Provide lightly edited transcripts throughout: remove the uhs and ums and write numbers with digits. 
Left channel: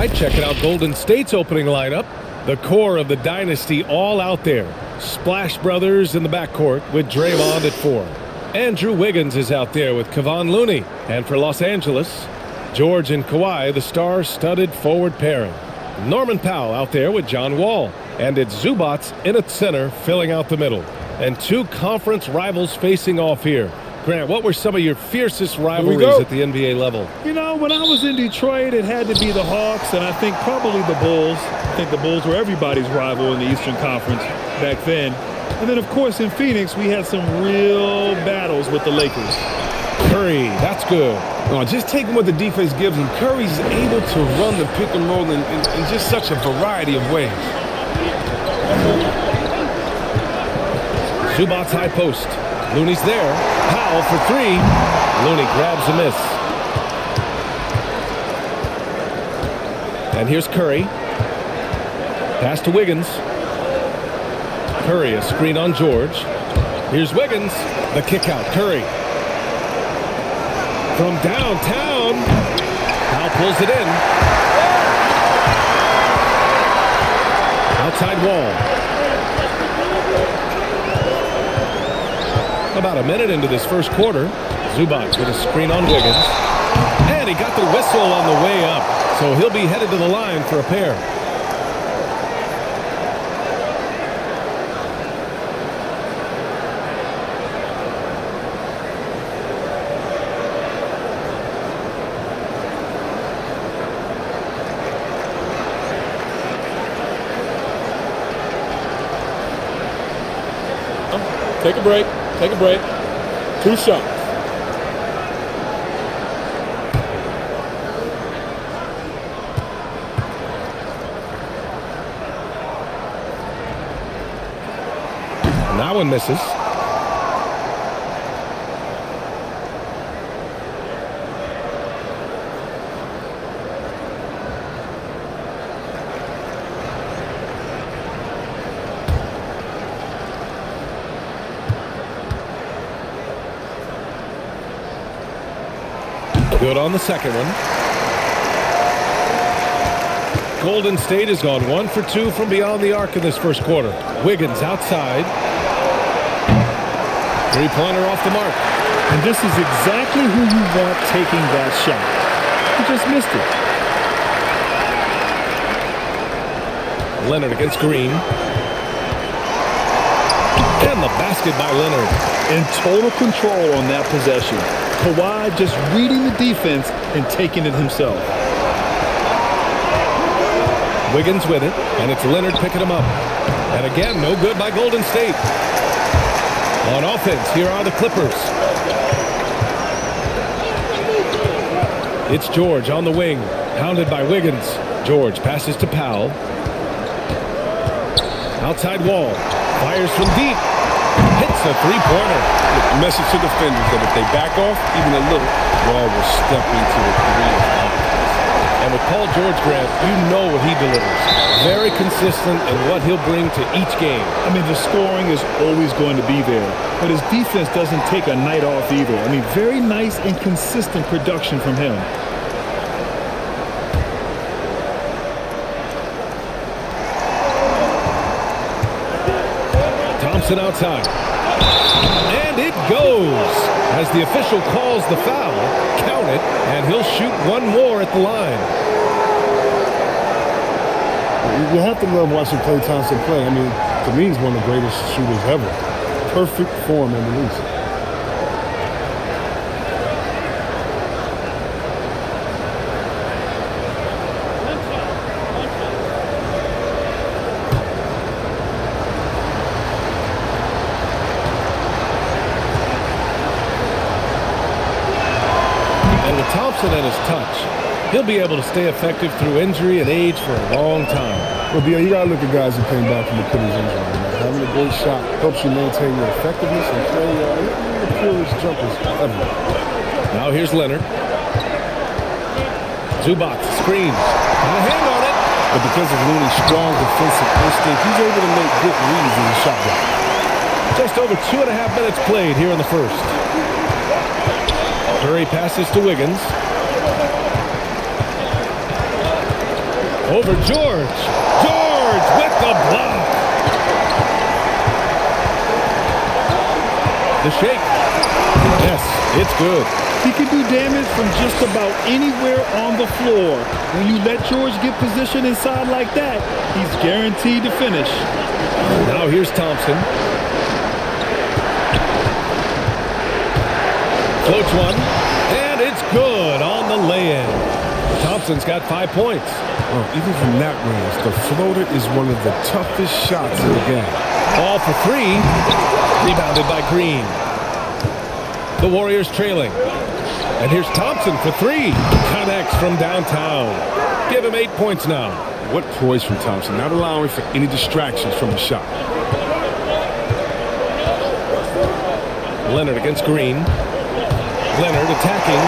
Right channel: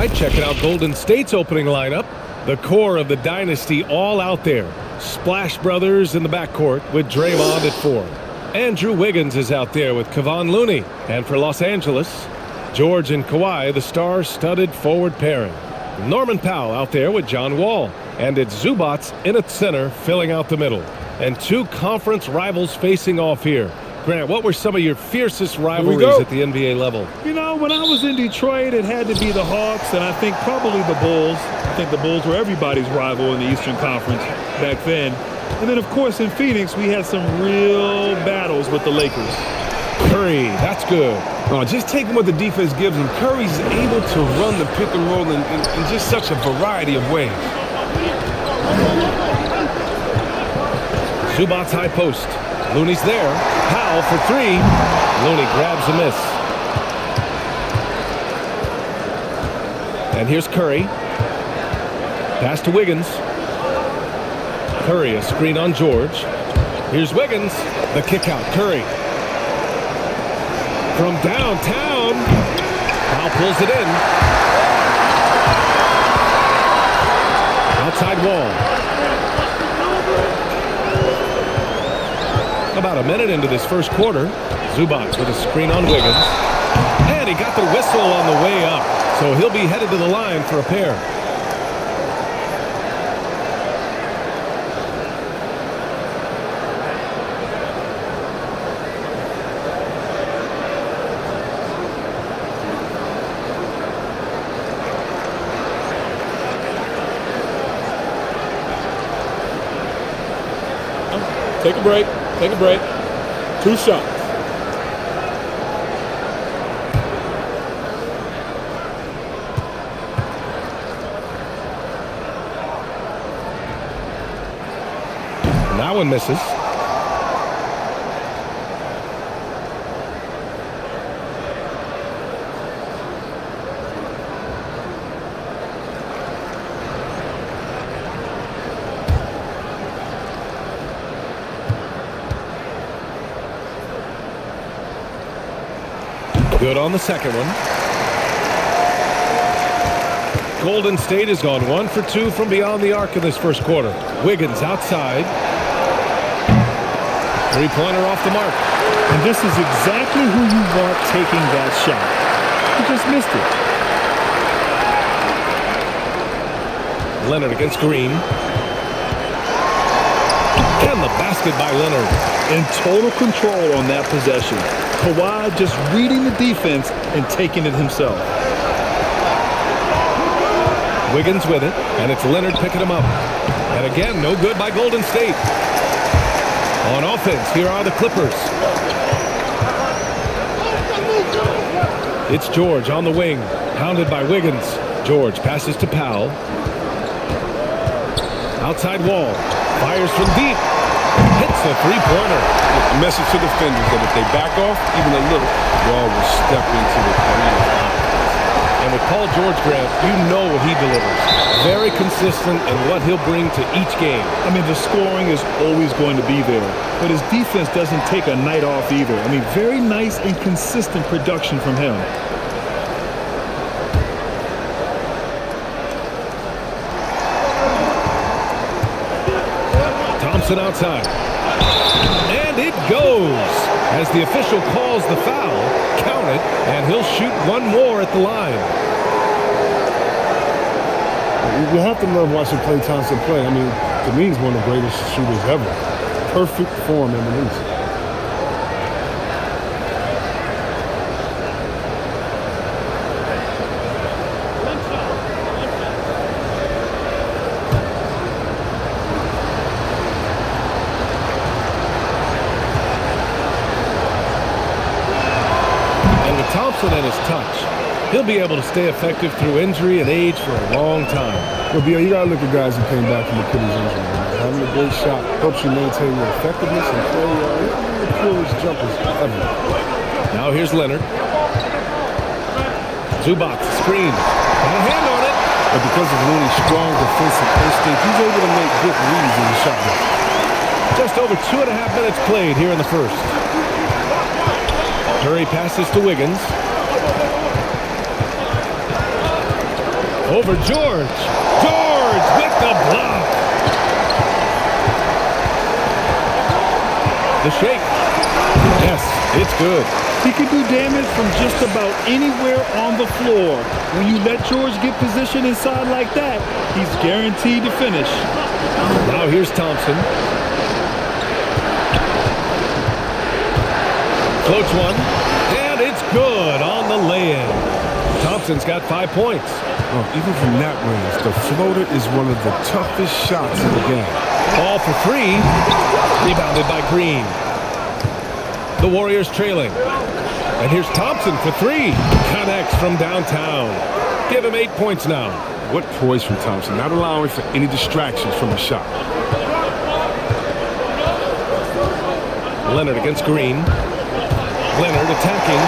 right, checking out Golden State's opening lineup. The core of the dynasty all out there. Splash Brothers in the backcourt with Draymond at 4. Andrew Wiggins is out there with Kevon Looney. And for Los Angeles, George and Kawhi, the star-studded forward pairing. Norman Powell out there with John Wall. And it's Zubats in at center, filling out the middle. And two conference rivals facing off here. Grant, what were some of your fiercest rivalries at the NBA level? You know, when I was in Detroit, it had to be the Hawks, and I think probably the Bulls. I think the Bulls were everybody's rival in the Eastern Conference back then. And then, of course, in Phoenix, we had some real battles with the Lakers. Curry, that's good. Just taking what the defense gives him. Curry's able to run the pick and roll in just such a variety of ways. Zubats high post. Looney's there. Powell for 3. Looney grabs a miss. And here's Curry. Pass to Wiggins. Curry, a screen on George. Here's Wiggins. The kick out. Curry. From downtown. Powell pulls it in. Outside Wall. About a minute into this first quarter, Zubats with a screen on Wiggins. And he got the whistle on the way up, so he'll be headed to the line for a pair. Take a break. Take a break. 2 shots. And that one misses. Good on the second one. Golden State has gone 1 for 2 from beyond the arc in this first quarter. Wiggins outside. 3-pointer off the mark. And this is exactly who you want taking that shot. He just missed it. Leonard against Green. And the basket by Leonard. In total control on that possession. Kawhi just reading the defense and taking it himself. Wiggins with it, and it's Leonard picking him up. And again, no good by Golden State. On offense, here are the Clippers. It's George on the wing, hounded by Wiggins. George passes to Powell. Outside Wall, fires from deep. Hits a 3-pointer. A message to defenders that if they back off even a little, Wall will step into the arena. And with Paul George, Grant, you know what he delivers. Very consistent in what he'll bring to each game. I mean, the scoring is always going to be there, but his defense doesn't take a night off either. I mean, very nice and consistent production from him. Thompson outside. And it goes. As the official calls the foul, count it, and he'll shoot one more at the line. You have to love watching Klay Thompson play. I mean, to me, he's one of the greatest shooters ever. Perfect form in the least. And with Thompson and his touch, he'll be able to stay effective through injury and age for a long time. Well, Bill, you got to look at guys who came back from Achilles injury. Man. Having a great shot helps you maintain your effectiveness and play one of the purest jumpers ever. Now here's Leonard. Zubats screens. Got a hand on it. But because of Looney's strong defensive instinct, he's able to make good reads in the shot block. Just over 2.5 minutes played here in the first. Curry passes to Wiggins. Over George. George with the block. The shake. Yes, it's good. He can do damage from just about anywhere on the floor. When you let George get position inside like that, he's guaranteed to finish. Now here's Thompson. Floats one, and it's good on the lay-in. Thompson's got 5 points. Oh, even from that range, the floater is one of the toughest shots in the game. Ball for three. Rebounded by Green. The Warriors trailing. And here's Thompson for three. Connects from downtown. Give him 8 points now. What poise from Thompson, not allowing for any distractions from the shot. Leonard against Green. Leonard attacking.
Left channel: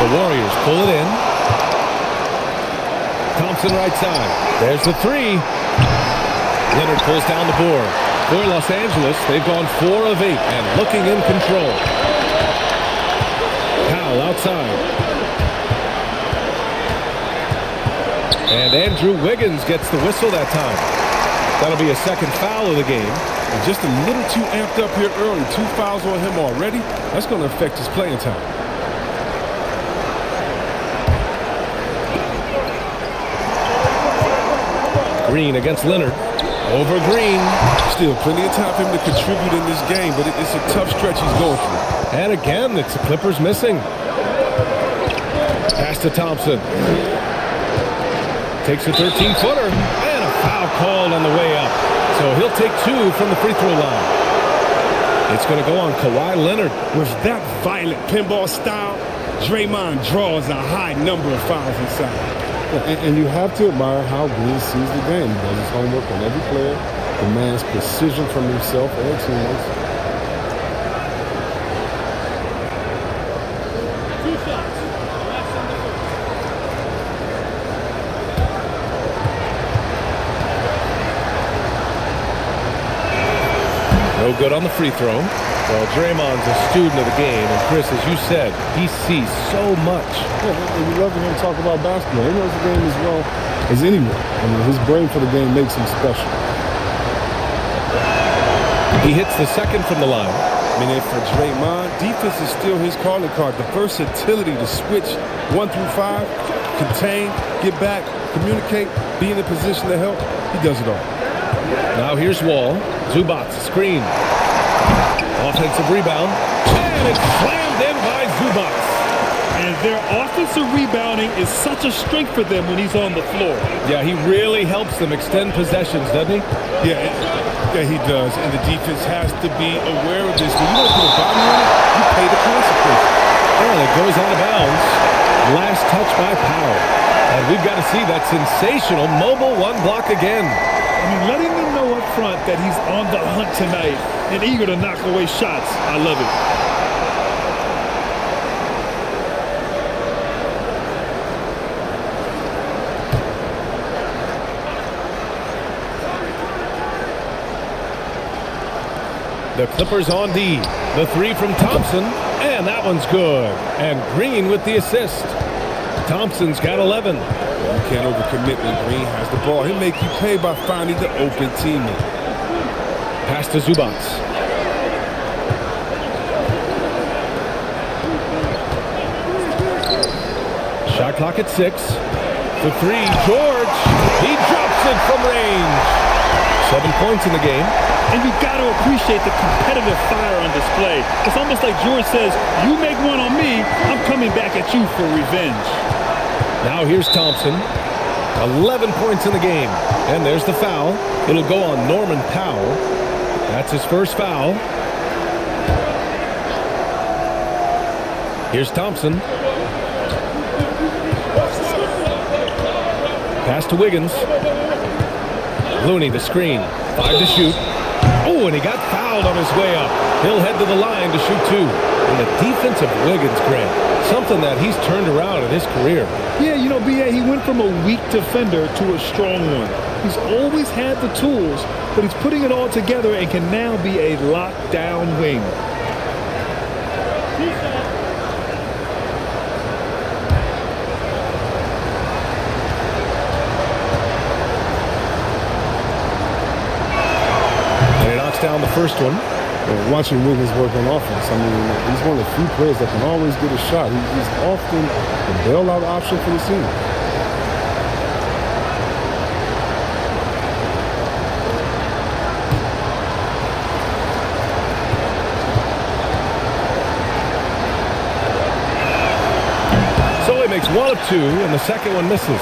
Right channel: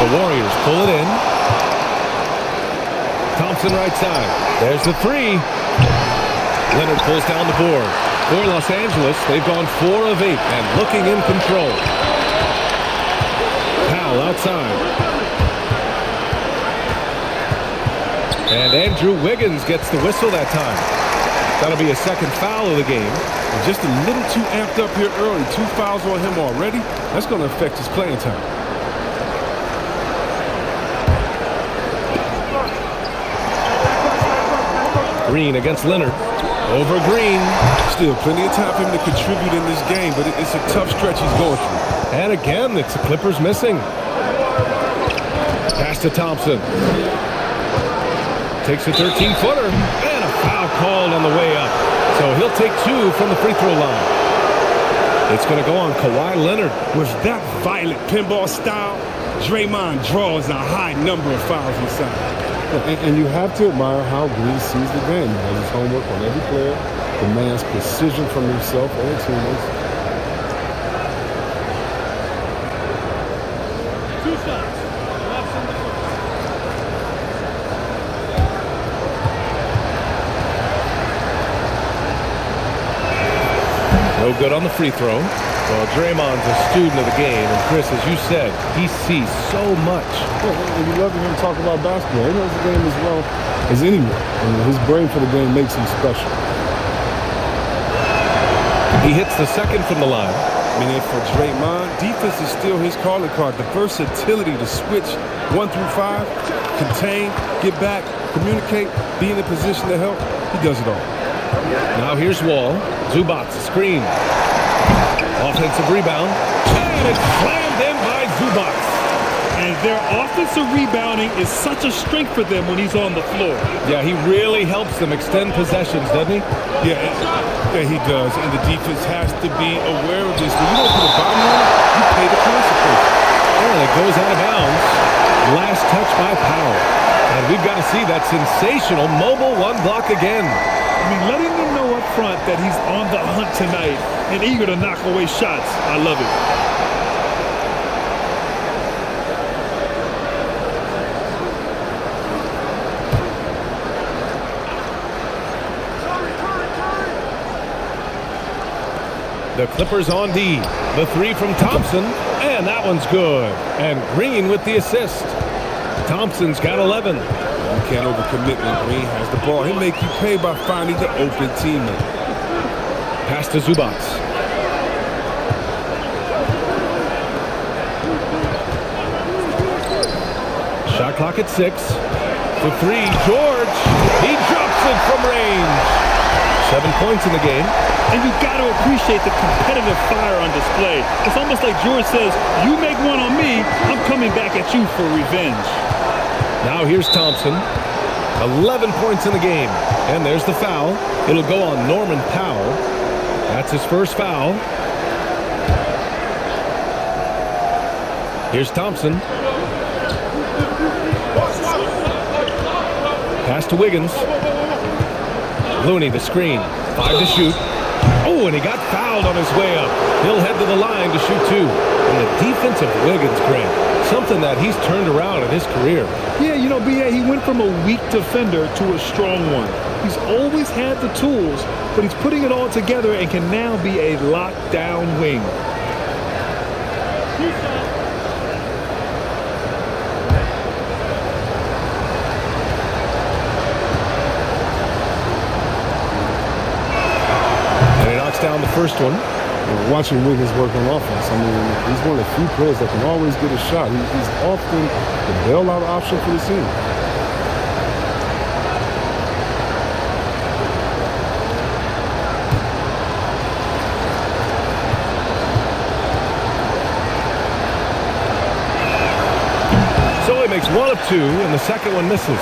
The Warriors pull it in. Thompson right side. There's the three. Leonard pulls down the board. For Los Angeles, they've gone 4 of 8 and looking in control. Powell outside. And Andrew Wiggins gets the whistle that time. That'll be a second foul of the game. Just a little too amped up here early. 2 fouls on him already. That's going to affect his playing time. Green against Leonard. Over Green. Still plenty of time for him to contribute in this game, but it's a tough stretch he's going through. And again, it's the Clippers missing. Pass to Thompson. Takes a 13-footer. And a foul called on the way up. So he'll take 2 from the free throw line. It's going to go on Kawhi Leonard. With that violent pinball style, Draymond draws a high number of fouls inside. And you have to admire how Green sees the game. He does his homework on every player, demands precision from himself and teammates. 2 shots. Last on the first. No good on the free throw. Well, Draymond's a student of the game, and Chris, as you said, he sees so much. Yeah, and you love to hear him talk about basketball. He knows the game as well as anyone. I mean, his brain for the game makes him special. He hits the second from the line. I mean, and for Draymond, defense is still his calling card. The versatility to switch 1 through 5, contain, get back, communicate, be in a position to help. He does it all. Now here's Wall. Zubats screen. Offensive rebound. And it's slammed in by Zubats. And their offensive rebounding is such a strength for them when he's on the floor. Yeah, he really helps them extend possessions, doesn't he? Yeah, he does. And the defense has to be aware of this. When you don't put a body on it, you pay the consequences. And it goes out of bounds. Last touch by Powell. And we've got to see that sensational mobile 1 block again. I mean, letting them know up front that he's on the hunt tonight and eager to knock away shots. I love it. The Clippers on D. The 3 from Thompson. And that one's good. And Green with the assist. Thompson's got 11. You can't overcommit when Green has the ball. He'll make you pay by finding the open teammate. Pass to Zubats. Shot clock at 6. The 3, George. He drops it from range. 7 points in the game. And you got to appreciate the competitive fire on display. It's almost like George says, you make one on me, I'm coming back at you for revenge. Now here's Thompson. 11 points in the game. And there's the foul. It'll go on Norman Powell. That's his first foul. Here's Thompson. Pass to Wiggins. Looney the screen. 5 to shoot. Oh, and he got fouled on his way up. He'll head to the line to shoot 2. And the defense of Wiggins, Grant, something that he's turned around in his career. Yeah, you know, B.A., he went from a weak defender to a strong one. He's always had the tools, but he's putting it all together and can now be a lockdown wing. knocks down the first one. Watching Wiggins work on offense, I mean, he's one of the few players that can always get a shot. He's often the bailout option for the team. So he makes one of two, and the second one misses.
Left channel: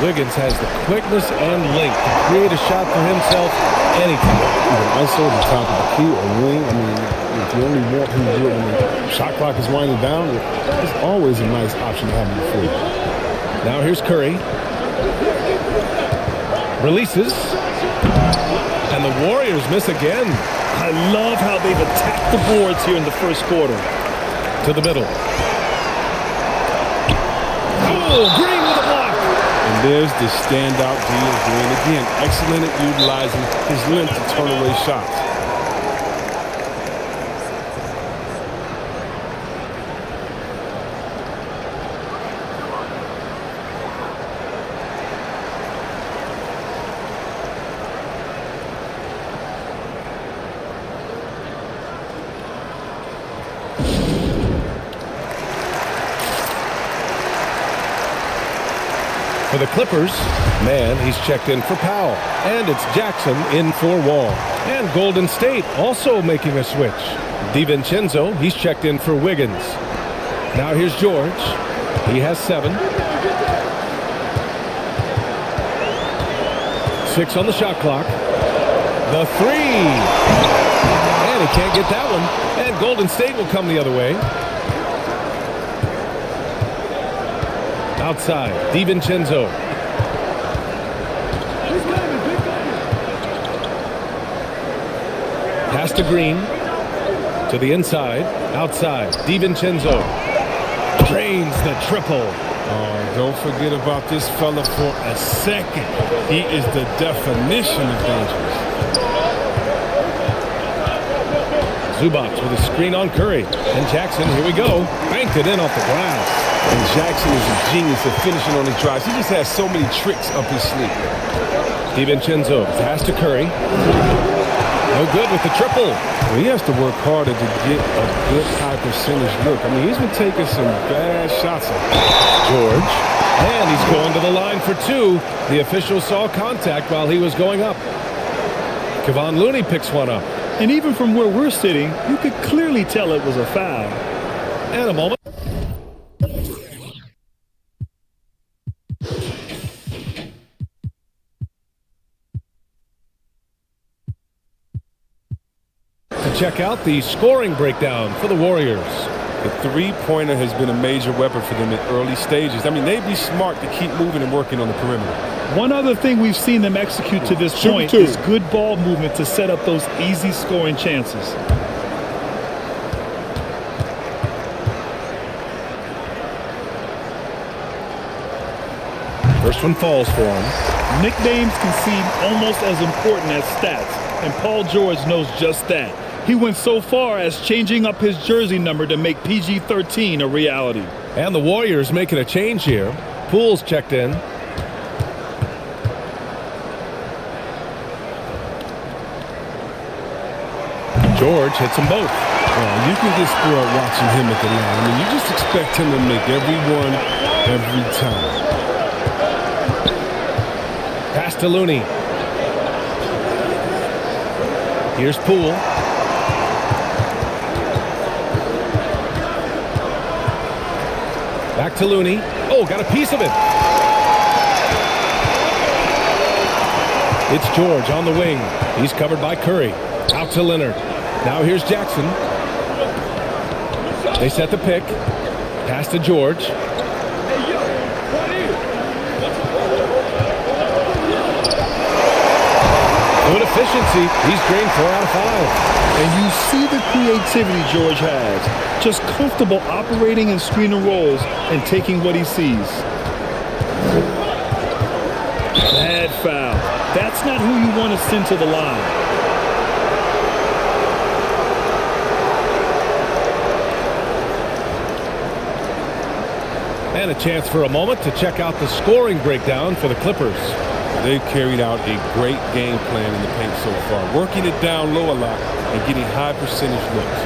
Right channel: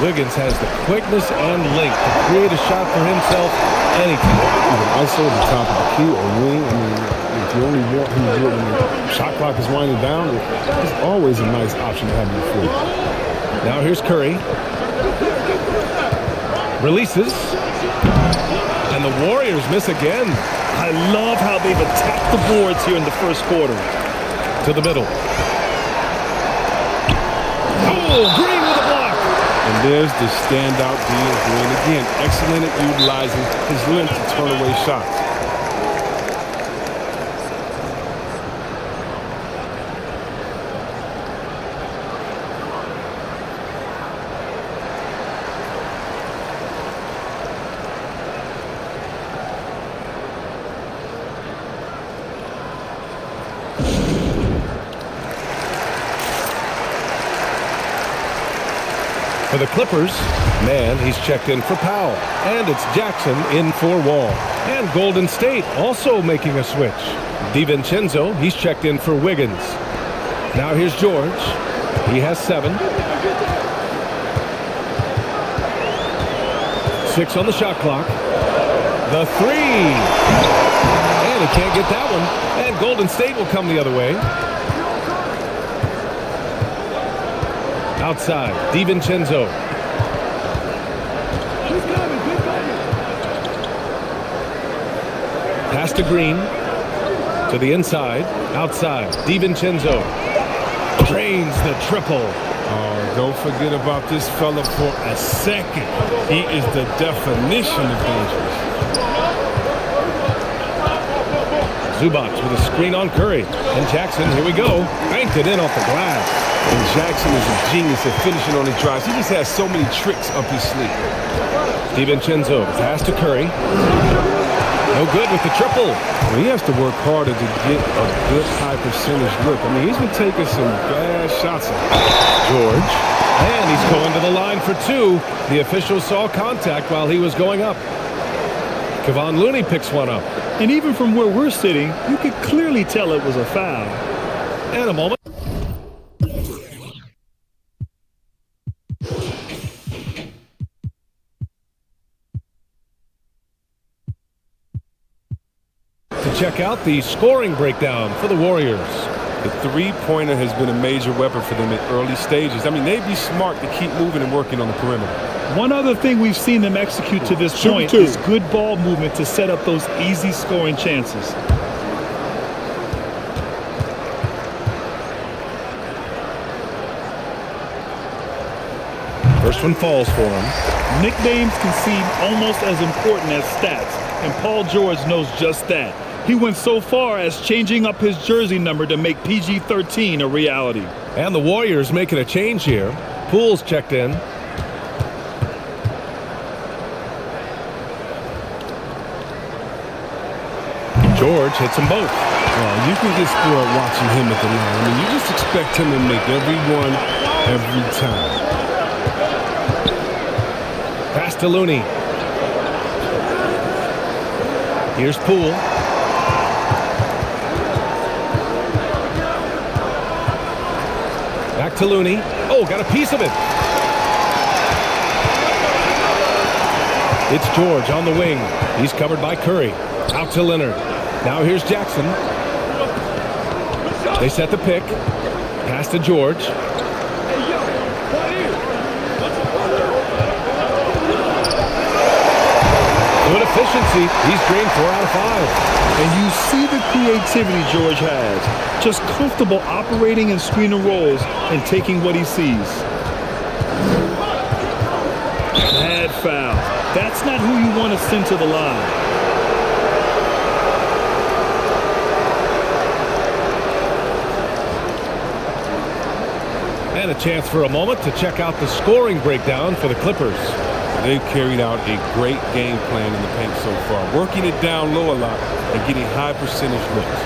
Wiggins has the quickness and length to create a shot for himself anytime. Even ISO at the top of the key or wing. I mean, if you only want him to do it when the shot clock is winding down, it's always a nice option to have in your fleet. Now here's Curry. Releases. And the Warriors miss again. I love how they've attacked the boards here in the first quarter. To the middle. Oh, Green with a block. And there's the standout Dean Green. Again, excellent at utilizing his length to turn away shots. For the Clippers, man, he's checked in for Powell. And it's Jackson in for Wall. And Golden State also making a switch. DiVincenzo, he's checked in for Wiggins. Now here's George. He has 7. 6 on the shot clock. The 3. And he can't get that one. And Golden State will come the other way. Outside, DiVincenzo. Pass to Green. To the inside. Outside, DiVincenzo. Drains the triple. Oh, don't forget about this fella for a second. He is the definition of dangerous. Zubac with a screen on Curry. And Jackson, here we go. Banked it in off the glass. And Jackson is a genius at finishing on his drives. He just has so many tricks up his sleeve. DiVincenzo pass to Curry. No good with the triple. Well, he has to work harder to get a good high percentage look. I mean, he's been taking some bad shots up. George. And he's going to the line for 2. The official saw contact while he was going up. Kevon Looney picks one up. And even from where we're sitting, you could clearly tell it was a foul. And a moment. To check out the scoring breakdown for the Warriors. The three-pointer has been a major weapon for them in early stages. I mean, they'd be smart to keep moving and working on the perimeter. One other thing we've seen them execute to this point is good ball movement to set up those easy scoring chances. First one falls for him. Nicknames can seem almost as important as stats, and Paul George knows just that. He went so far as changing up his jersey number to make PG-13 a reality. And the Warriors making a change here. Poole's checked in. George hits them both. Oh, you can get spoiled watching him at the line. I mean, you just expect him to make every one, every time. Pass to Looney. Here's Poole. Back to Looney. Oh, got a piece of it. It's George on the wing. He's covered by Curry. Out to Leonard. Now here's Jackson. They set the pick. Pass to George. Hey, yo, right here. Good efficiency. He's drained 4 out of 5. And you see the creativity George has. Just comfortable operating in screen and rolls and taking what he sees. Bad foul. That's not who you want to send to the line. And a chance for a moment to check out the scoring breakdown for the Clippers. Well, they've carried out a great game plan in the paint so far, working it down low a lot and getting high percentage looks.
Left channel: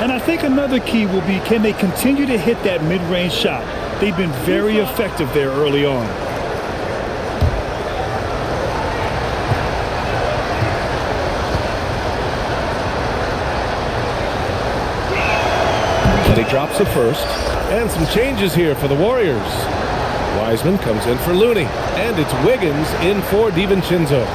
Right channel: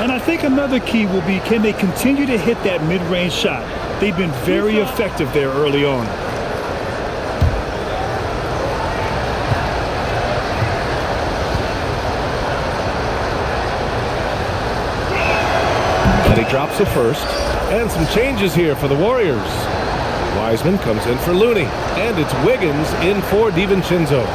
And I think another key will be, can they continue to hit that mid-range shot? They've been very effective there early on. And he drops the first. And some changes here for the Warriors. Wiseman comes in for Looney. And it's Wiggins in for DiVincenzo.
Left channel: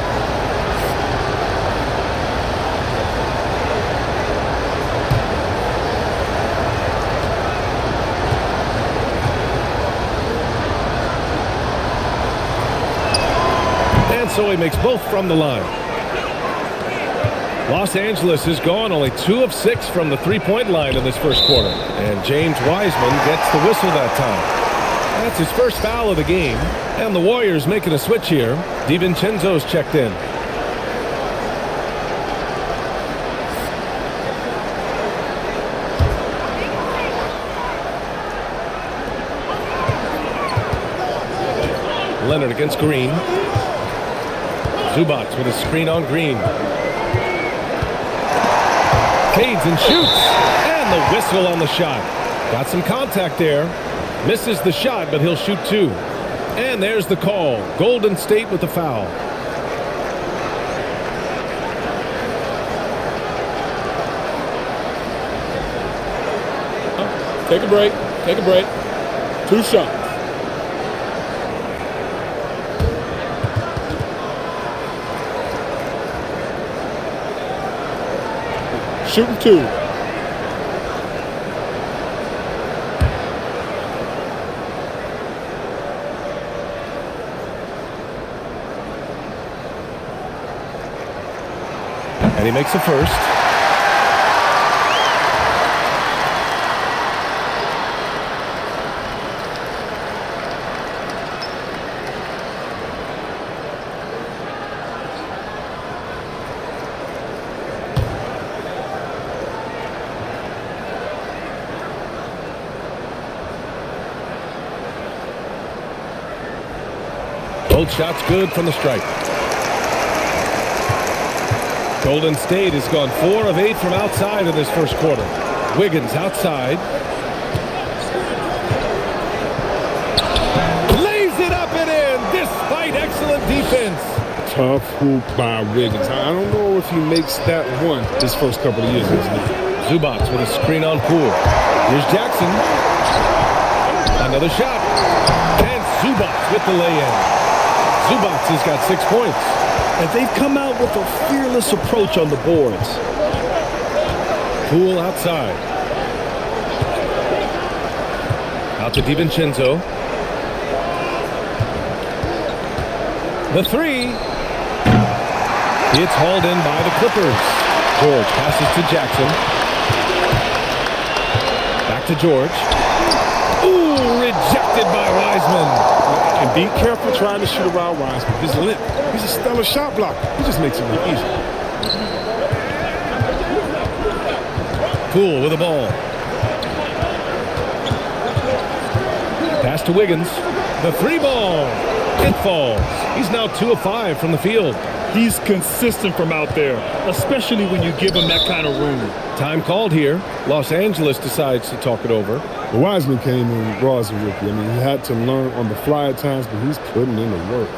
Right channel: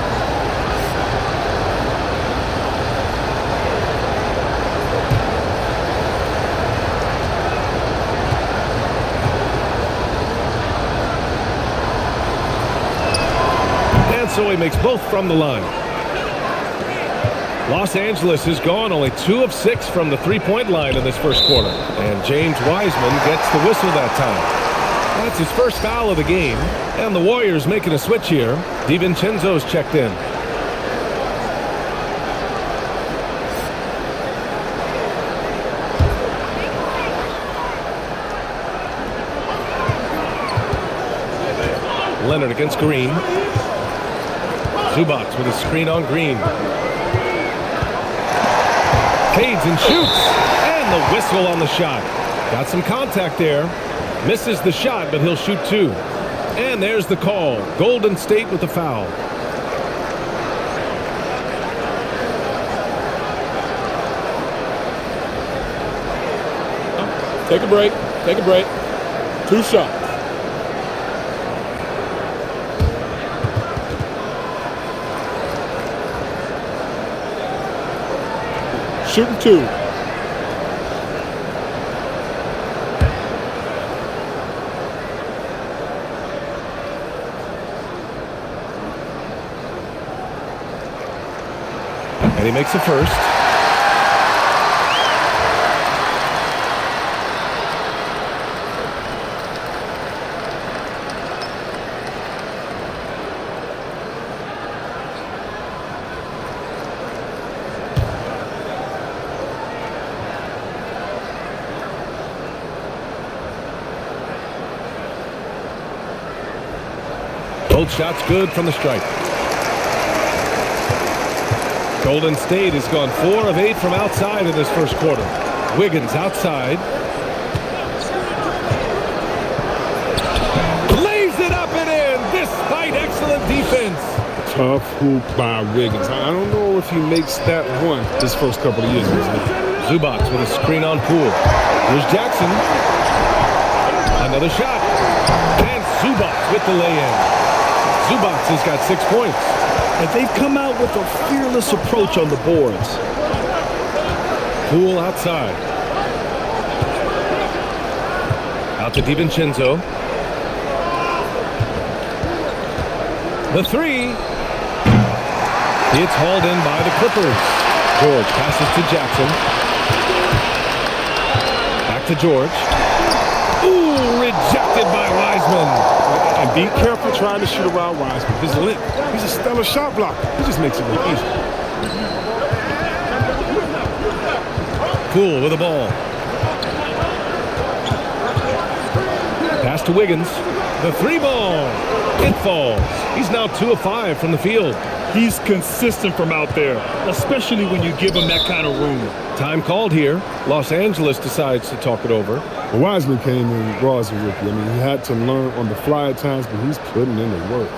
And so he makes both from the line. Los Angeles has gone only 2 of 6 from the three-point line in this first quarter. And James Wiseman gets the whistle that time. That's his first foul of the game. And the Warriors making a switch here. DiVincenzo's checked in. Leonard against Green. Zubac with a screen on Green. Fades and shoots. And the whistle on the shot. Got some contact there. Misses the shot, but he'll shoot 2. And there's the call. Golden State with the foul. Take a break. Take a break. 2 shots. Shooting 2. And he makes a first. Both shots good from the stripe. Golden State has gone 4 of 8 from outside in this first quarter. Wiggins outside. Lays it up and in despite excellent defense. Tough hoop by Wiggins. I don't know if he makes that one his first couple of years in this league. Zubac with a screen on Poole. Here's Jackson. Another shot. And Zubac with the lay-in. Zubac has got 6 points. And they've come out with a fearless approach on the boards. Poole outside. Out to DiVincenzo. The 3. It's hauled in by the Clippers. George passes to Jackson. Back to George. Ooh, rejected by Wiseman. And be careful trying to shoot around Wiseman. His length. He's a stellar shot blocker. He just makes it look easy. Poole with the ball. Pass to Wiggins. The 3 ball. It falls. He's now 2 of 5 from the field. He's consistent from out there, especially when you give him that kind of room. Time called here. Los Angeles decides to talk it over. But Wiseman came in raw as a rookie. I mean, he had to learn on the fly at times, but he's putting in the work.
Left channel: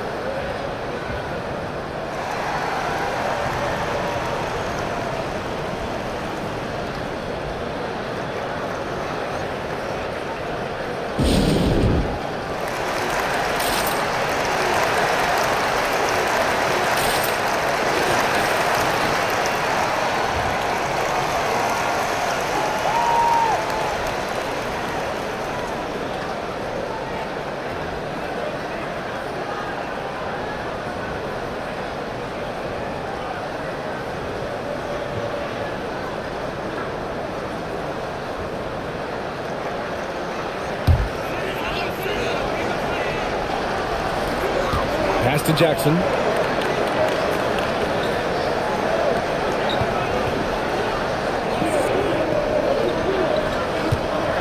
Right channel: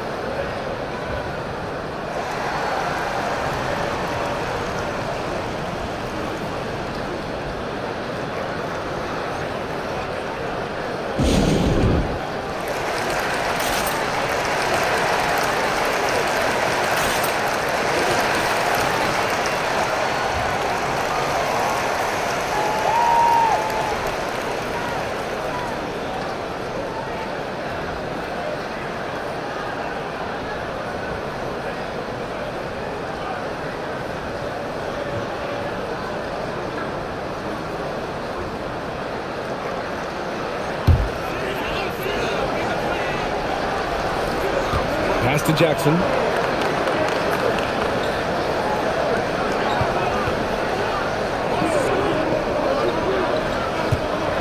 Pass to Jackson.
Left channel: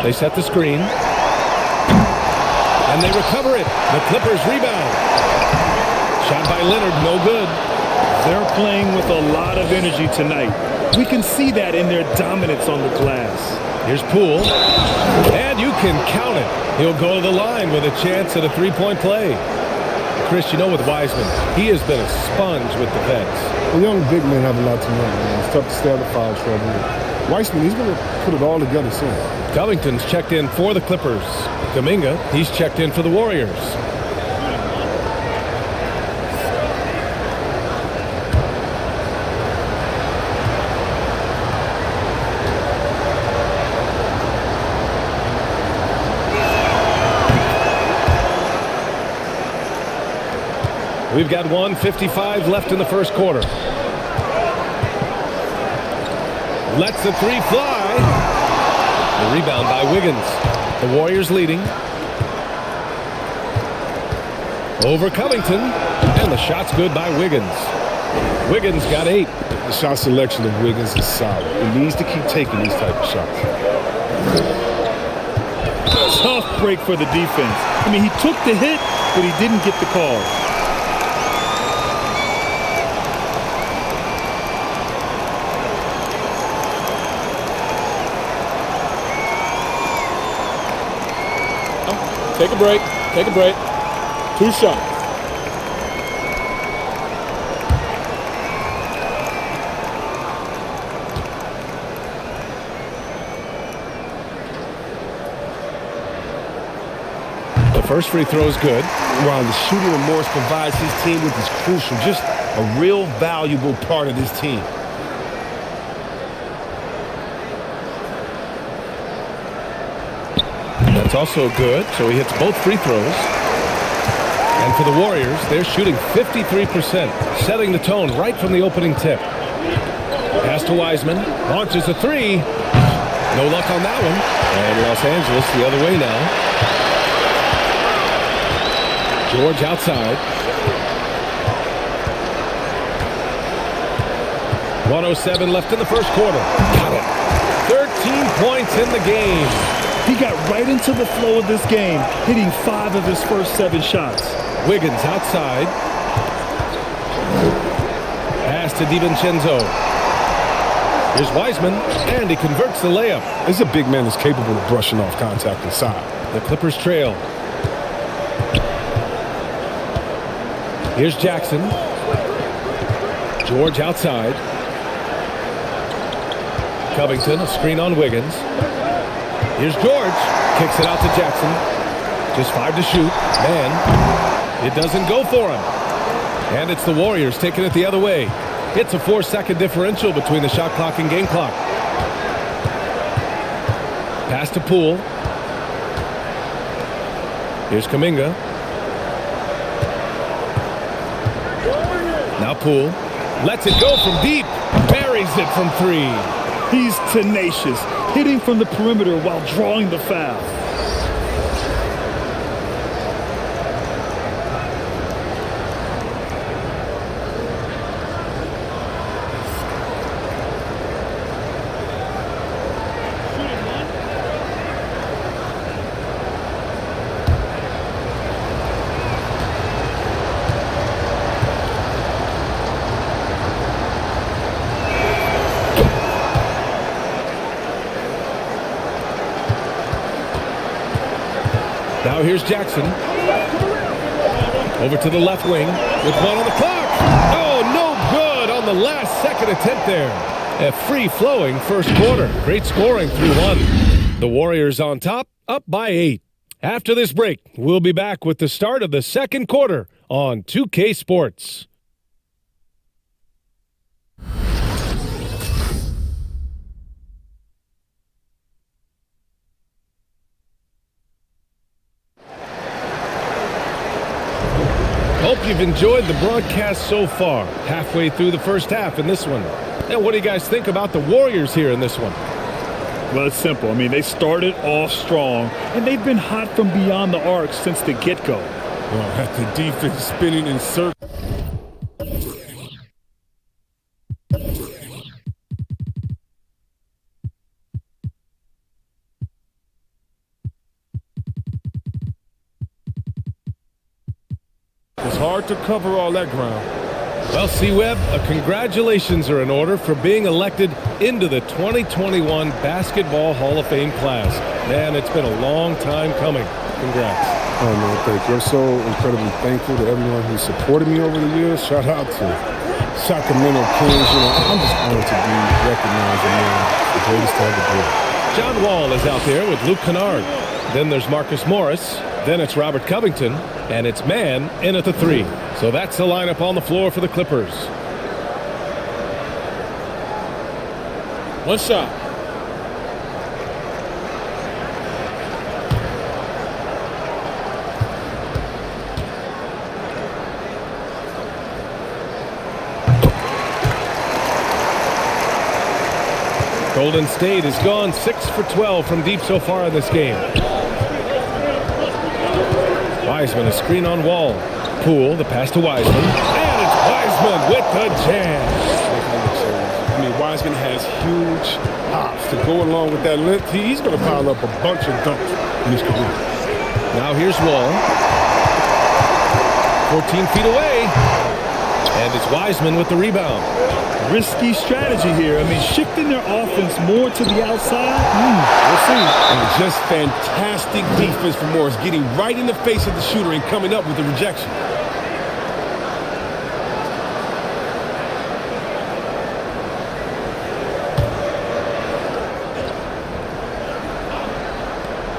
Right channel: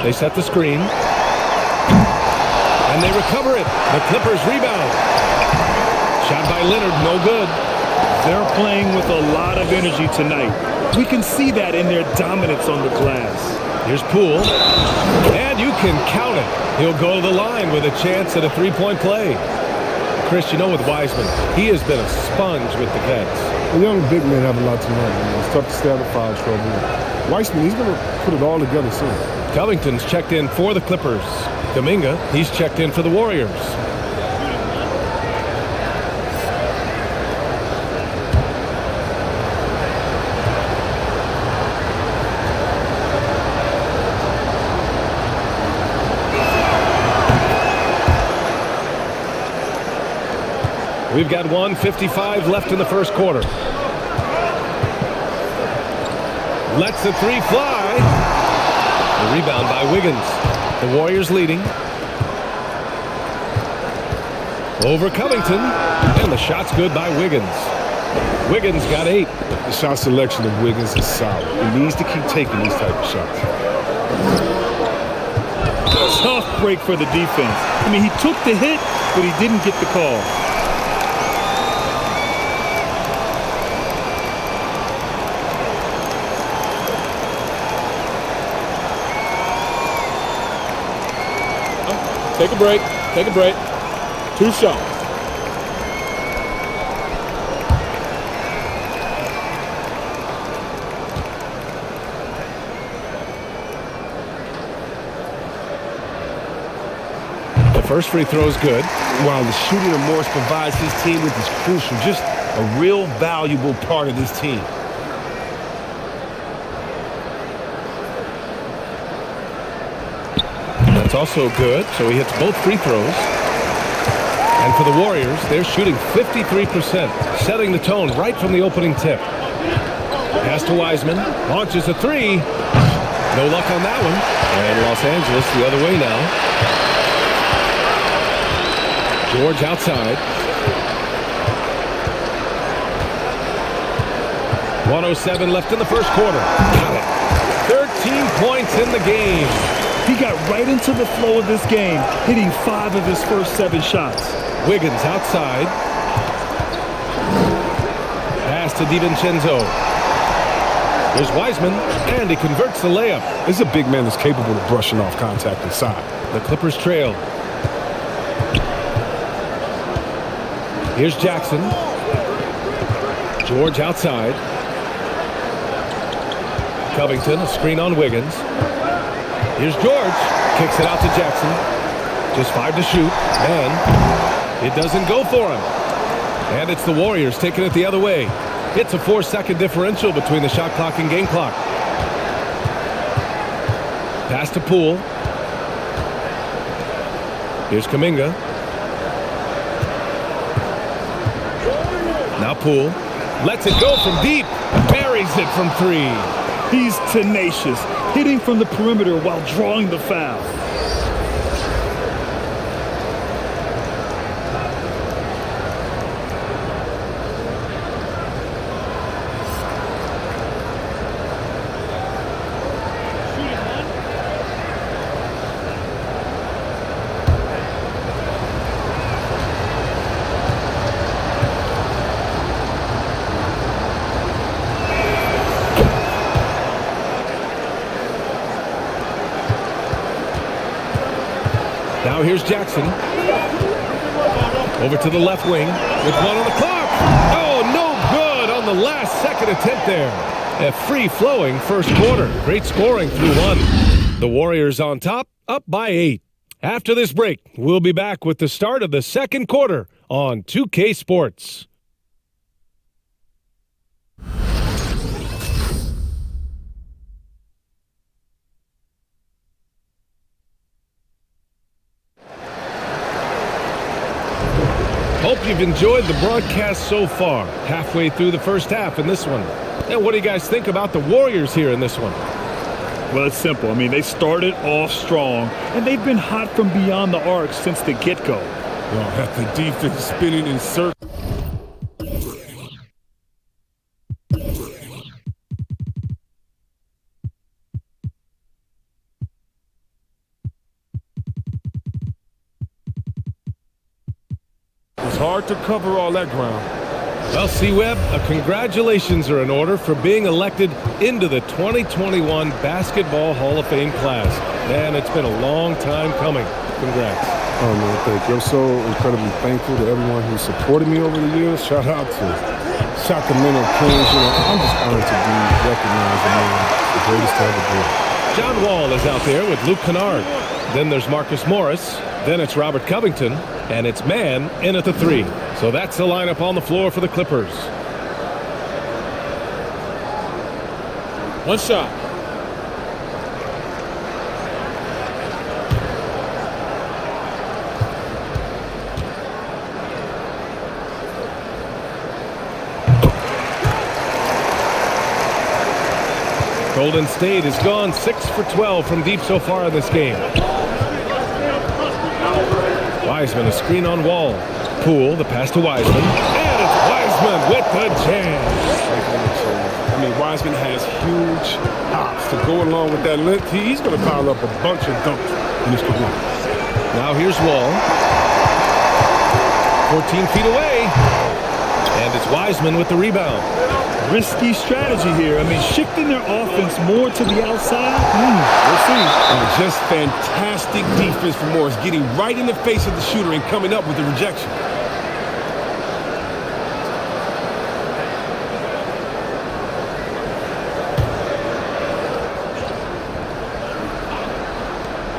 They set the screen. And they recover it. The Clippers rebound. Shot by Leonard, no good. They're playing with a lot of energy tonight. We can see that in their dominance on the glass. Here's Poole, and you can count it. He'll go to the line with a chance at a three-point play. Chris, you know, with Wiseman, he has been a sponge with the vets. The young big men have a lot to learn. I mean, it's tough to stay out of foul trouble. Weissman, he's going to put it all together soon. Covington's checked in for the Clippers. Kuminga, he's checked in for the Warriors. We've got 1:55 left in the first quarter. Lets the three fly. The rebound by Wiggins. The Warriors leading. Over Covington. And the shot's good by Wiggins. Wiggins got 8. The shot selection of Wiggins is solid. He needs to keep taking these type of shots. Tough break for the defense. I mean, he took the hit, but he didn't get the call. Take a break. Take a break. 2 shots. The first free throw is good. Wow, the shooting that Morris provides his team with is crucial. Just a real valuable part of this team. That's also good, so he hits both free throws. And for the Warriors, they're shooting 53%, setting the tone right from the opening tip. Pass to Wiseman, launches a three. No luck on that one. And Los Angeles the other way now. George outside. 1:07 left in the first quarter. Got it. 13 points in the game. He got right into the flow of this game, hitting 5 of his first 7 shots. Wiggins outside. Pass to DiVincenzo. Here's Wiseman, and he converts the layup. This is a big man that's capable of brushing off contact inside. The Clippers trail. Here's Jackson. George outside. Covington, a screen on Wiggins. Here's George. Kicks it out to Jackson. Just 5 to shoot. Man, it doesn't go for him. And it's the Warriors taking it the other way. It's a 4-second differential between the shot clock and game clock. Pass to Poole. Here's Kuminga. Now Poole. Lets it go from deep. Buries it from 3. He's tenacious, hitting from the perimeter while drawing the foul. Now here's Jackson. Over to the left wing with 1 on the clock. Oh, no good on the last second attempt there. A free-flowing first quarter. Great scoring through 1. The Warriors on top, up by 8. After this break, we'll be back with the start of the second quarter on 2K Sports. Hope you've enjoyed the broadcast so far. Halfway through the first half in this one. And what do you guys think about the Warriors here in this one? Well, it's simple. I mean, they started off strong, and they've been hot from beyond the arc since the get-go. Oh, have the defense spinning in circles. It was hard hard to cover all that ground. Well, C-Webb, congratulations are in order for being elected into the 2021 Basketball Hall of Fame class. Man, it's been a long time coming. Congrats. Oh, man, thank you. I'm so incredibly thankful to everyone who supported me over the years. Shout out to Sacramento Kings. You know, I'm just honored to be recognized among the greatest to ever do it. John Wall is out there with Luke Kennard. Then there's Marcus Morris. Then it's Robert Covington. And it's man in at the 3. So that's the lineup on the floor for the Clippers. One shot. Golden State has gone 6 for 12 from deep so far in this game. Wiseman, a screen on Wall. Poole, the pass to Wiseman. And it's Wiseman with the jam. Making it look so easy. I mean, Wiseman has huge hops to go along with that length. He's going to pile up a bunch of dunks in his career. Now here's Wall. 14 feet away. And it's Wiseman with the rebound. Risky strategy here. I mean, shifting their offense more to the outside. We'll see. Just fantastic defense from Morris, getting right in the face of the shooter and coming up with the rejection.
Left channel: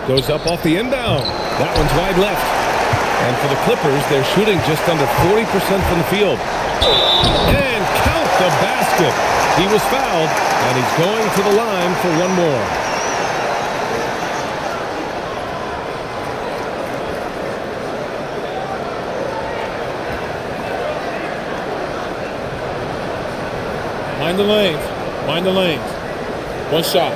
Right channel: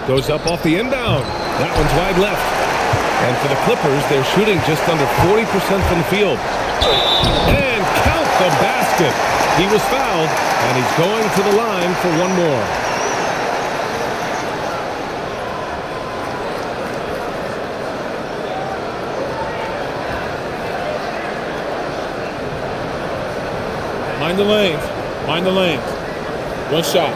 Goes up off the inbound. That one's wide left. And for the Clippers, they're shooting just under 40% from the field. And count the basket. He was fouled, and he's going to the line for one more. Mind the lanes. Mind the lanes. One shot.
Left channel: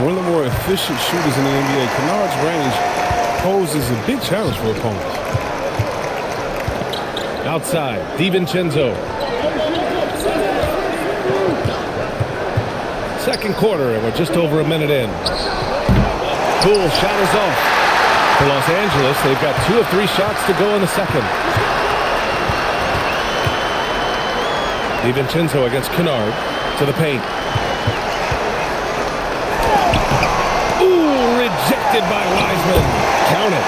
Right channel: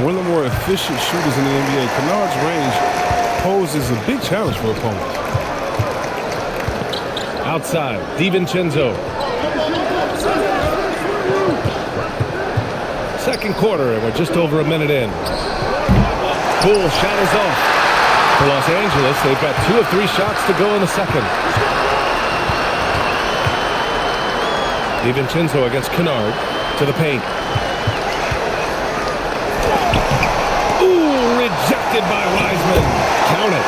One of the more efficient shooters in the NBA, Kennard's range poses a big challenge for opponents. Outside, DiVincenzo. Second quarter, and we're just over a minute in. Poole shot is off. For Los Angeles, they've got 2 of 3 shots to go in the second. DiVincenzo against Kennard to the paint. Ooh, rejected by Wiseman. Count it.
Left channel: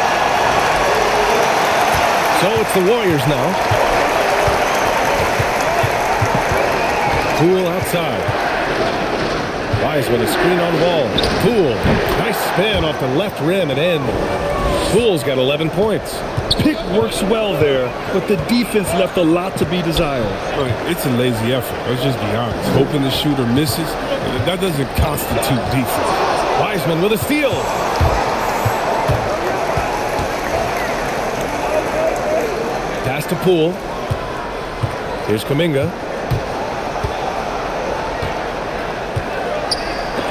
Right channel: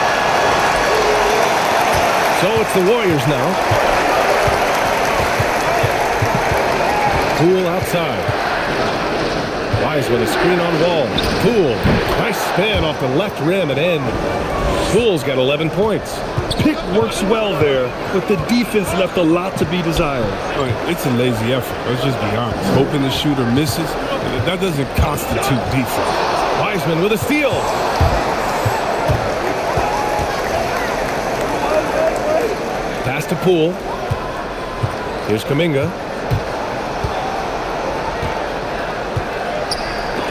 So it's the Warriors now. Poole outside. Wiseman, a screen on Wall. Poole, nice spin off the left rim and in. Poole's got 11 points. Pick works well there, but the defense left a lot to be desired. It's a lazy effort. Let's just be honest. Hoping the shooter misses, that doesn't constitute defense. Wiseman with a steal. Pass to Poole. Here's Kuminga.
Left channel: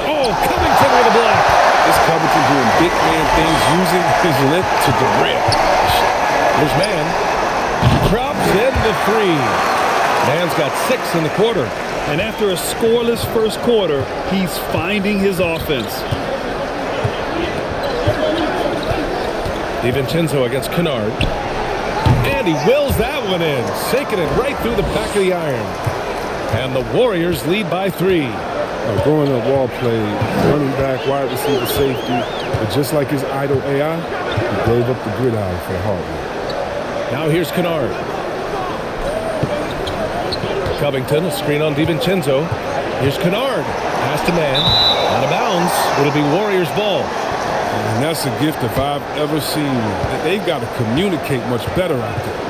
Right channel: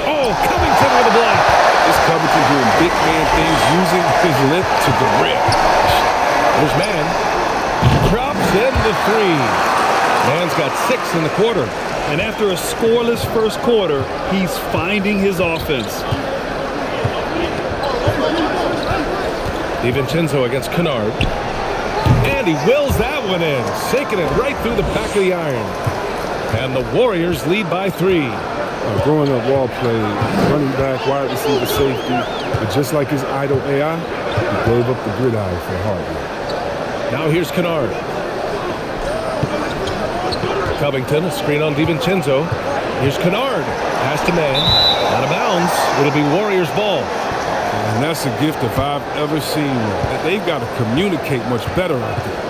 Oh, Covington with a block. This Covington doing big man things, using his length to derail the shot. Here's Mann. Drops in the 3. Mann's got 6 in the quarter. And after a scoreless first quarter, he's finding his offense. DiVincenzo against Kennard. And he wills that one in, sinking it right through the back of the iron. And the Warriors lead by 3. Growing up, Wall played running back, wide receiver, safety. But just like his idol AI, he gave up the gridiron for the hard work. Now here's Kennard. Covington, a screen on DiVincenzo. Here's Kennard. Pass to Mann. Out of bounds. It'll be Warriors ball. And that's a gift if I've ever seen one. They've got to communicate much better out there.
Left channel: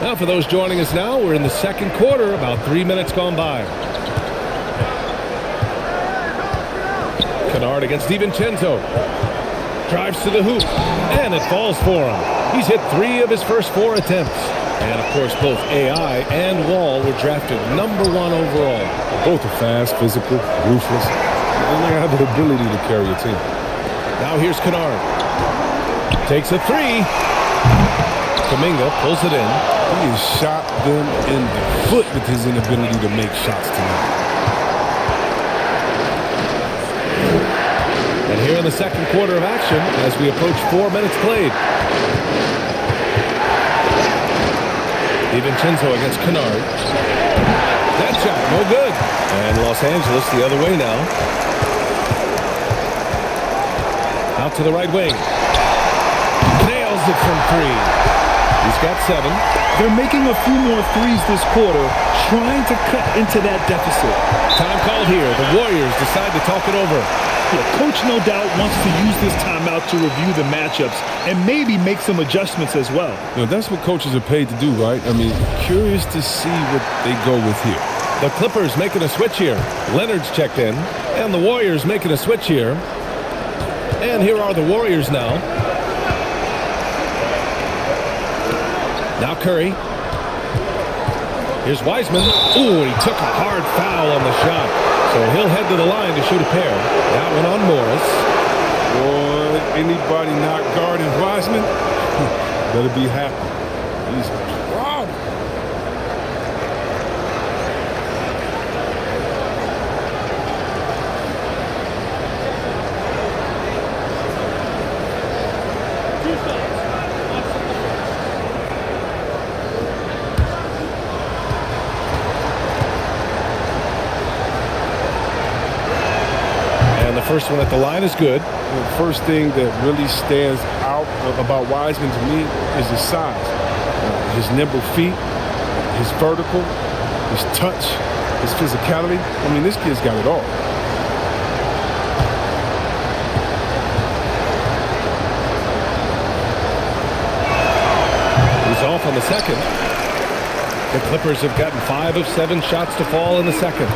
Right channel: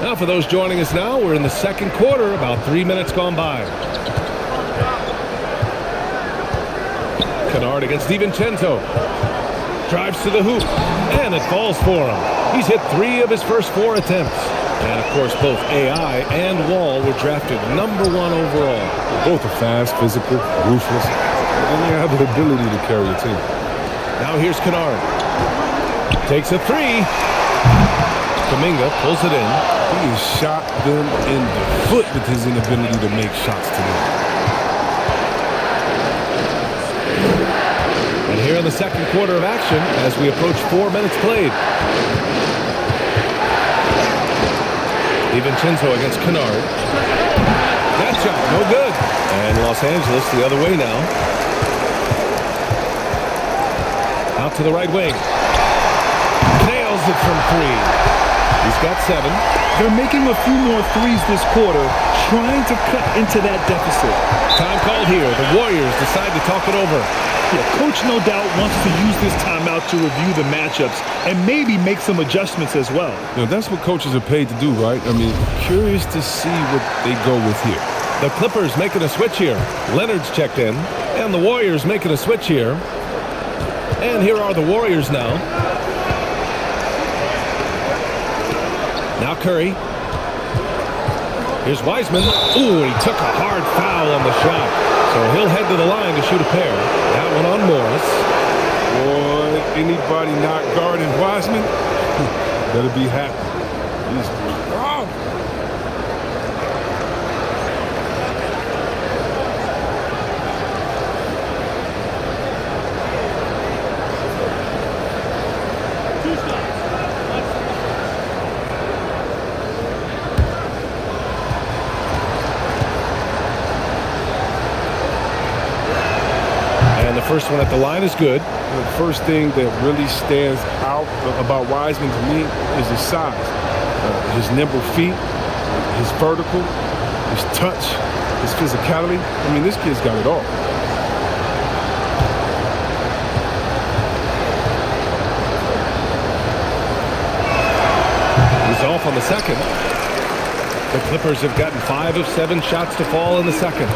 Now for those joining us now, we're in the second quarter, about 3 minutes gone by. Kennard against DiVincenzo. Drives to the hoop, and it falls for him. He's hit 3 of his first 4 attempts. And, of course, both AI and Wall were drafted #1 overall. Both are fast, physical, ruthless, and they have the ability to carry a team. Now here's Kennard. Takes a three. Kuminga pulls it in. He has shot them in the foot with his inability to make shots tonight. And here in the second quarter of action as we approach 4 minutes played. DiVincenzo against Kennard. That shot, no good. And Los Angeles the other way now. Out to the right wing. Nails it from three. He's got 7. They're making a few more threes this quarter, trying to cut into that deficit. Time called here. The Warriors decide to talk it over. Yeah, coach no doubt wants to use this timeout to review the matchups and maybe make some adjustments as well. That's what coaches are paid to do, right? I mean, curious to see what they go with here. The Clippers making a switch here. Leonard's checked in. And the Warriors making a switch here. And here are the Warriors now. Now Curry. Here's Wiseman. Ooh, and he took a hard foul on the shot. So he'll head to the line to shoot a pair. That one on Morris. Boy, anybody not guarding Wiseman better be happy. He's robbed. And the first one at the line is good. The first thing that really stands out about Wiseman to me is his size. His nimble feet, his vertical, his touch, his physicality. I mean, this kid's got it all. He's off on the second. The Clippers have gotten 5 of 7 shots to fall in the second.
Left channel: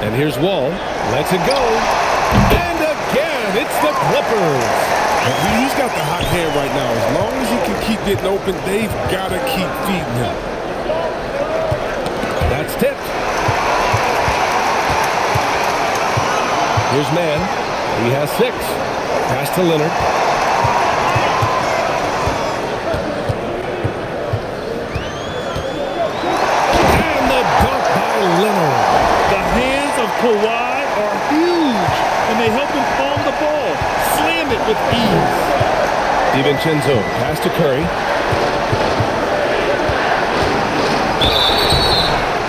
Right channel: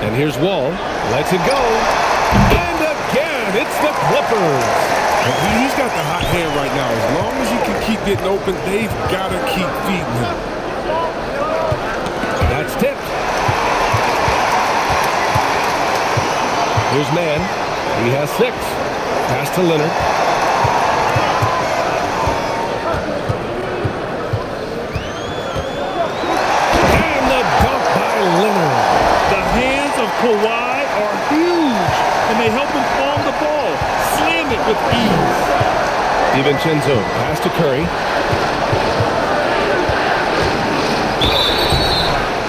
And here's Wall. Lets it go. And again, it's the Clippers. He's got the hot hand right now. As long as he can keep getting open, they've got to keep feeding him. That's tipped. Here's Mann. He has 6. Pass to Leonard. And the dunk by Leonard. The hands of Kawhi are huge, and they help him palm the ball, slam it with ease. DiVincenzo, pass to Curry.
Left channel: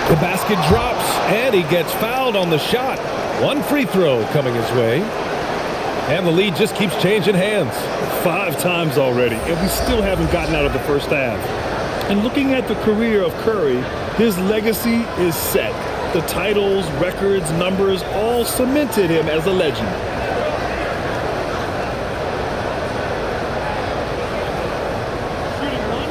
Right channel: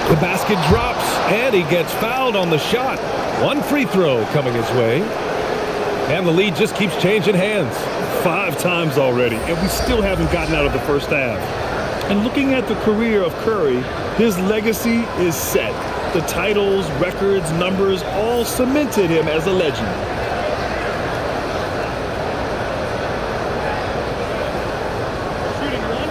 The basket drops, and he gets fouled on the shot. 1 free throw coming his way. And the lead just keeps changing hands. 5 times already, and we still haven't gotten out of the first half. And looking at the career of Curry, his legacy is set. The titles, records, numbers all cemented him as a legend. Shooting one.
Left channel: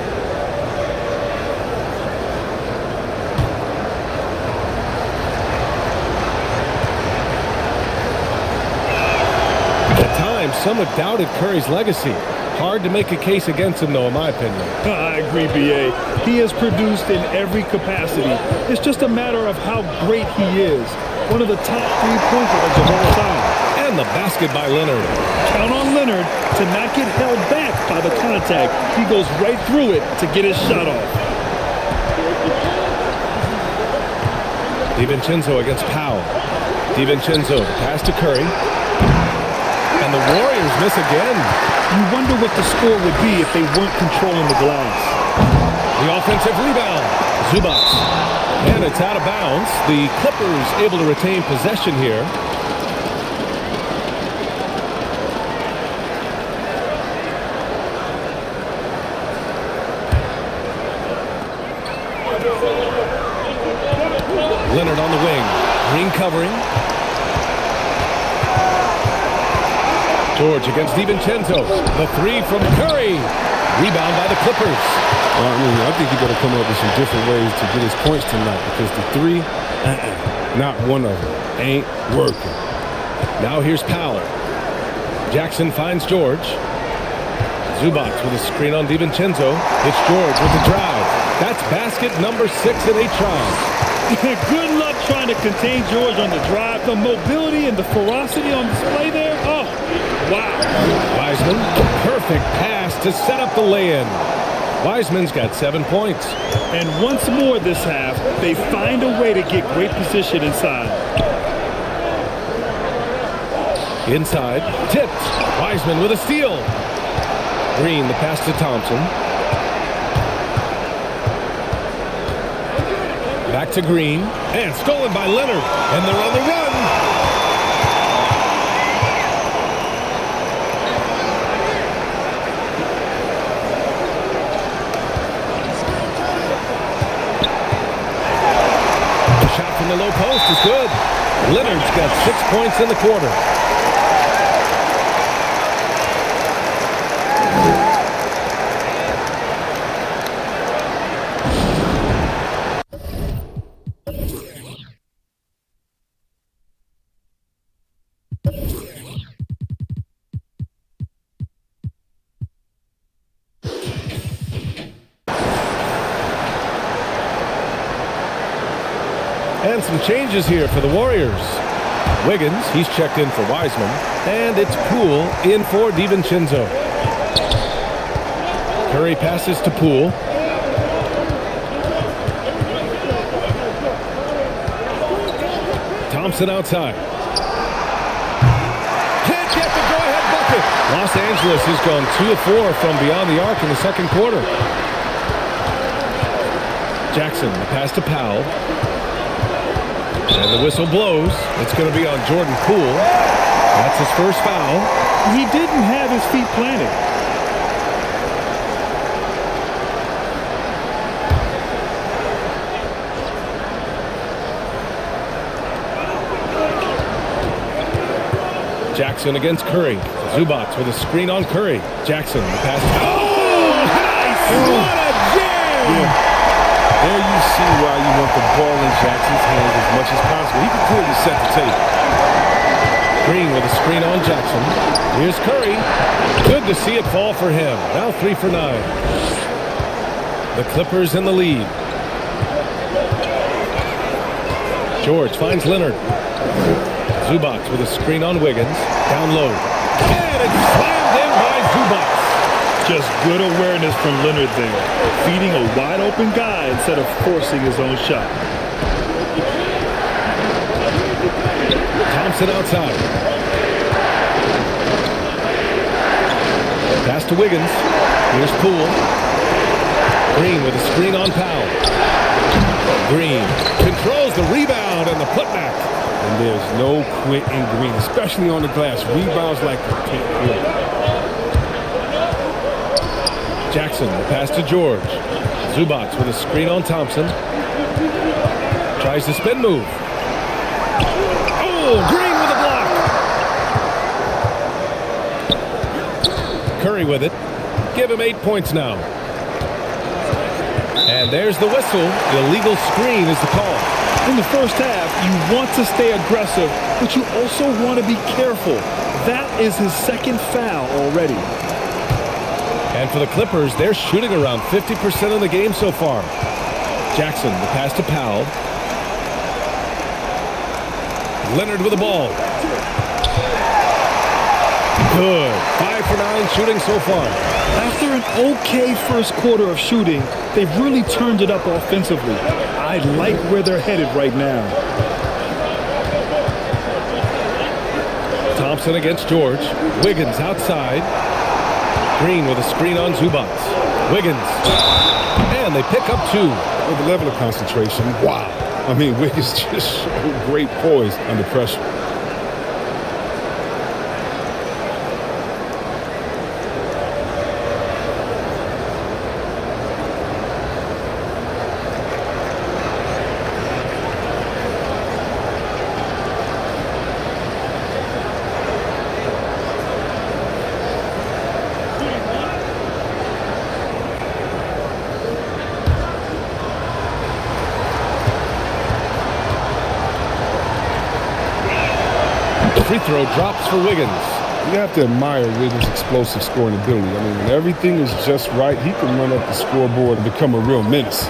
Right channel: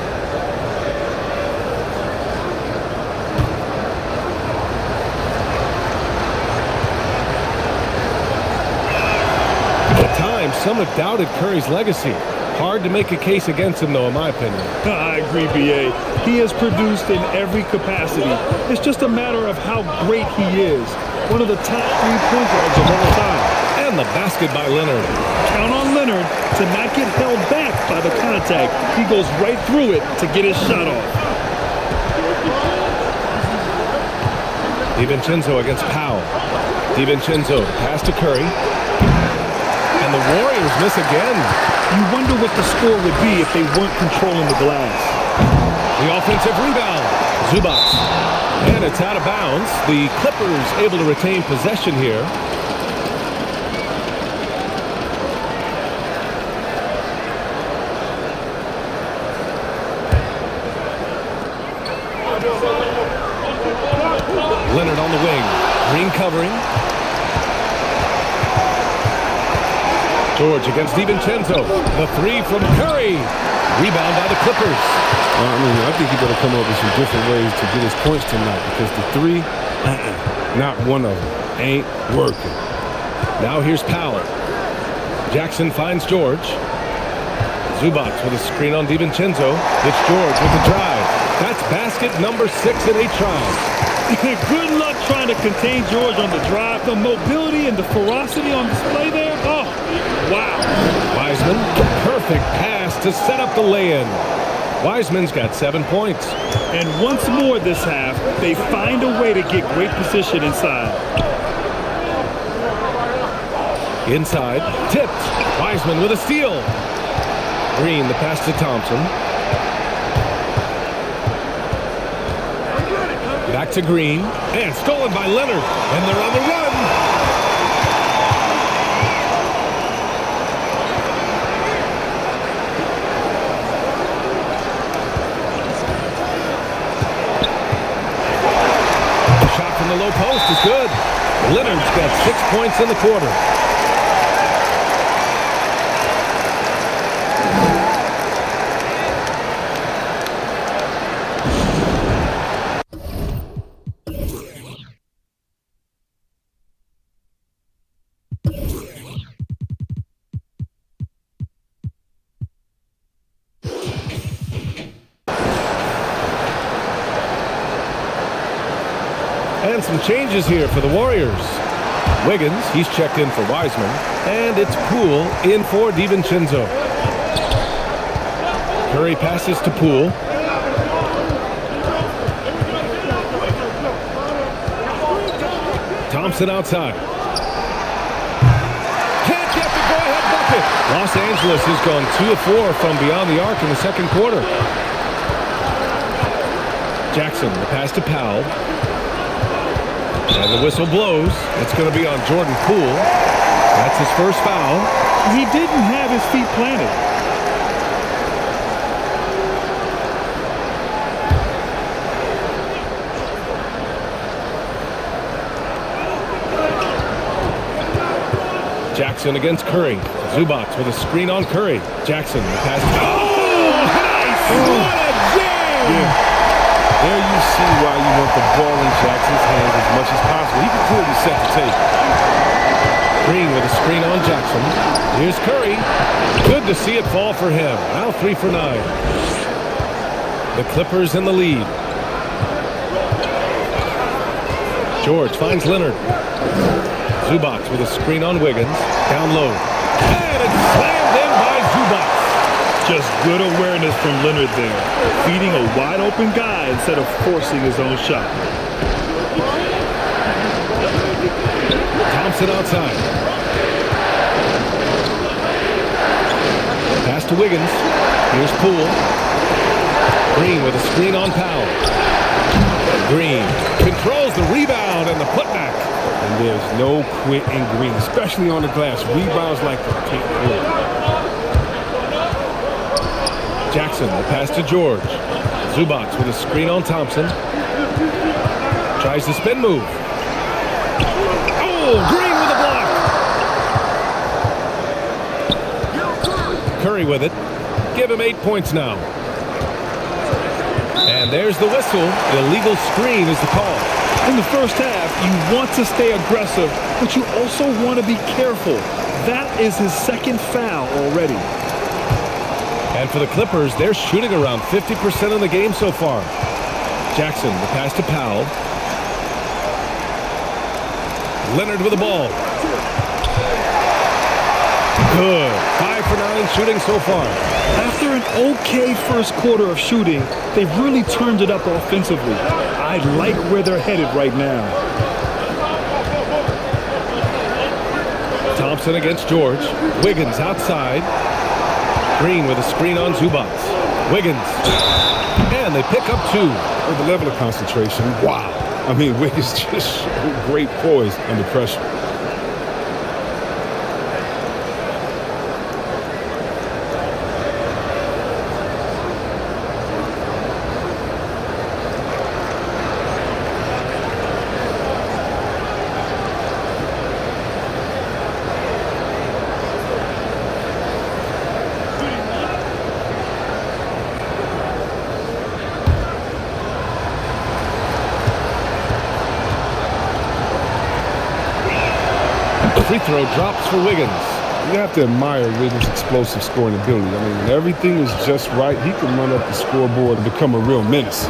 At times, some have doubted Curry's legacy. Hard to make a case against him, though, in my opinion. I agree, B.A. He has produced in every capacity. It's just a matter of how great he is. One of the top 3-point guards of all time. And the basket by Leonard. Count on Leonard to not get held back by the contact. He goes right through it to get his shot off. DiVincenzo against Powell. DiVincenzo, the pass to Curry. And the Warriors miss again. You wonder what the score would be if they weren't controlling the glass. The offensive rebound. Zubac. And it's out of bounds. The Clippers able to retain possession here. Leonard on the wing. Green covering. George against DiVincenzo. The 3 from Curry. Rebound by the Clippers. I think he better come up with some different ways to get his points tonight, because the 3, not one of them, ain't working. Now here's Powell. Jackson finds George. Zubac with a screen on DiVincenzo. It's George with the drive. That's basket number 6 in 8 tries. Good luck trying to contain George on the drive. The mobility and the ferocity on display there. Oh, wow. Wiseman, perfect pass to set up the lay-in. Wiseman's got 7 points. And once more this half, they find a way to get great position inside. Inside, tipped. Wiseman with a steal. Green, the pass to Thompson. Back to Green, and stolen by Leonard, and they're on the run. Shot from the low post is good. Leonard's got 6 points in the quarter. And some changes here for the Warriors. Wiggins, he's checked in for Wiseman. And it's Poole in for DiVincenzo. Curry passes to Poole. Thompson outside. Can't get the go-ahead bucket. Los Angeles has gone 2 of 4 from beyond the arc in the second quarter. Jackson, the pass to Powell. And the whistle blows. It's going to be on Jordan Poole. That's his first foul. He didn't have his feet planted. Jackson against Curry. Zubac with a screen on Curry. Jackson, the pass. Oh, nice! What a jam! Yeah. There you see why you want the ball in Jackson's hands as much as possible. He can clearly set the table. Green with a screen on Jackson. Here's Curry. Good to see it fall for him. Now 3 for 9. The Clippers in the lead. George finds Leonard. Zubac with a screen on Wiggins. Down low. And it's slammed in by Zubac. Just good awareness from Leonard there. Feeding a wide open guy instead of forcing his own shot. Thompson outside. Pass to Wiggins. Here's Poole. Green with a screen on Powell. Green controls the rebound and the putback. And there's no quit in Green, especially on the glass. Rebounds like a pit bull. Jackson, the pass to George. Zubac with a screen on Thompson. Tries the spin move. Oh, Green with a block. Curry with it. Give him 8 points now. And there's the whistle. Illegal screen is the call. In the first half, you want to stay aggressive, but you also want to be careful. That is his second foul already. And for the Clippers, they're shooting around 50% of the game so far. Jackson, the pass to Powell. Leonard with the ball. Good. 5 for 9 shooting so far. After an okay first quarter of shooting, they've really turned it up offensively. I like where they're headed right now. Thompson against George. Wiggins outside. Green with a screen on Zubac. Wiggins. And they pick up 2. With the level of concentration, wow. I mean, Wiggins just showed great poise under pressure. Free throw drops for Wiggins. You have to admire Wiggins' explosive scoring ability. I mean, when everything is just right, he can run up the scoreboard and become a real menace.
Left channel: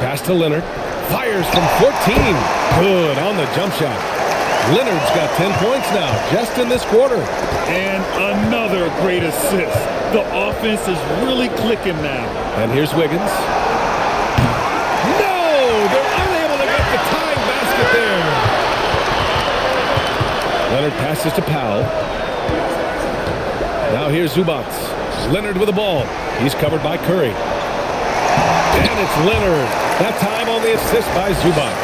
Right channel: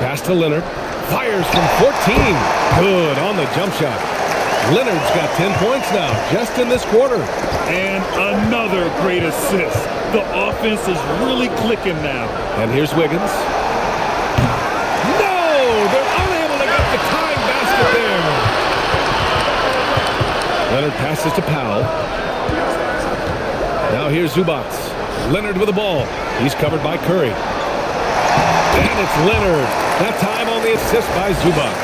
Pass to Leonard. Fires from 14. Good on the jump shot. Leonard's got 10 points now, just in this quarter. And another great assist. The offense is really clicking now. And here's Wiggins. No! They're unable to get the tying basket there. Leonard passes to Powell. Now here's Zubac. Leonard with the ball. He's covered by Curry. And it's Leonard. That time on the assist by Zubac.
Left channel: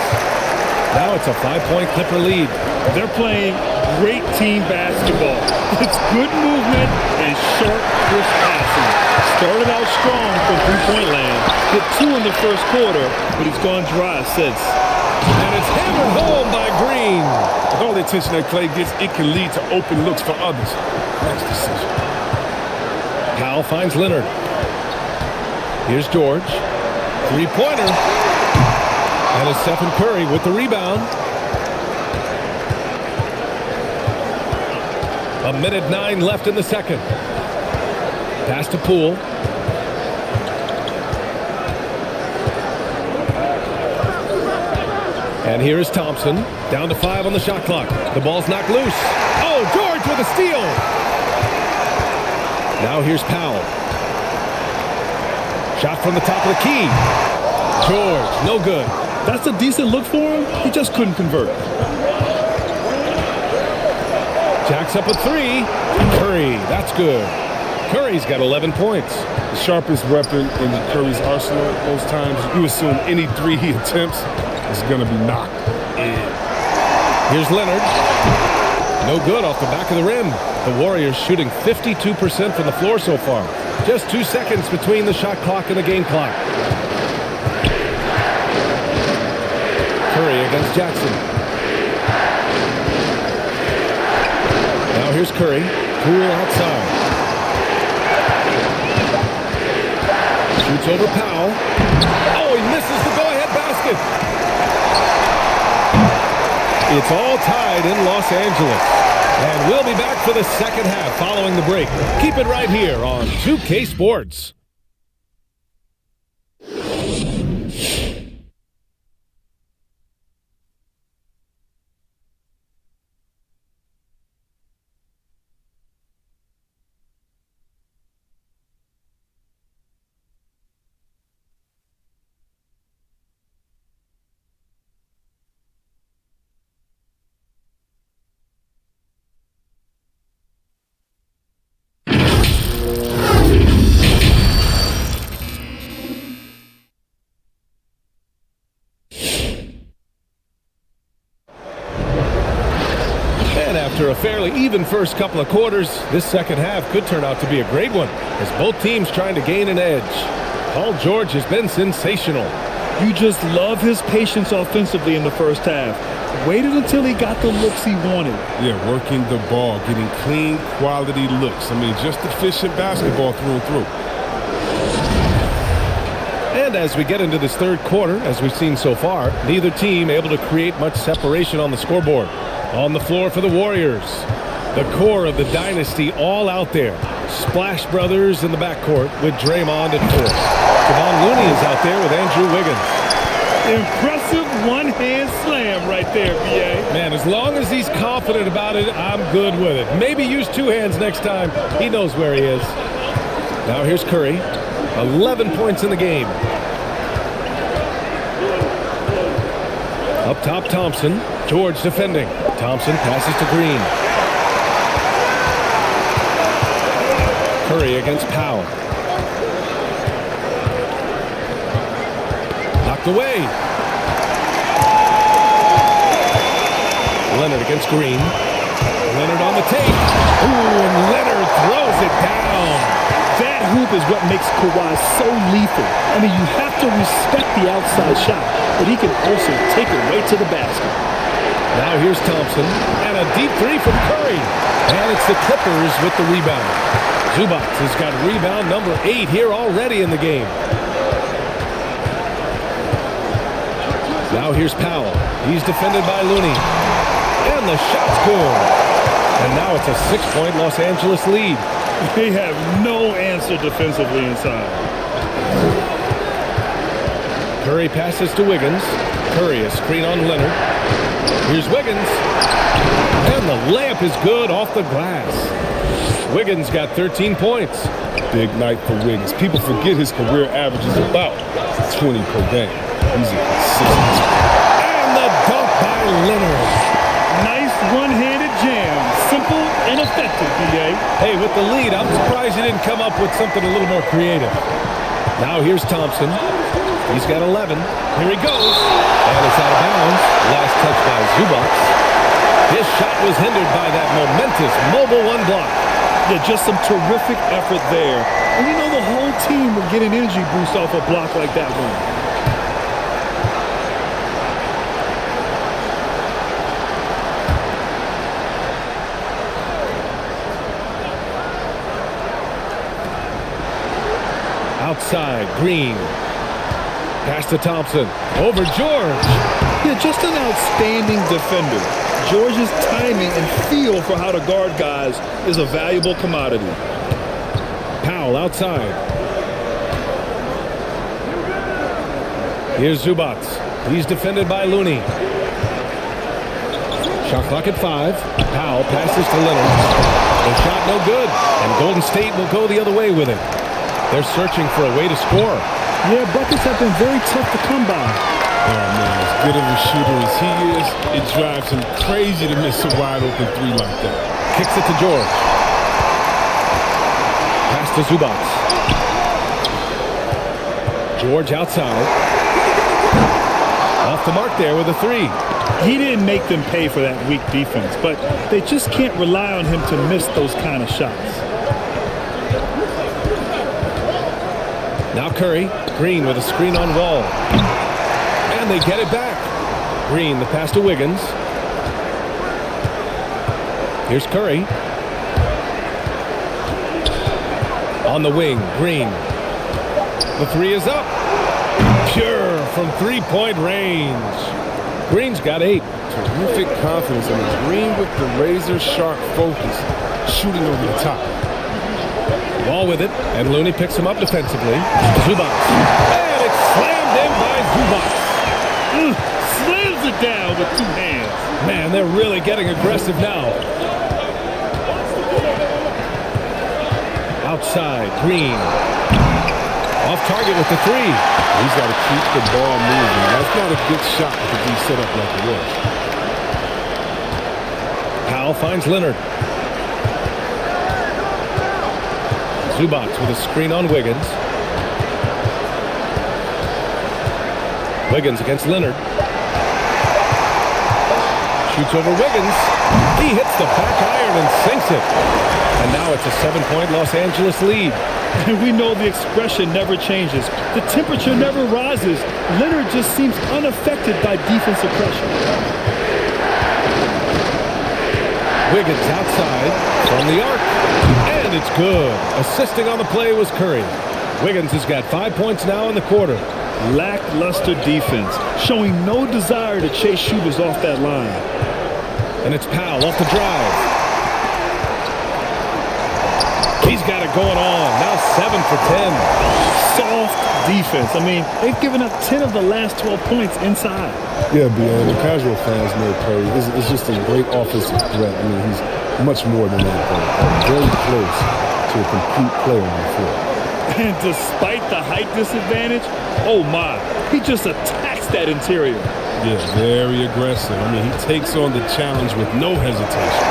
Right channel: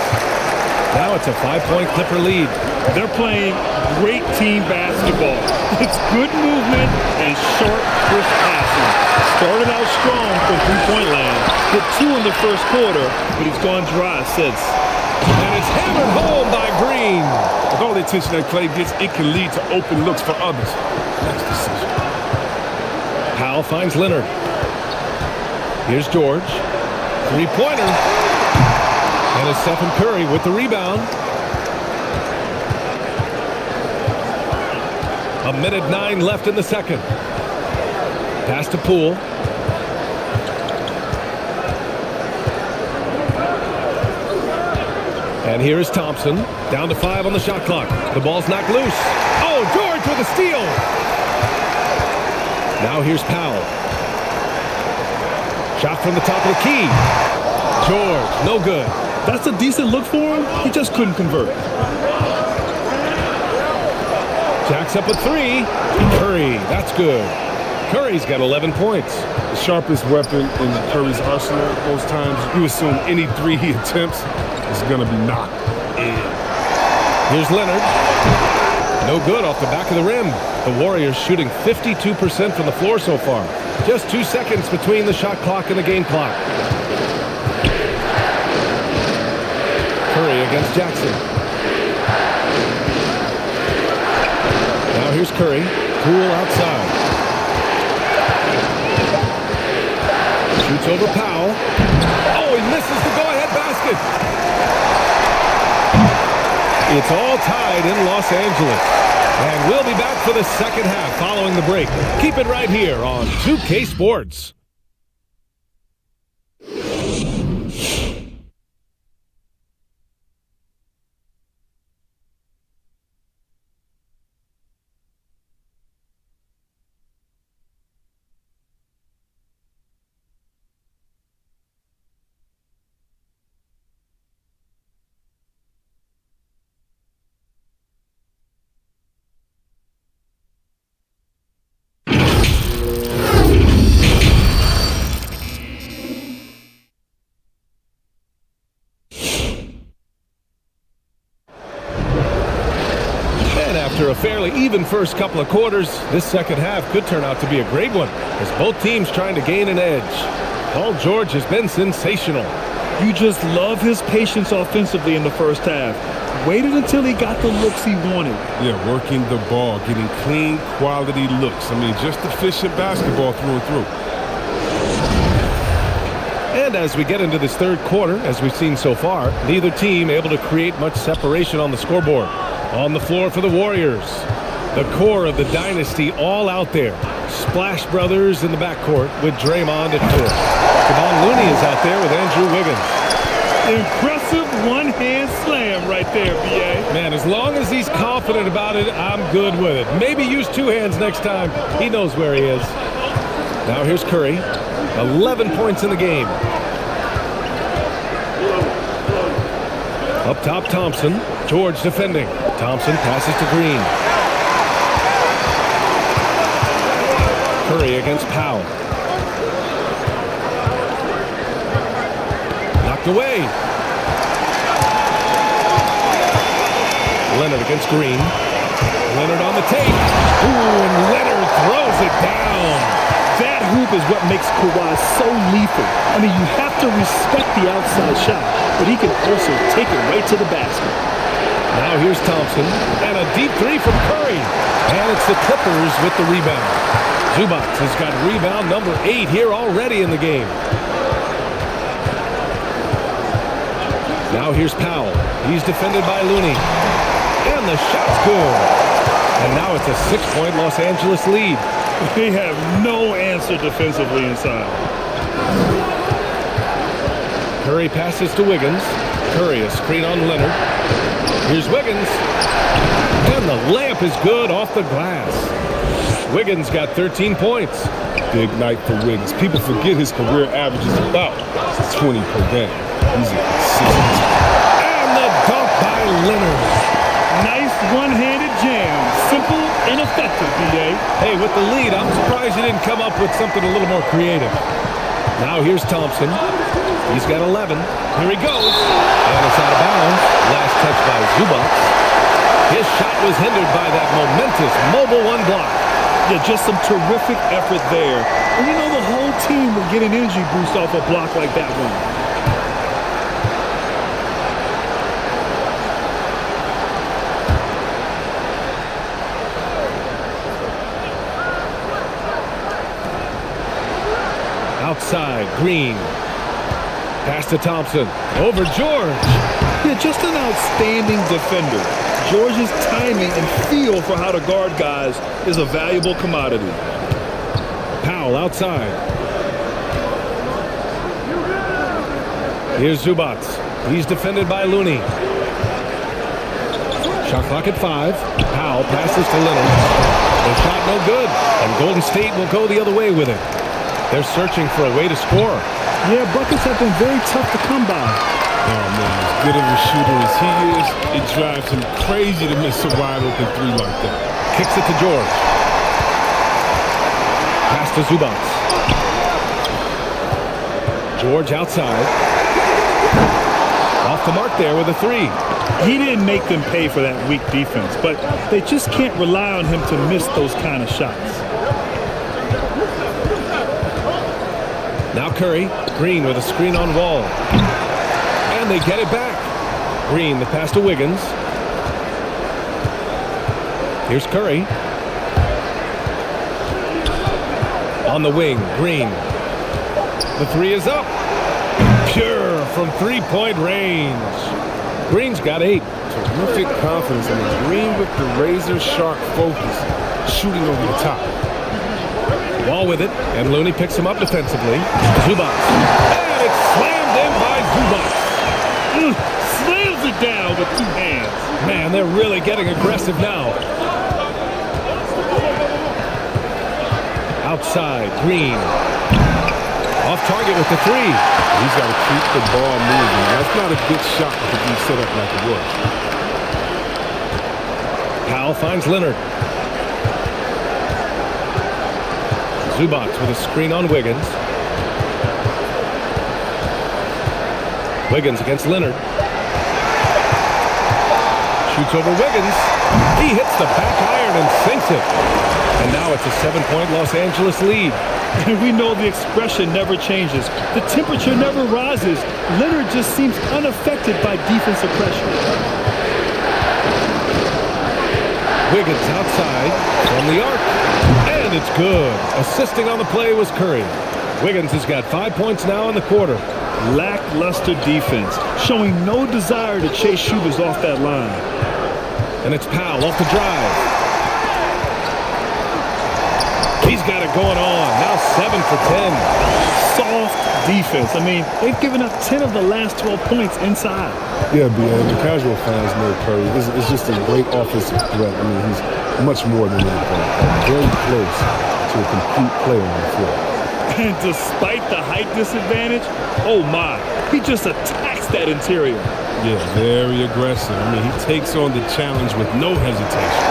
Now it's a 5-point Clipper lead. They're playing great team basketball. It's good movement and sharp, crisp passing. Started out strong from three-point land. Hit 2 in the first quarter, but he's gone dry since. And it's hammered home by Green. With all the attention that Clay gets, it can lead to open looks for others. Nice decision. Powell finds Leonard. Here's George. Three-pointer. And it's Stephen Curry with the rebound. 1:09 left in the second. Pass to Poole. And here is Thompson. Down to 5 on the shot clock. The ball's knocked loose. Oh, George with a steal. Now here's Powell. Shot from the top of the key. George, no good. That's a decent look for him. He just couldn't convert. Jacks up a 3. Curry, that's good. Curry's got 11 points. The sharpest weapon in Curry's arsenal. Most times you assume any 3 he attempts is going to be knocked in. Here's Leonard. No good off the back of the rim. The Warriors shooting 52% from the floor so far. Just 2 seconds between the shot clock and the game clock. Curry against Jackson. Now here's Curry. Poole outside. Shoots over Powell. Oh, he misses the go-ahead basket. It's all tied in Los Angeles. And we'll be back for the second half following the break. Keep it right here on 2K Sports. After a fairly even first couple of quarters, this second half could turn out to be a great one as both teams trying to gain an edge. Paul George has been sensational. You just love his patience offensively in the first half. Waited until he got the looks he wanted. Yeah, working the ball, getting clean, quality looks. I mean, just efficient basketball through and through. And as we get into this third quarter, as we've seen so far, neither team able to create much separation on the scoreboard. On the floor for the Warriors, the core of the dynasty all out there. Splash Brothers in the backcourt with Draymond at 4. Kevon Looney is out there with Andrew Wiggins. Impressive one-hand slam right there, B.A. Man, as long as he's confident about it, I'm good with it. Maybe use 2 hands next time. He knows where he is. Now here's Curry. 11 points in the game. Up top, Thompson. George defending. Thompson passes to Green. Curry against Powell. Knocked away. Leonard against Green. Leonard on the tape. Ooh, and Leonard throws it down. That hoop is what makes Kawhi so lethal. I mean, you have to respect the outside shot, but he can also take it right to the basket. Now here's Thompson, and a deep 3 from Curry. And it's the Clippers with the rebound. Zubac has got rebound number 8 here already in the game. Now here's Powell. He's defended by Looney. And the shot's good. And now it's a 6-point Los Angeles lead. They have no answer defensively inside. Curry passes to Wiggins. Curry, a screen on Leonard. Here's Wiggins. And the layup is good off the glass. Wiggins got 13 points. Big night for Wiggins. People forget his career average is about 20 per game. He's a consistent. And the dunk by Leonard. Nice one-handed jam. Simple and effective, B.A. Hey, with the lead, I'm surprised he didn't come up with something a little more creative. Now here's Thompson. He's got 11. Here he goes. And it's out of bounds. Last touch by Zubac. His shot was hindered by that momentous mobile one block. Yeah, just some terrific effort there. And you know the whole team will get an energy boost off a block like that one. Outside, Green. Pass to Thompson. Over George. Yeah, just an outstanding defender. George's timing and feel for how to guard guys is a valuable commodity. Powell outside. Here's Zubac. He's defended by Looney. Shot clock at 5. Powell passes to Leonard. The shot no good. And Golden State will go the other way with it. They're searching for a way to score. Yeah, buckets have been very tough to come by. Oh, man, as good of a shooter as he is, it drives him crazy to miss a wide-open three like that. Kicks it to George. Pass to Zubac. George outside. Off the mark there with a 3. He didn't make them pay for that weak defense, but they just can't rely on him to miss those kind of shots. Now Curry. Green with a screen on Wall. And they get it back. Green, the pass to Wiggins. Here's Curry. On the wing, Green. The 3 is up. Pure from three-point range. Green's got 8. Terrific confidence in his Green with the razor-sharp focus, shooting over the top. Wall with it, and Looney picks him up defensively. Zubac. And it's slammed in by Zubac. Slams it down with 2 hands. Man, they're really getting aggressive now. Outside, Green. Off target with the 3. He's got to keep the ball moving. That's not a good shot to be set up like it was. Powell finds Leonard. Zubac with a screen on Wiggins. Wiggins against Leonard. Shoots over Wiggins. He hits the back iron and sinks it. And now it's a 7-point Los Angeles lead. And we know the expression never changes. The temperature never rises. Leonard just seems unaffected by defensive pressure. Wiggins outside from the arc. And it's good. Assisting on the play was Curry. Wiggins has got 5 points now in the quarter. Lackluster defense, showing no desire to chase shooters off that line. And it's Powell off the drive. He's got it going on. Now 7 for 10. Soft defense. I mean, they've given up 10 of the last 12 points inside. Yeah, the casual fans know Curry is just a great offensive threat. I mean, he's much more than that. Very close to a complete player on the floor. And despite the height disadvantage, oh my, he just attacks that interior. Yeah, very aggressive. I mean, he takes on the challenge with no hesitation.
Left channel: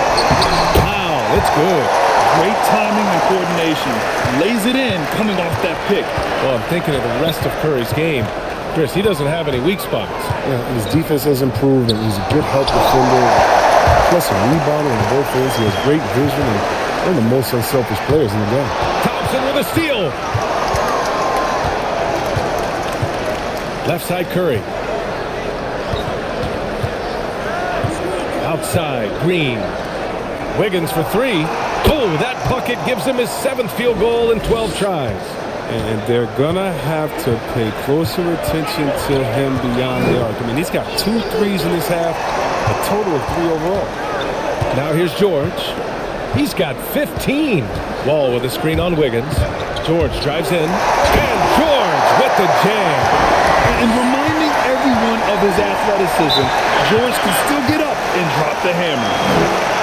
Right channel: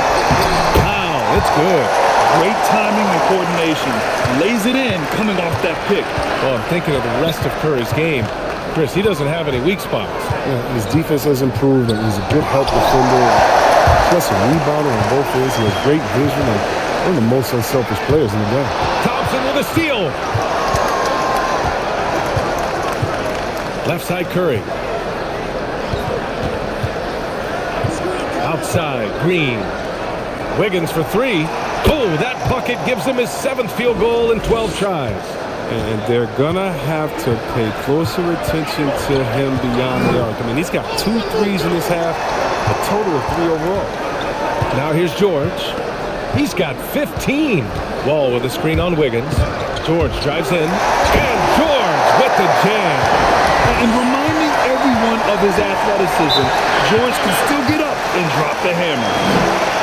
Wow, it's good. Great timing and coordination. Lays it in coming off that pick. Well, I'm thinking of the rest of Curry's game. Chris, he doesn't have any weak spots. Yeah, and his defense has improved, and he's a good help defender. Plus a rebounder on both ends. He has great vision and one of the most unselfish players in the game. Thompson with a steal. Left side, Curry. Outside, Green. Wiggins for 3. Oh, that bucket gives him his 7th field goal in 12 tries. And they're going to have to pay closer attention to him beyond the arc. I mean, he's got 2 threes in this half, a total of 3 overall. Now here's George. He's got 15. Wall with a screen on Wiggins. George drives in. And George with the jam. And reminding every every one of his athleticism, George can still get up and drop the hammer.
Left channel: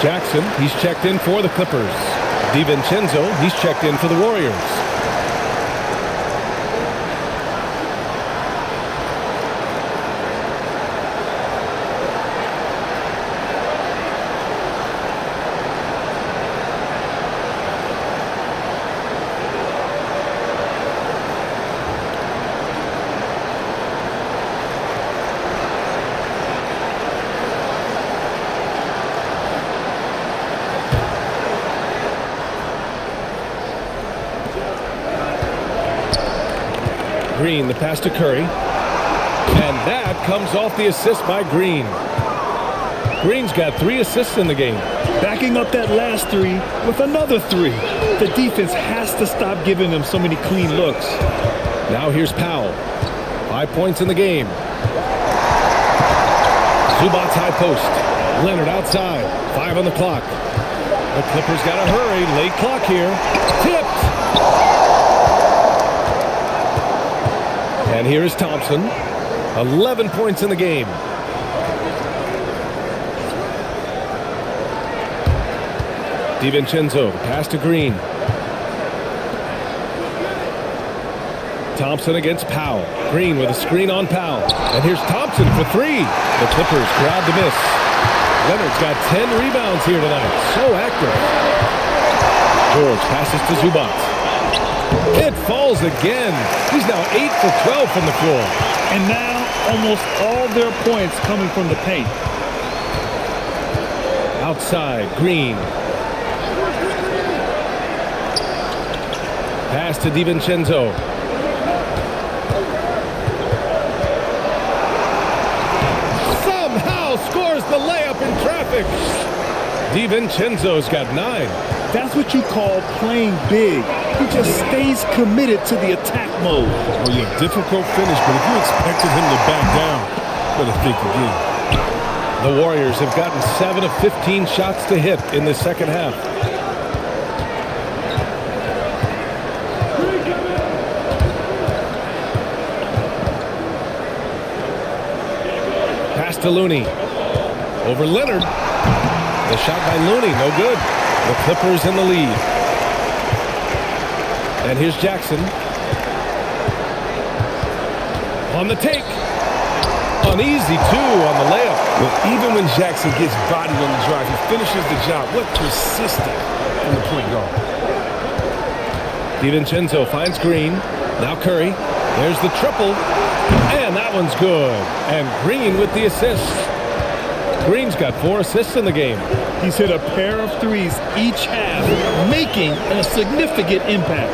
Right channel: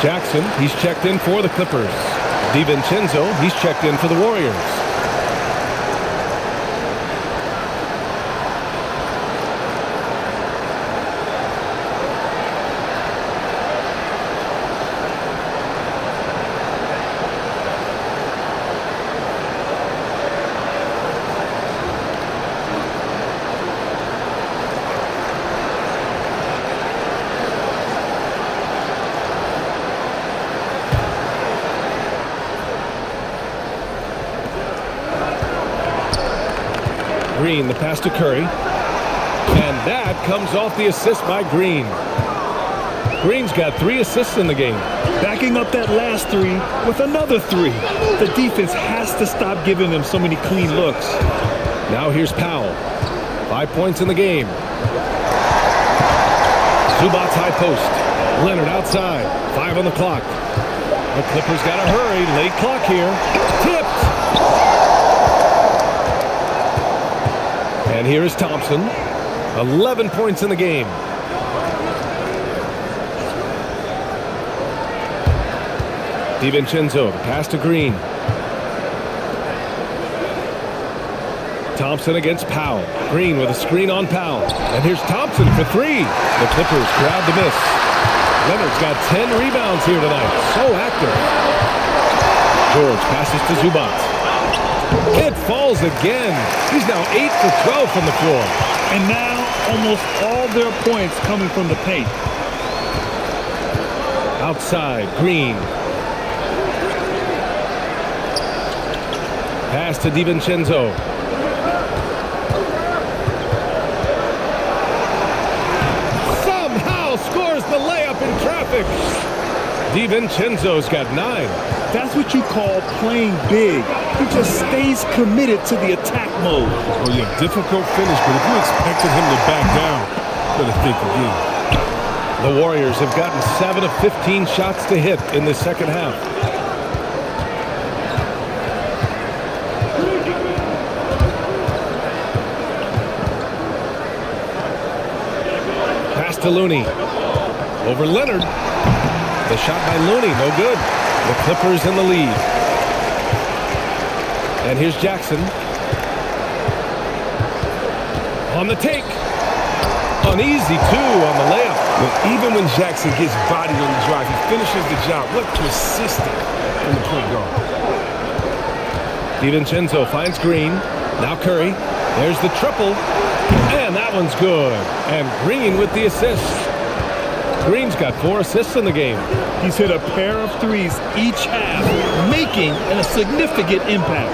Jackson, he's checked in for the Clippers. DiVincenzo, he's checked in for the Warriors. Green, the pass to Curry. And that comes off the assist by Green. Green's got 3 assists in the game. Backing up that last 3 with another 3. The defense has to stop giving them so many clean looks. Now here's Powell. 5 points in the game. Zubac's high post. Leonard outside. 5 on the clock. The Clippers got to hurry. Late clock here. Tipped. And here is Thompson. 11 points in the game. DiVincenzo, the pass to Green. Thompson against Powell. Green with a screen on Powell. And here's Thompson for 3. The Clippers grab the miss. Leonard's got 10 rebounds here tonight. So active. George passes to Zubac. It falls again. He's now 8 for 12 from the floor. And now almost all their points coming from the paint. Outside, Green. Pass to DiVincenzo. Somehow scores the layup in traffic. DiVincenzo's got 9. That's what you call playing big. He just stays committed to the attack mode. Oh, yeah, difficult finish, but if you expected him to back down, better think again. The Warriors have gotten 7 of 15 shots to hit in the second half. Pass to Looney. Over Leonard. The shot by Looney, no good. The Clippers in the lead. And here's Jackson. On the take. An easy 2 on the layup. Well, even when Jackson gets bodied on the drive, he finishes the job. What persistence from the point guard. DiVincenzo finds Green. Now Curry. There's the triple. And that one's good. And Green with the assist. Green's got 4 assists in the game. He's hit a pair of 3s each half, making a significant impact.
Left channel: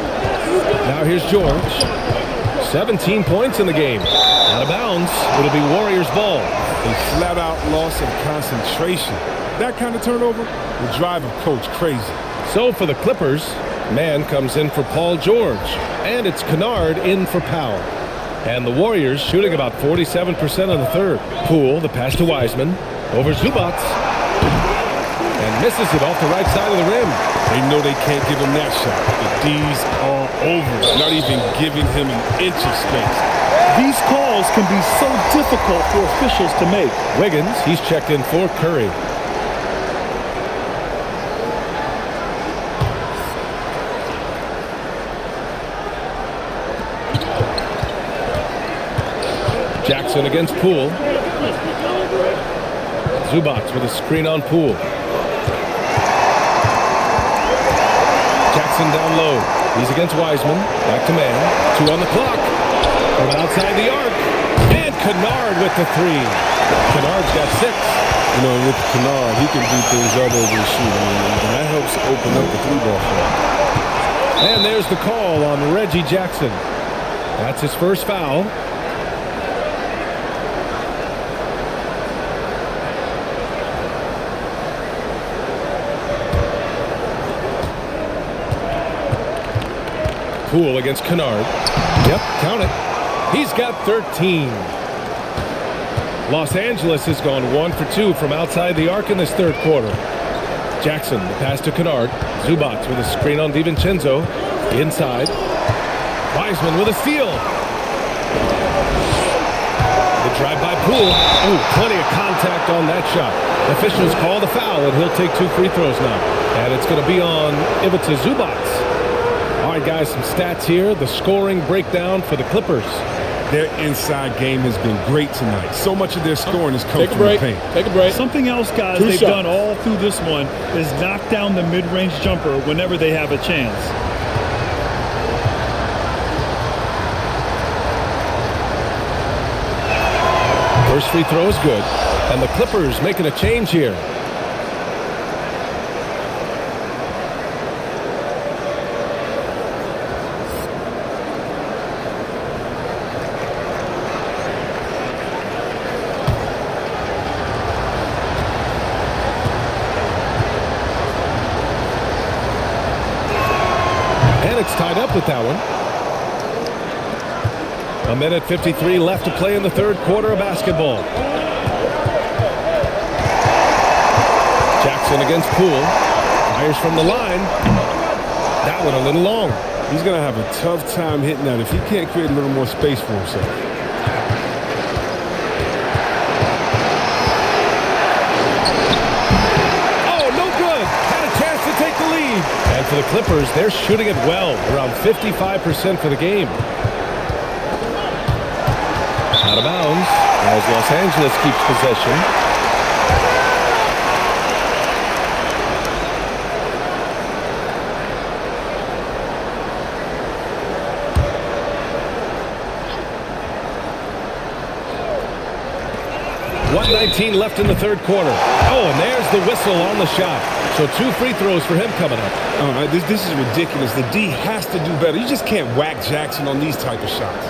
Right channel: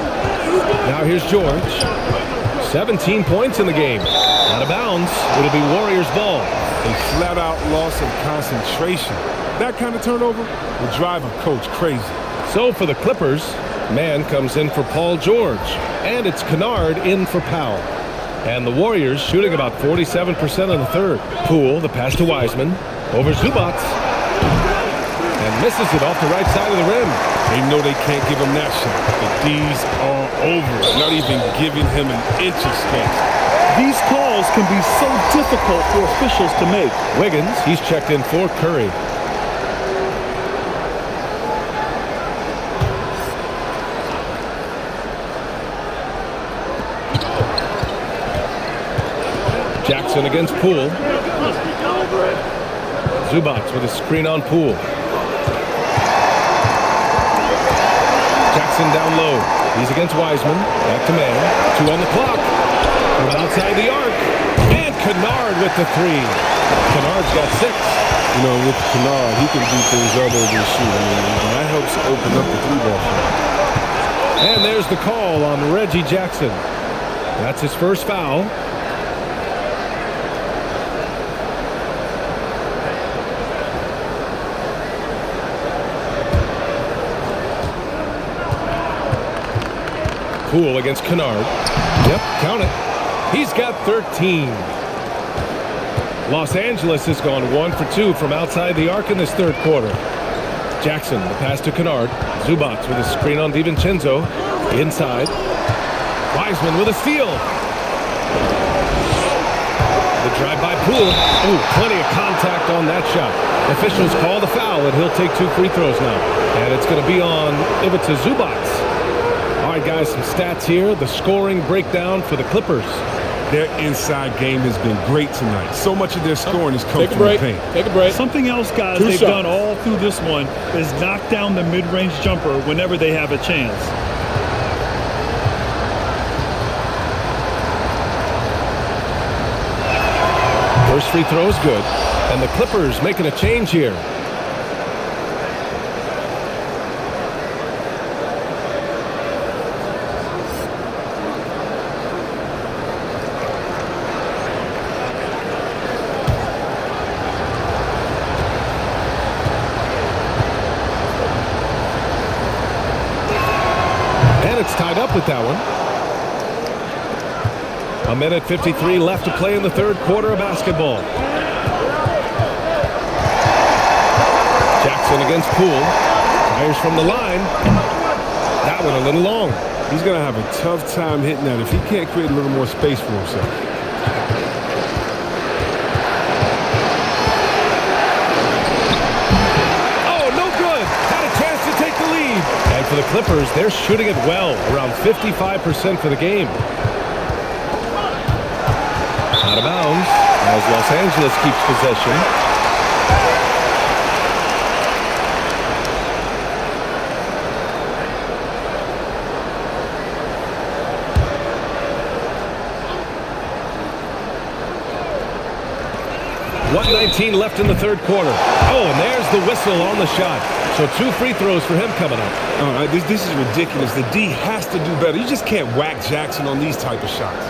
Now here's George. 17 points in the game. Out of bounds. It'll be Warriors ball. A flat-out loss of concentration. That kind of turnover would drive a coach crazy. So for the Clippers, Mann comes in for Paul George. And it's Kennard in for Powell. And the Warriors shooting about 47% in the third. Poole, the pass to Wiseman. Over Zubats. And misses it off the right side of the rim. They know they can't give him that shot. The D's are over it, not even giving him an inch of space. These calls can be so difficult for officials to make. Wiggins, he's checked in for Curry. Jackson against Poole. Zubats with a screen on Poole. Jackson down low. He's against Wiseman. Back to man. 2 on the clock. From outside the arc. And Kennard with the 3. Kennard's got 6. You know, with Kennard, he can do things other than shoot. And that helps open up the 3-ball for him. And there's the call on Reggie Jackson. That's his first foul. Poole against Kennard. Yep, count it. He's got 13. Los Angeles has gone 1 for 2 from outside the arc in this third quarter. Jackson, the pass to Kennard. Zubats with a screen on DiVincenzo. Inside. Wiseman with a steal. The drive by Poole. Oh, plenty of contact on that shot. Officials call the foul, and he'll take 2 free throws now. And it's going to be on Ivica Zubats. All right, guys, some stats here. The scoring breakdown for the Clippers. Their inside game has been great tonight. So much of their scoring has come from the paint. Take a break. Something else, guys, they've done all through this one is knock down the mid-range jumper whenever they have a chance. First free throw is good. And the Clippers making a change here. And it's tied up with that one. 1:53 left to play in the third quarter of basketball. Jackson against Poole. Fires from the line. That one a little long. He's going to have a tough time hitting that if he can't create a little more space for himself. Oh, no good. Had a chance to take the lead. And for the Clippers, they're shooting it well, around 55% for the game. Out of bounds as Los Angeles keeps possession. .119 left in the third quarter. Oh, and there's the whistle on the shot. So 2 free throws for him coming up. This is ridiculous. The D has to do better. You just can't whack Jackson on these type of shots.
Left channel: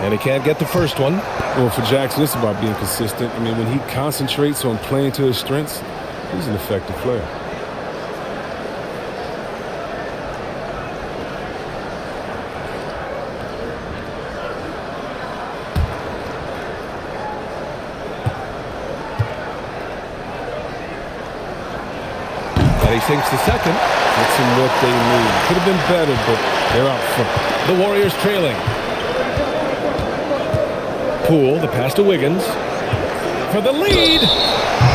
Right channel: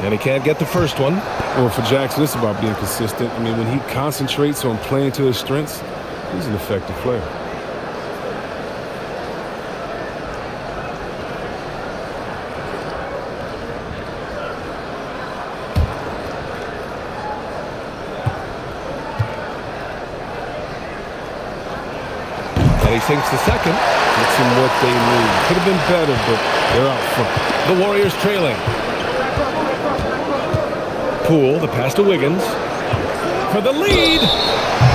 And he can't get the first one. Well, for Jackson, it's about being consistent. I mean, when he concentrates on playing to his strengths, he's an effective player. And he sinks the second. It's him what they need. Could have been better, but they're out front. The Warriors trailing. Poole, the pass to Wiggins. For the lead.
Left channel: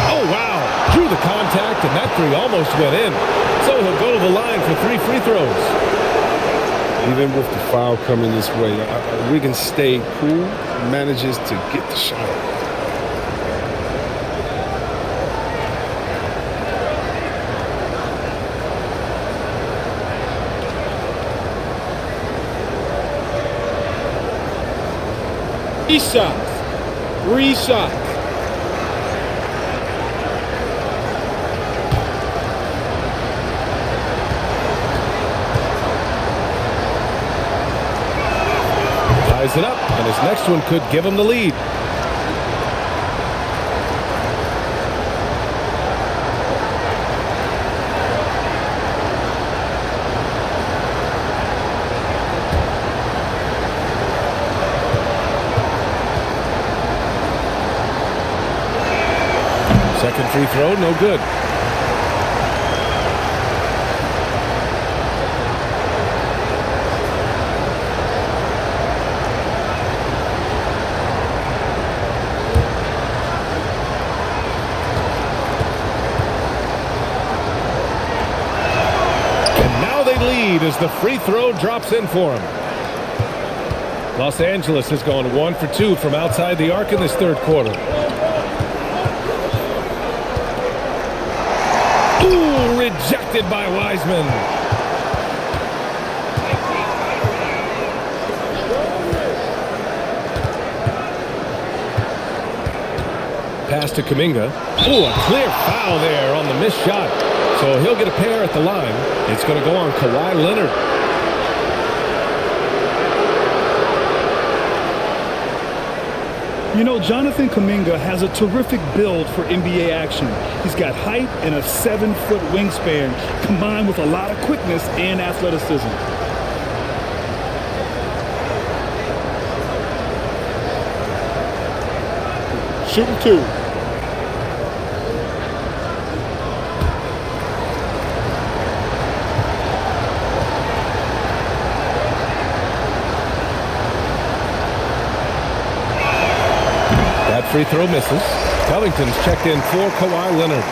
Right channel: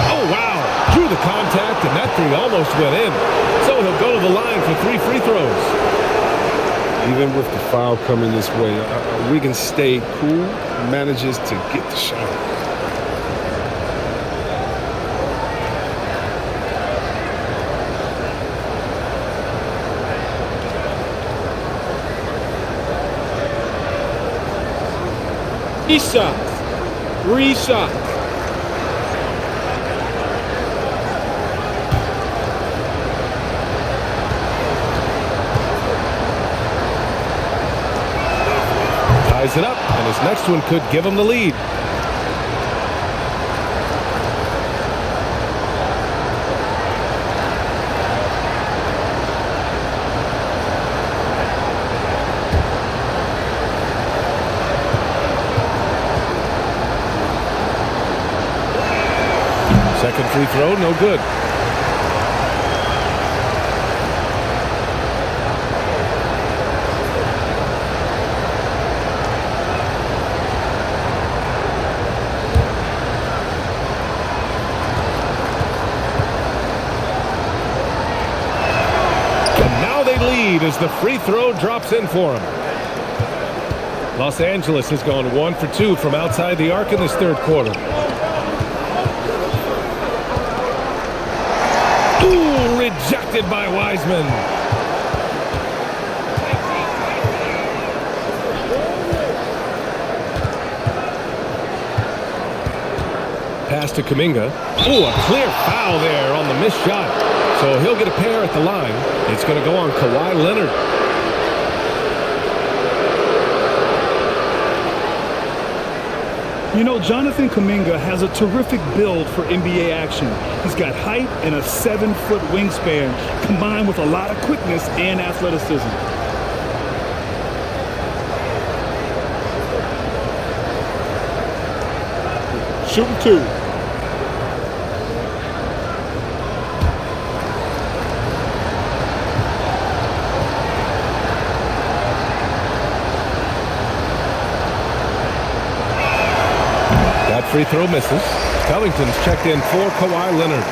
Oh, wow. Drew the contact, and that 3 almost went in. So he'll go to the line for 3 free throws. Even with the foul coming this way, Wiggins stayed cool, manages to get the shot off. Shots. 3 shots. ties it up, and his next one could give him the lead. Second free throw, no good. And now they lead as the free throw drops in for him. Los Angeles has gone 1 for 2 from outside the arc in this third quarter. Ooh, rejected by Wiseman. Pass to Kuminga. Ooh, a clear foul there on the missed shot. So he'll get a pair at the line. It's going to go on Kawhi Leonard. You know, Jonathan Kuminga has a terrific build for NBA action. He's got height and a 7-foot wingspan, combined with a lot of quickness and athleticism. Shooting 2. That free throw misses. Covington's checked in for Kawhi Leonard.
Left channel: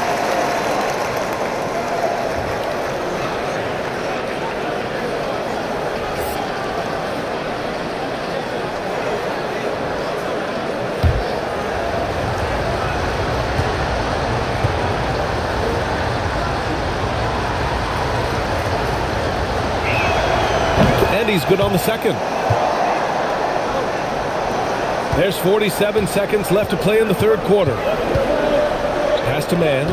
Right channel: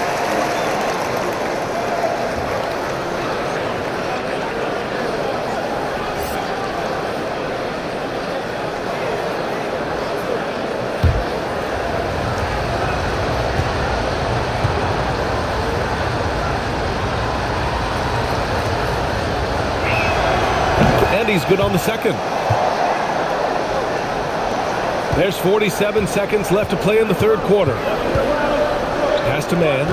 And he's good on the second. There's 47 seconds left to play in the third quarter. Pass to Mann.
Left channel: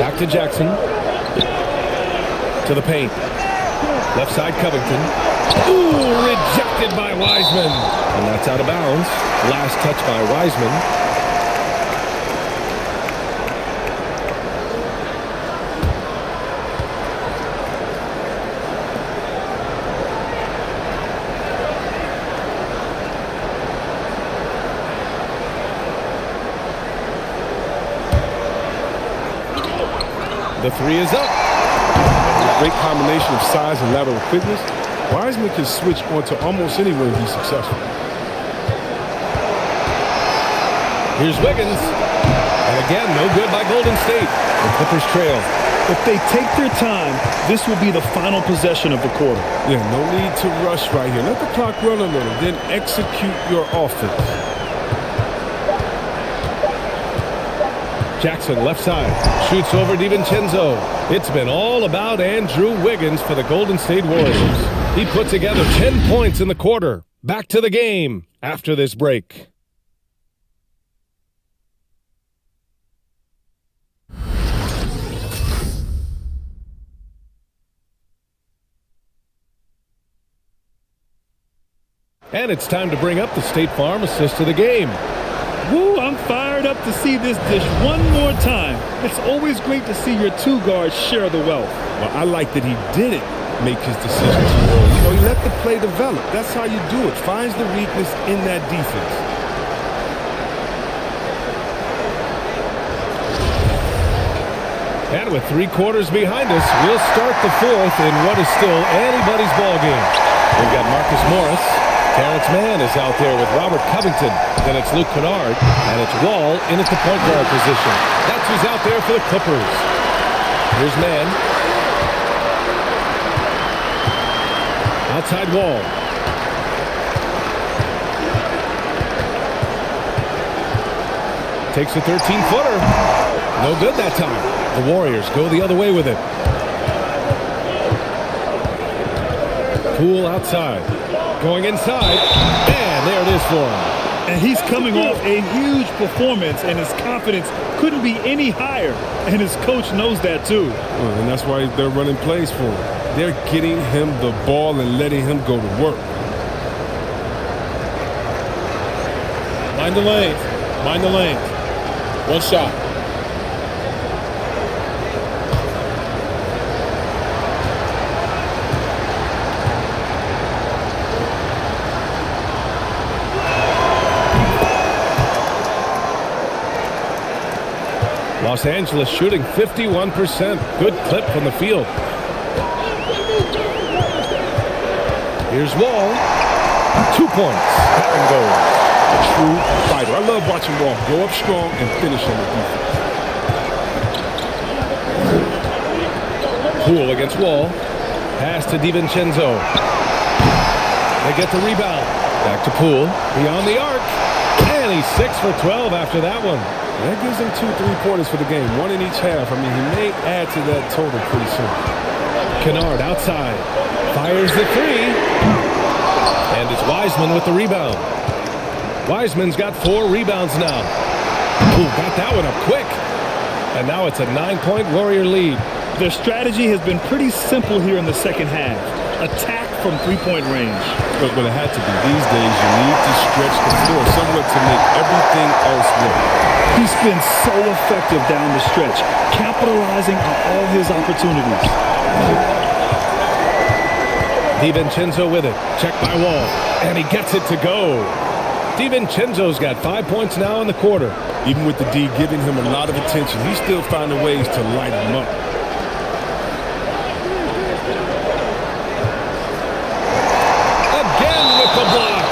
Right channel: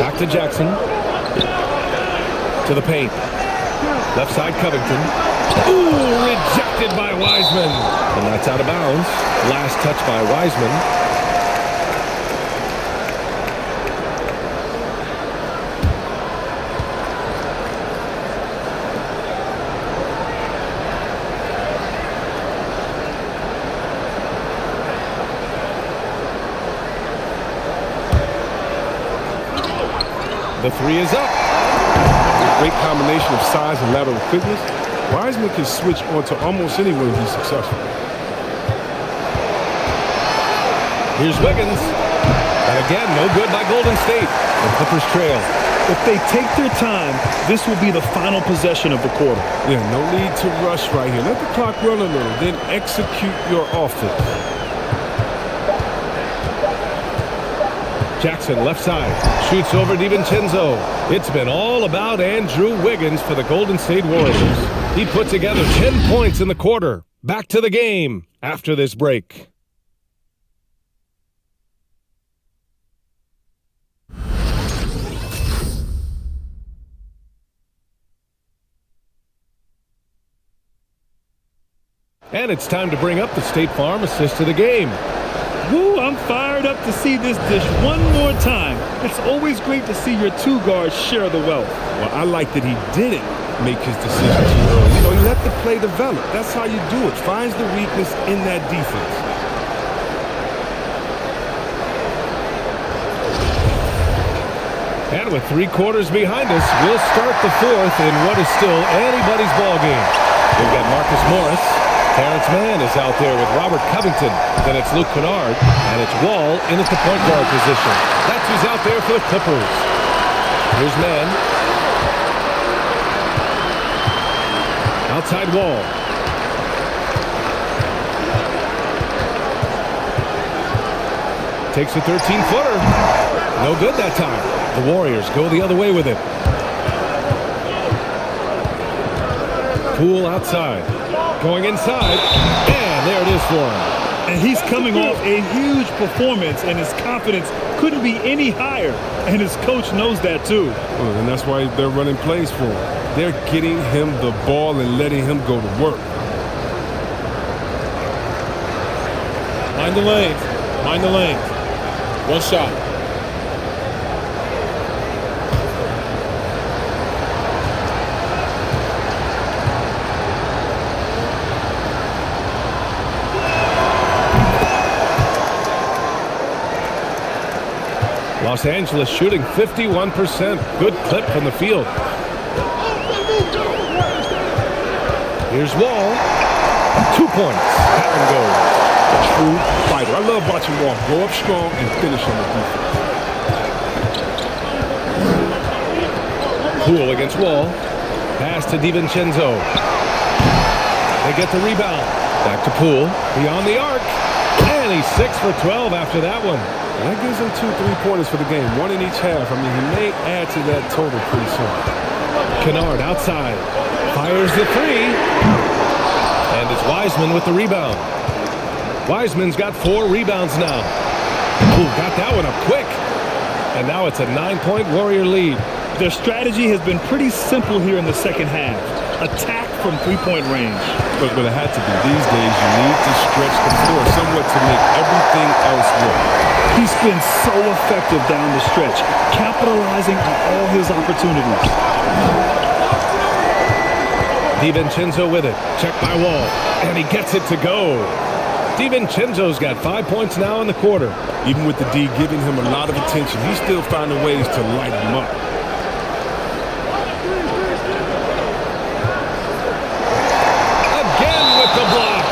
Back to Jackson. To the paint. Left side Covington. Ooh, rejected by Wiseman. And that's out of bounds. Last touch by Wiseman. The three is up. Great combination of size and lateral quickness. Wiseman can switch onto almost anyone and be successful. Here's Wiggins. And again, no good by Golden State. The Clippers trail. If they take their time, this will be the final possession of the quarter. Yeah, no need to rush right here. Let the clock run a little, then execute your offense. Jackson left side. Shoots over DiVincenzo. It's been all about Andrew Wiggins for the Golden State Warriors. He put together 10 points in the quarter. Back to the game after this break. And it's time to bring up the State Farm assist of the game. Woo, I'm fired up to see this dish one more time. It's always great to see your two guards share the wealth. Well, I like that he didn't make his decision too early. You know, he let the play develop. That's how you do it. Finds the weakness in that defense. And with 3 quarters behind us, we'll start the fourth in what is still anybody's ball game. We've got Marcus Morris. Terrence Mann is out there with Robert Covington. Then it's Luke Kennard, and it's Wall in at the point guard position. That's who's out there for the Clippers. Here's Mann. Outside Wall. Takes a 13-footer. No good that time. The Warriors go the other way with it. Poole outside. Going inside. And there it is for him. And he's coming off a huge performance, and his confidence couldn't be any higher. And his coach knows that too. Well, and that's why they're running plays for him. They're getting him the ball and letting him go to work. Mind the lanes. Mind the lanes. One shot. Los Angeles shooting 51%. Good clip from the field. Here's Wall. 2 points. That one goes. A true fighter. I love watching Wall go up strong and finish on the defense. Poole against Wall. Pass to DiVincenzo. They get the rebound. Back to Poole. Beyond the arc. And he's 6 for 12 after that one. And that gives him 2 3-pointers for the game. 1 in each half. I mean, he may add to that total pretty soon. Kennard outside. Fires the three. And it's Wiseman with the rebound. Wiseman's got 4 rebounds now. Oh, got that one up quick. And now it's a 9-point Warrior lead. Their strategy has been pretty simple here in the second half. Attack from 3-point range. But it had to be. These days, you need to stretch the floor somewhat to make everything else work. He's been so effective down the stretch, capitalizing on all his opportunities. DiVincenzo with it. Check by Wall. And he gets it to go. DiVincenzo's got 5 points now in the quarter. Even with the D giving him a lot of attention, he's still finding ways to light him up. Again with the block.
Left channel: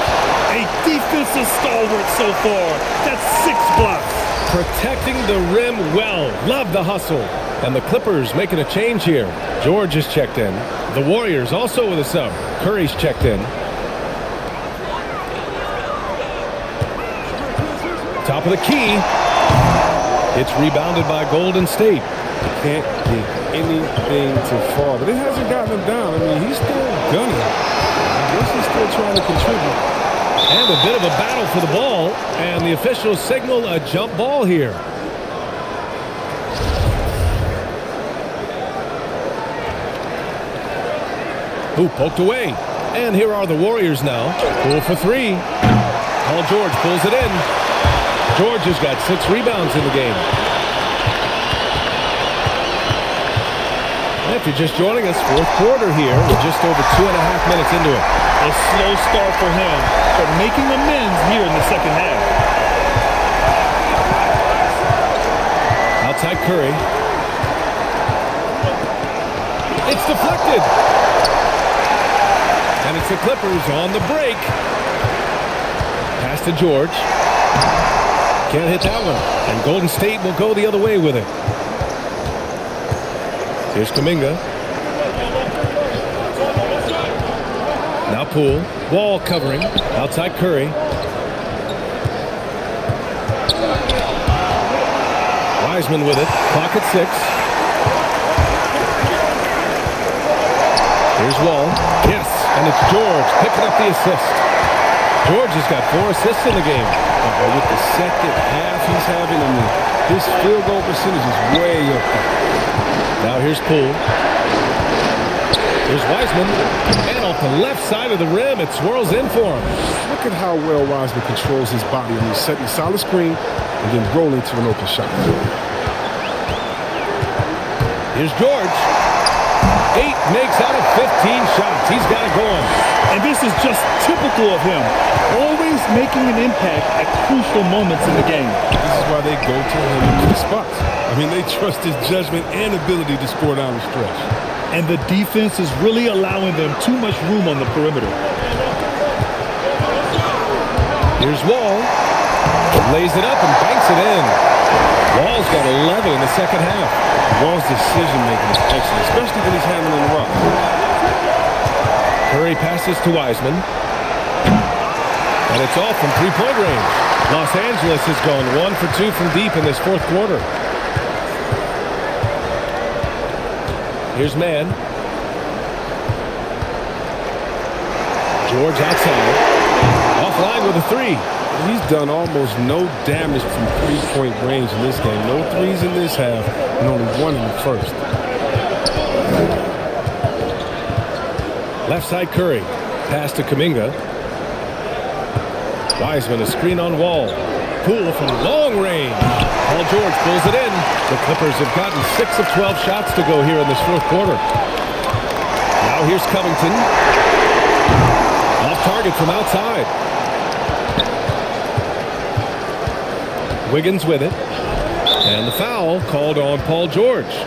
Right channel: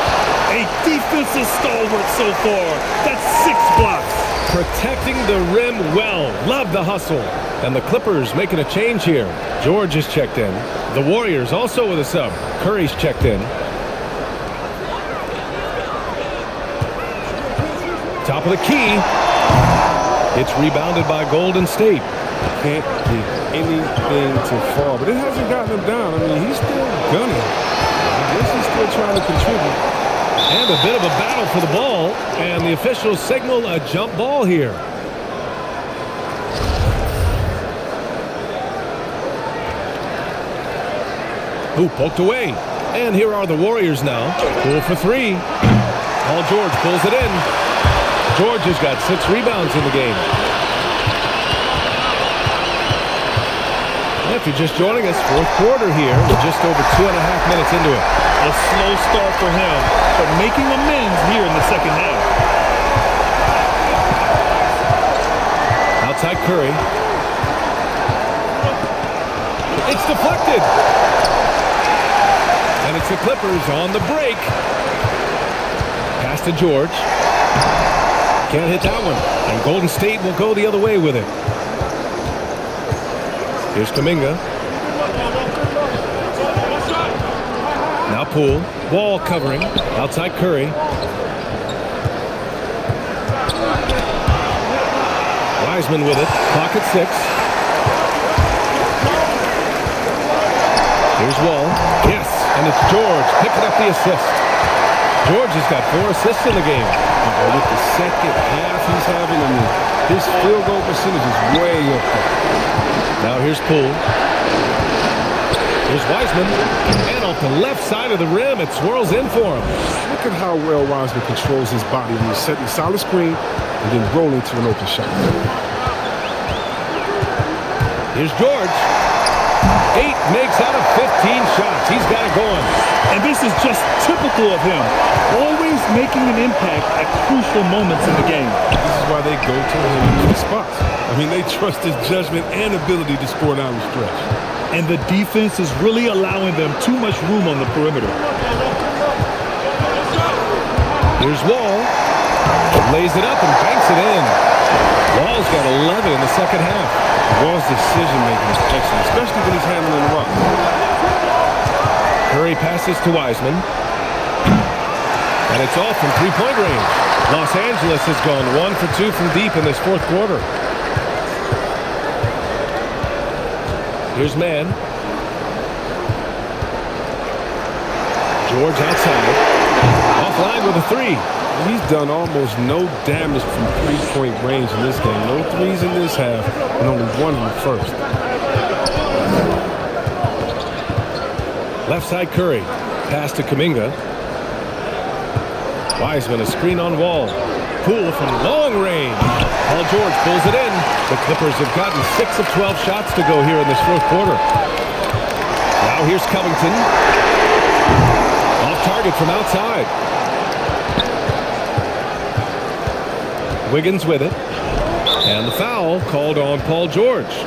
A defensive stalwart so far. That's 6 blocks. Protecting the rim well. Love the hustle. And the Clippers making a change here. George is checked in. The Warriors also with a sub. Curry's checked in. Top of the key. It's rebounded by Golden State. Can't get anything to fall, but it hasn't gotten him down. I mean, he's still gunning. I guess he's still trying to contribute. And a bit of a battle for the ball. And the officials signal a jump ball here. Who poked away. And here are the Warriors now. Poole for 3. Paul George pulls it in. George has got 6 rebounds in the game. If you're just joining us, 4th quarter here. We're just over 2.5 minutes into it. A slow start for him, but making amends here in the second half. Outside Curry. It's deflected. And it's the Clippers on the break. Pass to George. Can't hit that one. And Golden State will go the other way with it. Here's Kuminga. Now Poole. Wall covering. Outside Curry. Wiseman with it. Clock at 6. Here's Wall. Yes, and it's George picking up the assist. George has got 4 assists in the game. With the second half he's having, I mean, his field goal percentage is way up there. Now here's Poole. Here's Wiseman. And off the left side of the rim, it swirls in for him. Look at how well Wiseman controls his body. I mean, setting a solid screen and then rolling to an open shot. Here's George. 8 makes out of 15 shots. He's got it going. And this is just typical of him. Always making an impact at crucial moments in the game. This is why they go to him in key spots. I mean, they trust his judgment and ability to score down the stretch. And the defense is really allowing them too much room on the perimeter. Here's Wall. Lays it up and banks it in. Wall's got 11 in the second half. Wall's decision-making is excellent, especially when he's handling the rock. Curry passes to Wiseman. And it's all from 3-point range. Los Angeles has gone 1 for 2 from deep in this 4th quarter. Here's Mann. George outside. Offline with a 3. He's done almost no damage from 3-point range in this game. No 3s in this half, and only 1 in the first. Left side Curry. Pass to Kuminga. Wiseman, a screen on Wall. Poole from long range. Paul George pulls it in. The Clippers have gotten 6 of 12 shots to go here in this fourth quarter. Now here's Covington. Off target from outside. Wiggins with it. And the foul called on Paul George.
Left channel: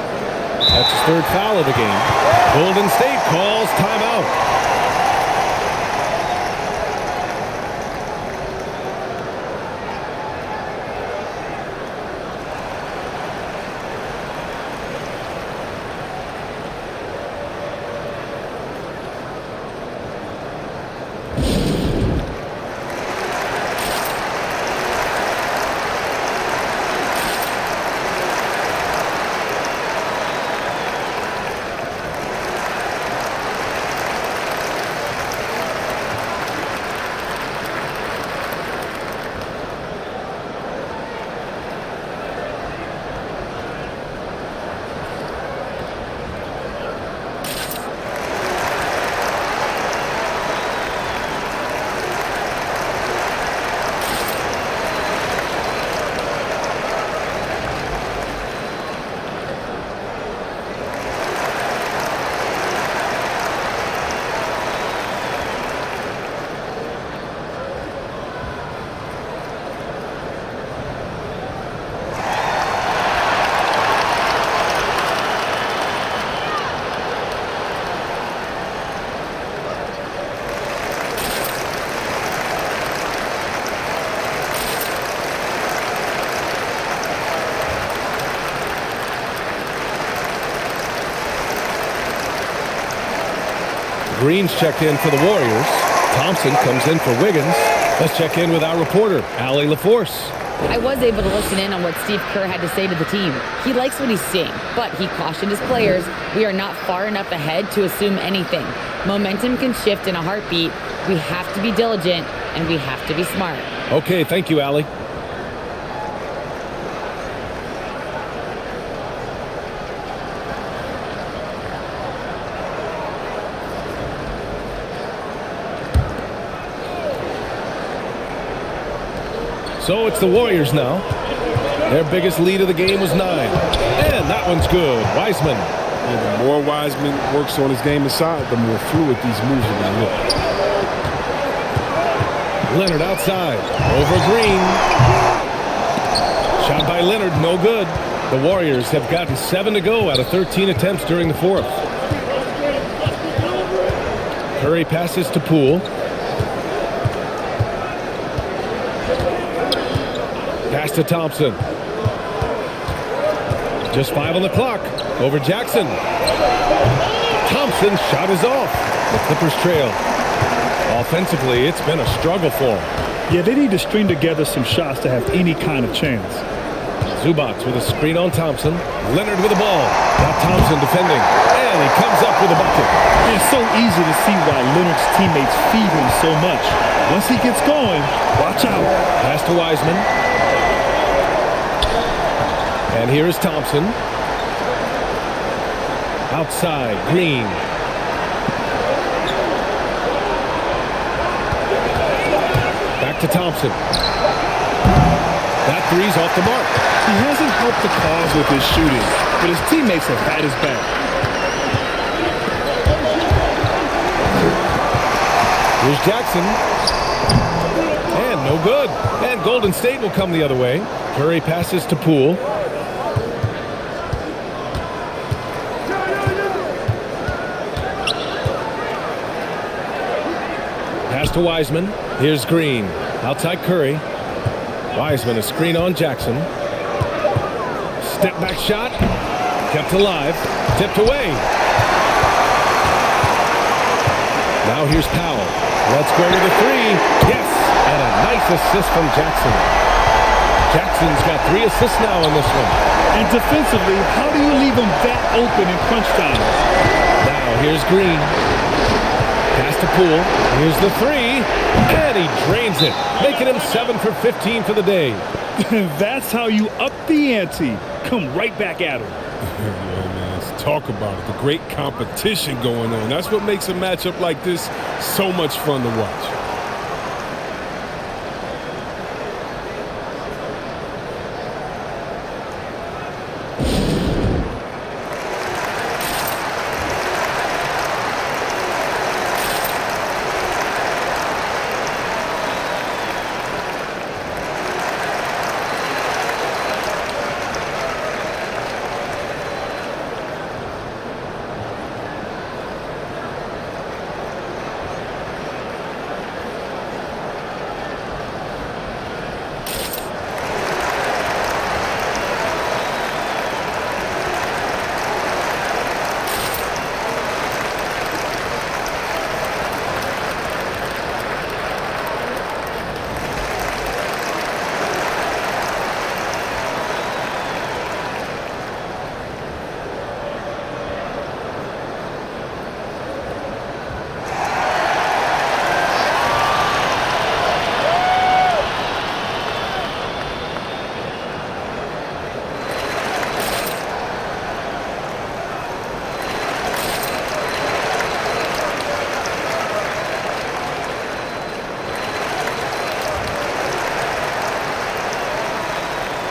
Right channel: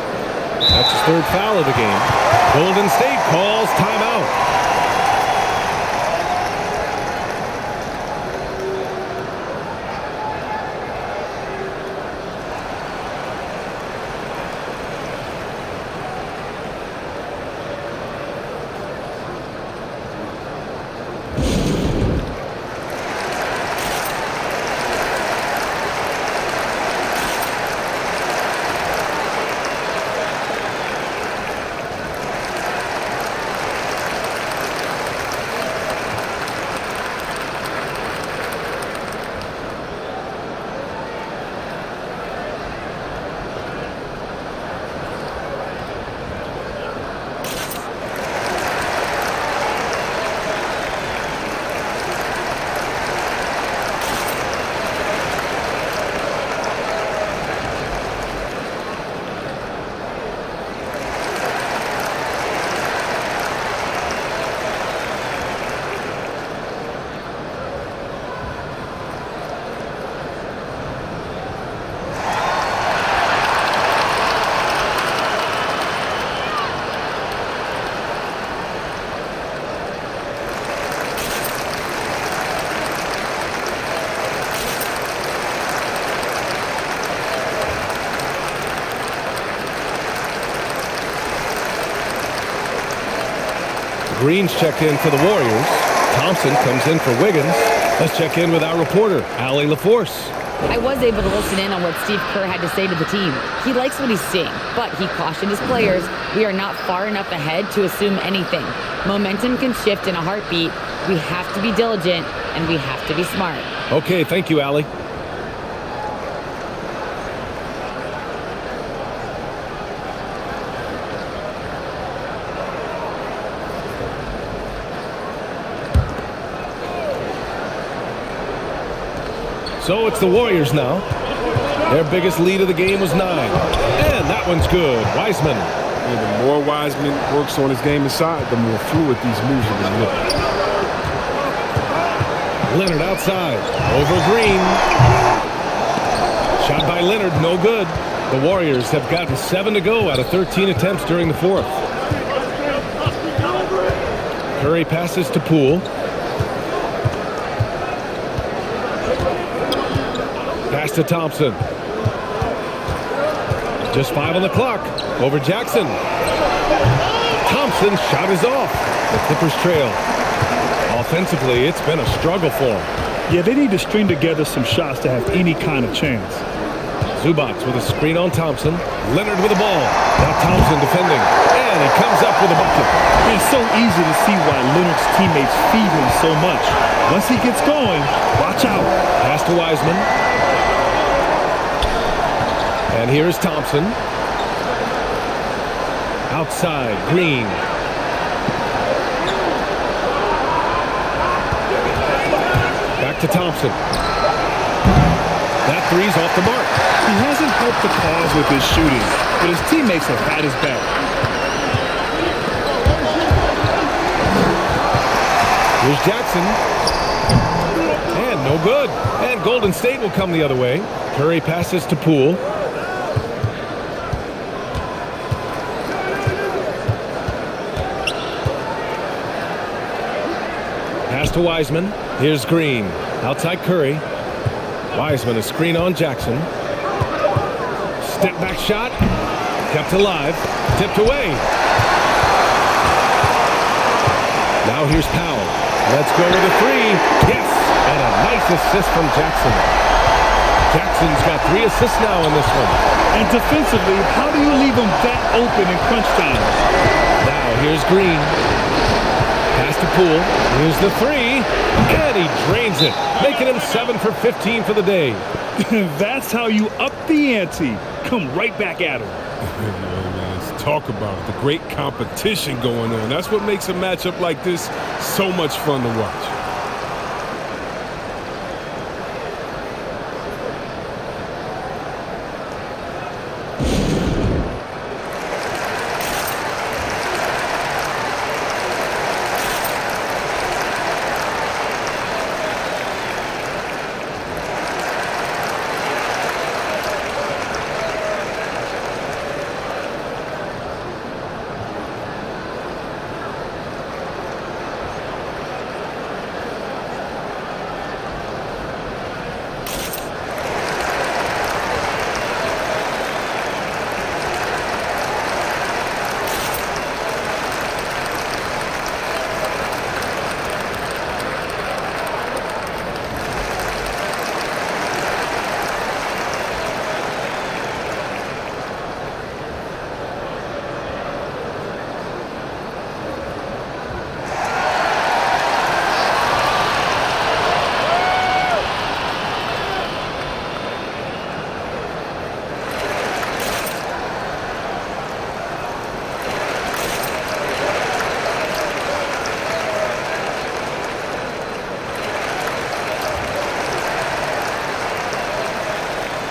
That's his 3rd foul of the game. Golden State calls timeout. Green's checked in for the Warriors. Thompson comes in for Wiggins. Let's check in with our reporter, Allie LaForce. I was able to listen in on what Steve Kerr had to say to the team. He likes what he's seeing, but he cautioned his players, we are not far enough ahead to assume anything. Momentum can shift in a heartbeat. We have to be diligent, and we have to be smart. Okay, thank you, Allie. So it's the Warriors now. Their biggest lead of the game was 9. And that one's good. Wiseman. Yeah, the more Wiseman works on his game inside, the more fluid these moves are going to look. Leonard outside. Over Green. Shot by Leonard, no good. The Warriors have gotten 7 to go out of 13 attempts during the fourth. Curry passes to Poole. Pass to Thompson. Just 5 on the clock. Over Jackson. Thompson's shot is off. The Clippers trail. Offensively, it's been a struggle for them. Yeah, they need to string together some shots to have any kind of chance. Zubac with a screen on Thompson. Leonard with the ball. Now Thompson defending. And he comes up with a bucket. It's so easy to see why Leonard's teammates feed him so much. Once he gets going, watch out. Pass to Wiseman. And here is Thompson. Outside, Green. Back to Thompson. That three's off the mark. He hasn't helped the cause with his shooting, but his teammates have had his back. Here's Jackson. And no good. And Golden State will come the other way. Curry passes to Poole. Pass to Wiseman. Here's Green. Outside Curry. Wiseman, a screen on Jackson. Step back shot. Kept alive. Tipped away. Now here's Powell. Let's go with a 3. Yes! And a nice assist from Jackson. Jackson's got 3 assists now in this one. And defensively, how do you leave him that open in crunch time? Now here's Green. Pass to Poole. Here's the 3. And he drains it, making him 7 for 15 for the day. That's how you up the ante. Come right back at him. Yeah, man, let's talk about it. The great competition going on. That's what makes a matchup like this so much fun to watch.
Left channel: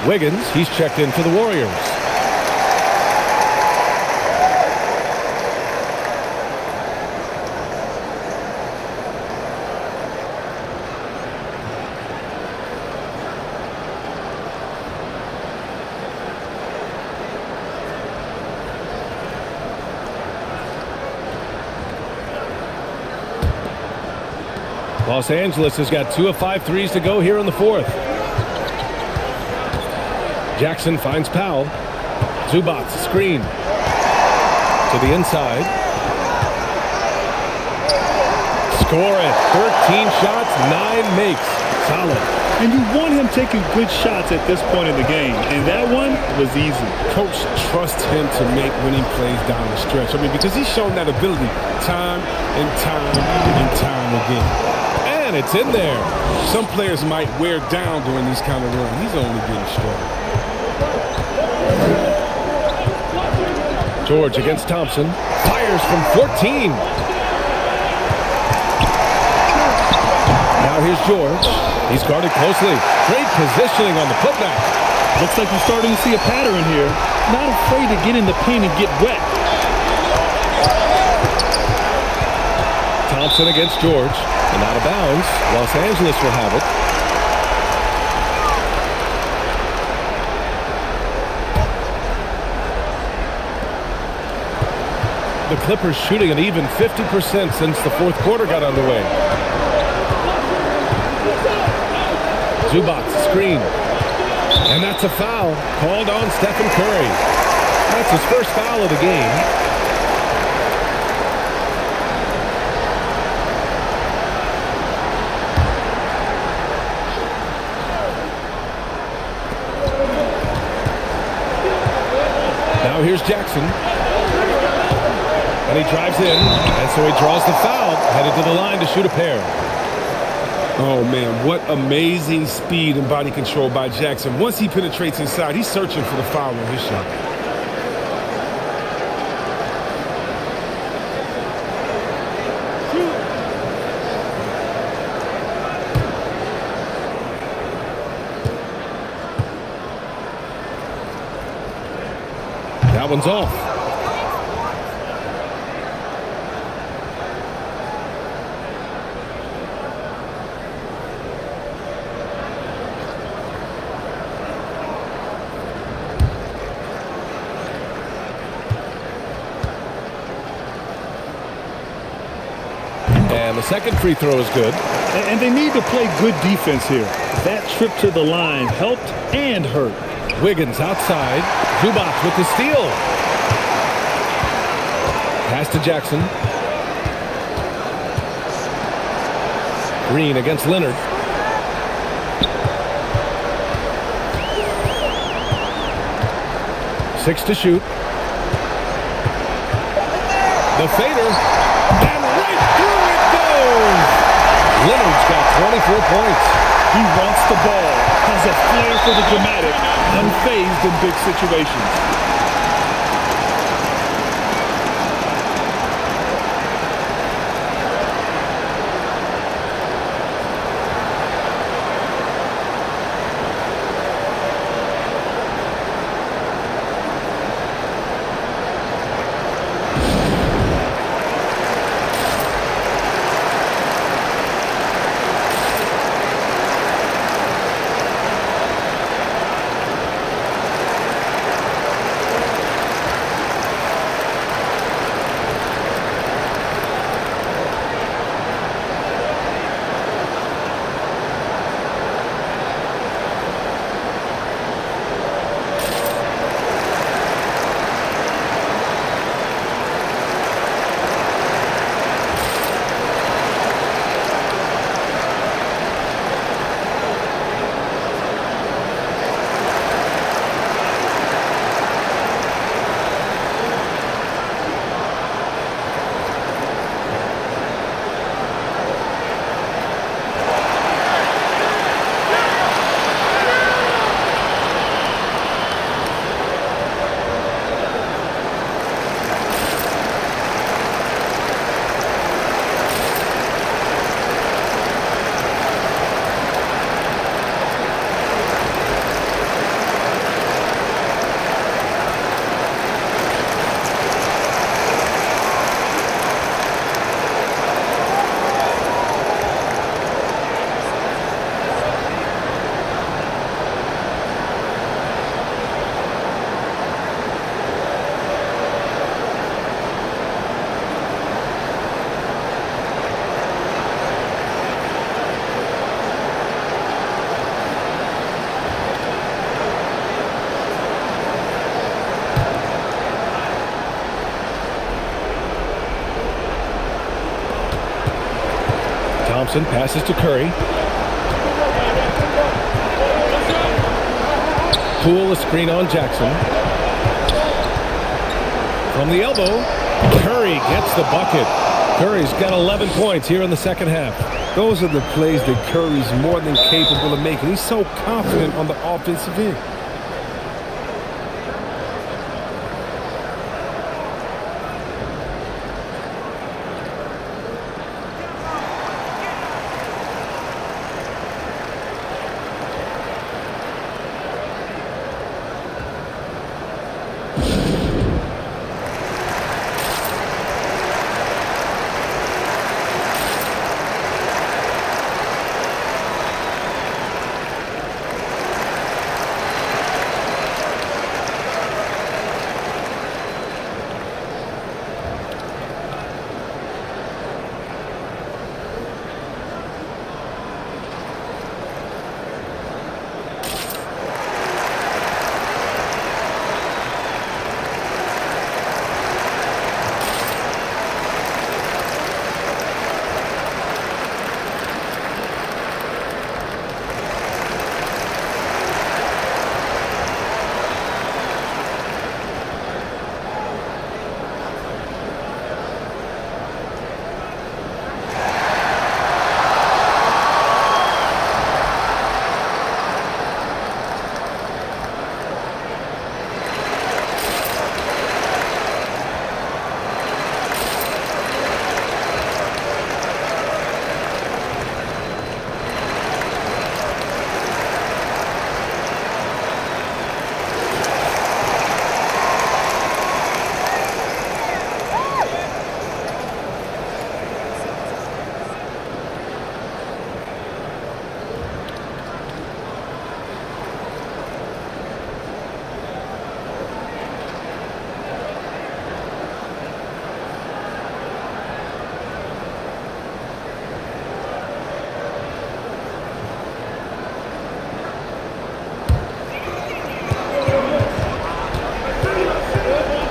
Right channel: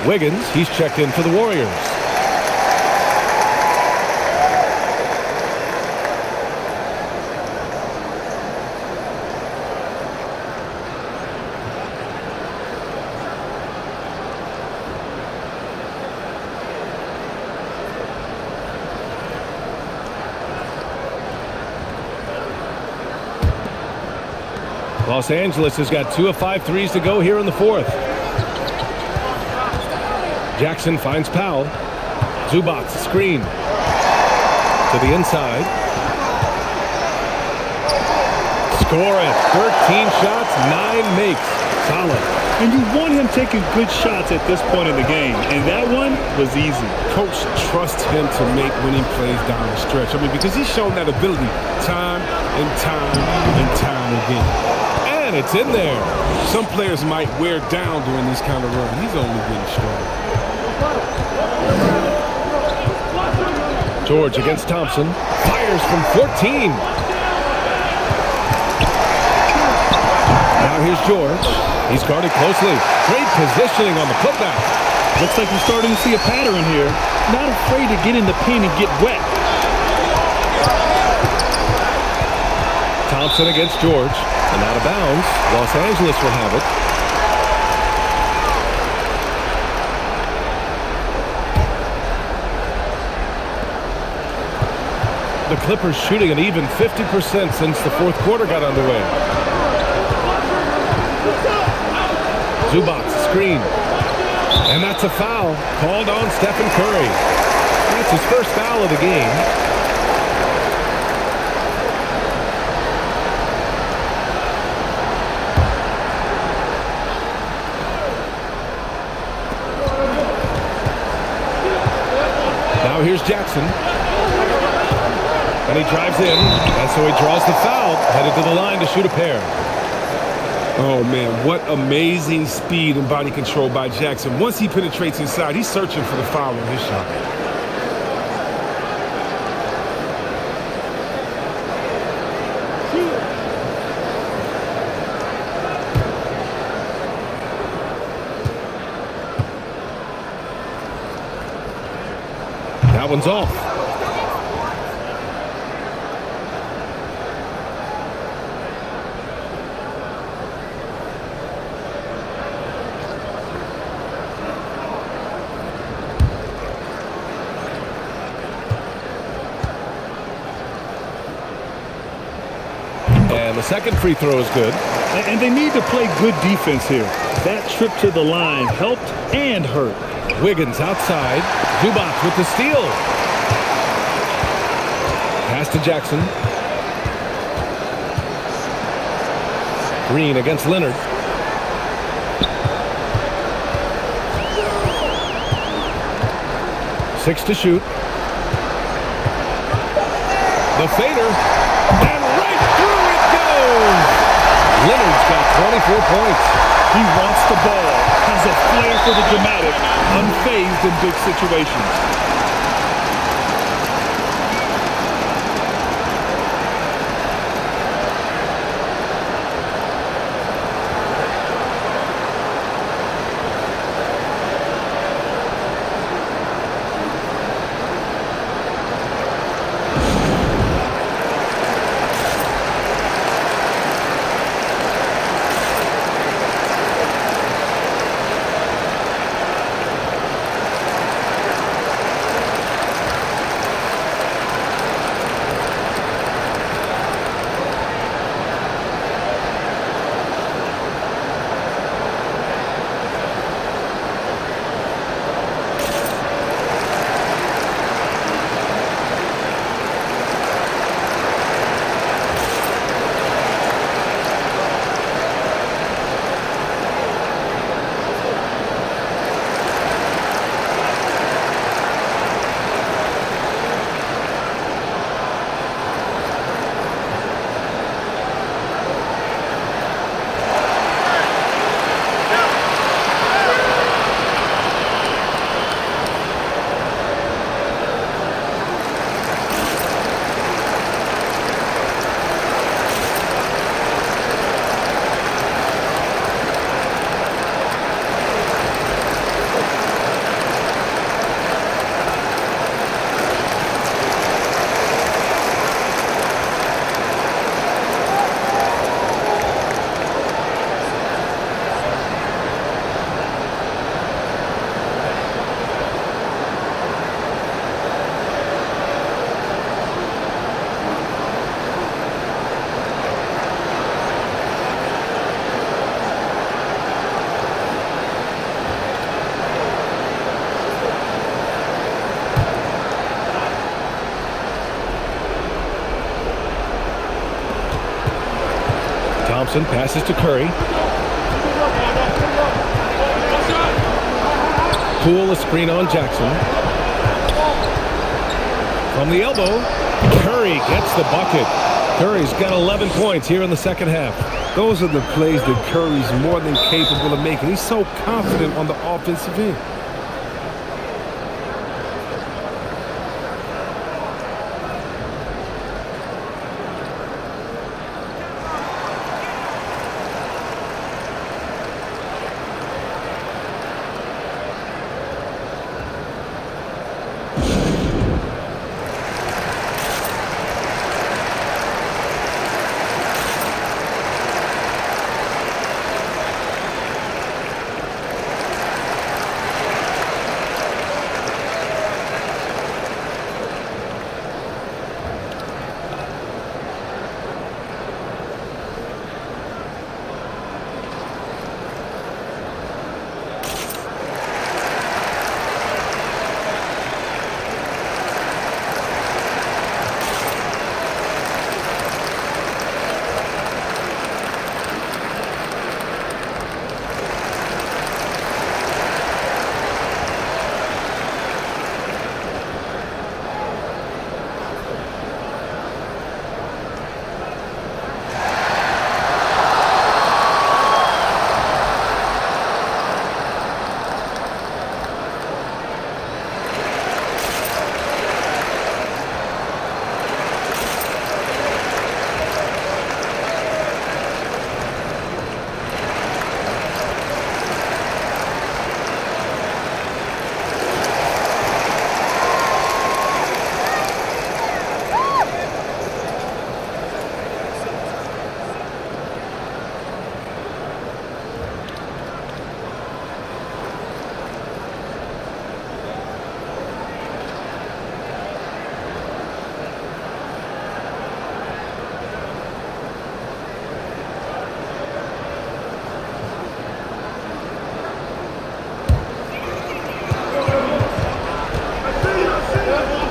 Wiggins, he's checked in for the Warriors. Los Angeles has got 2 of 5 threes to go here in the fourth. Jackson finds Powell. Zubac screen to the inside. Score it. 13 shots, 9 makes. Solid. And you want him taking good shots at this point in the game. And that one was easy. Coach trusts him to make winning plays down the stretch. I mean, because he's shown that ability time and time and time again. And it's in there. Some players might wear down during this kind of run. He's only getting stronger. George against Thompson. Fires from 14. Now here's George. He's guarded closely. Great positioning on the putback. Looks like we're starting to see a pattern here. Not afraid to get in the paint and get wet. Thompson against George. And out of bounds. Los Angeles will have it. The Clippers shooting an even 50% since the fourth quarter got underway. Zubac screen. And that's a foul called on Stephen Curry. That's his first foul of the game. Now here's Jackson. And he drives in, and so he draws the foul, headed to the line to shoot a pair. Oh, man, what amazing speed and body control by Jackson. Once he penetrates inside, he's searching for the foul on his shot. That one's off. And the second free throw is good. And they need to play good defense here. That trip to the line helped and hurt. Wiggins outside. Zubac with the steal. Pass to Jackson. Green against Leonard. Six to shoot. The fader. And right through it goes. Leonard's got 24 points. He wants the ball, has a flair for the dramatic, unfazed in big situations. Thompson passes to Curry. Poole, a screen on Jackson. From the elbow, Curry gets the bucket. Curry's got 11 points here in the second half. Those are the plays that Curry's more than capable of making. He's so confident on the offensive end.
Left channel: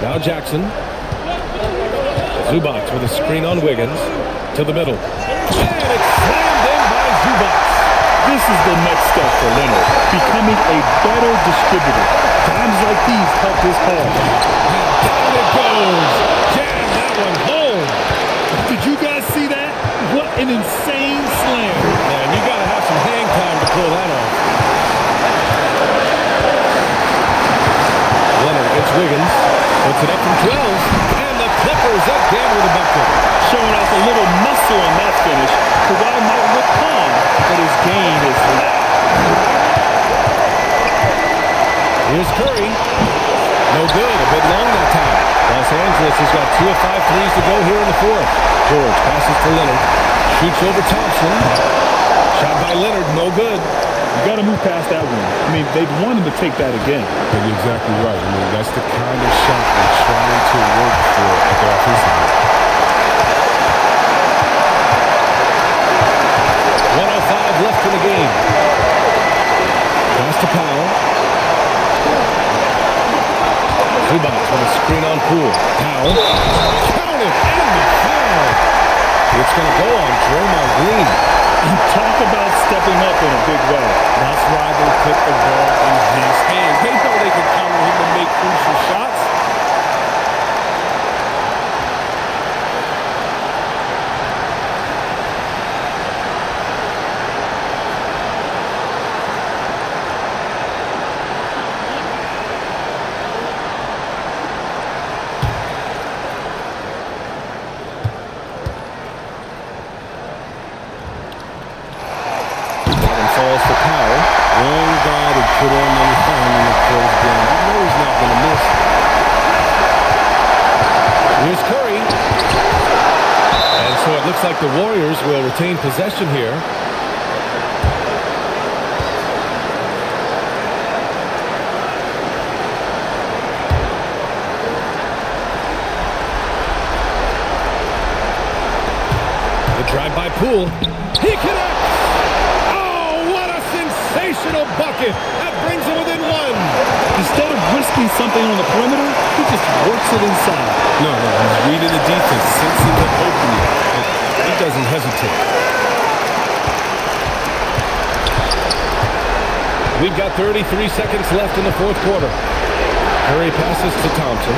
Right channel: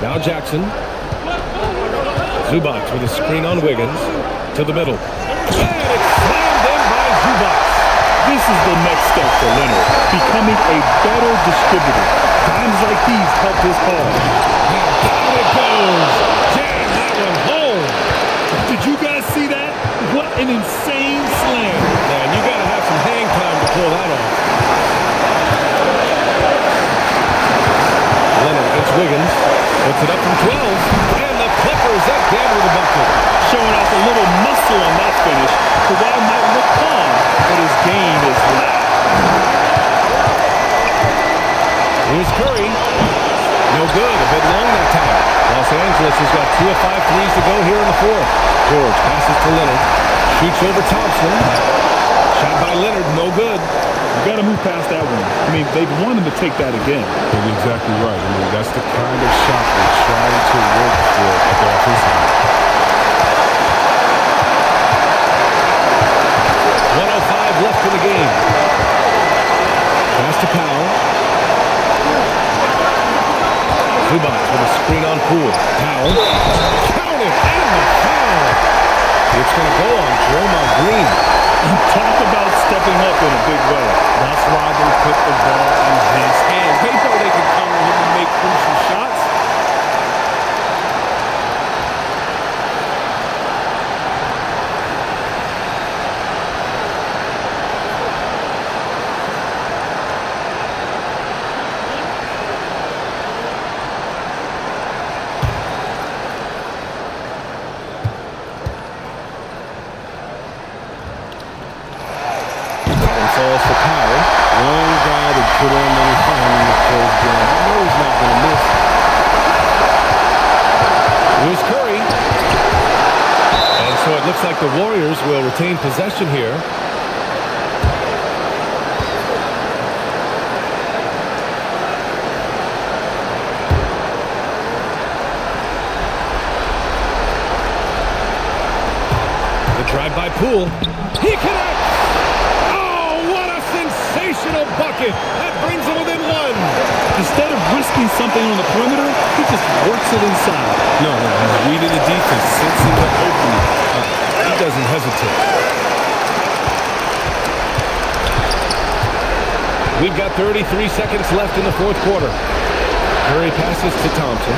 Now Jackson. Zubac with a screen on Wiggins. To the middle. And it's slammed in by Zubac. This is the next step for Leonard, becoming a better distributor. Times like these help his cause. And down it goes. Jam that one home. Did you guys see that? What an insane slam. Man, you got to have some hang time to pull that off. Leonard against Wiggins. Puts it up from 12. And the Clippers again with a bucket. Showing off a little muscle on that finish. Kawhi might look calm, but his game is loud. Here's Curry. No good. A bit long that time. Los Angeles has got 2 of 5 threes to go here in the fourth. George passes to Leonard. Shoots over Thompson. Shot by Leonard. No good. You got to move past that one. I mean, they'd want him to take that again. But you're exactly right. I mean, that's the kind of shot we're trying to work for at the offensive end. 1:05 left in the game. Pass to Powell. Zubac with a screen on Poole. Powell. Count it, and the foul. It's going to go on Draymond Green. And talk about stepping up in a big way. That's why they put the ball in his hands. They know they can count on him to make crucial shots. Falls for Powell. Wrong guy to put on the line in the close game. You know he's not going to miss. Here's Curry. And so it looks like the Warriors will retain possession here. The drive by Poole. He connects! Sensational bucket. That brings him within one. Instead of risking something on the perimeter, he just works it inside. No, he's reading the defense, sensing the opening. He doesn't hesitate. We've got 33 seconds left in the fourth quarter. Curry passes to Thompson.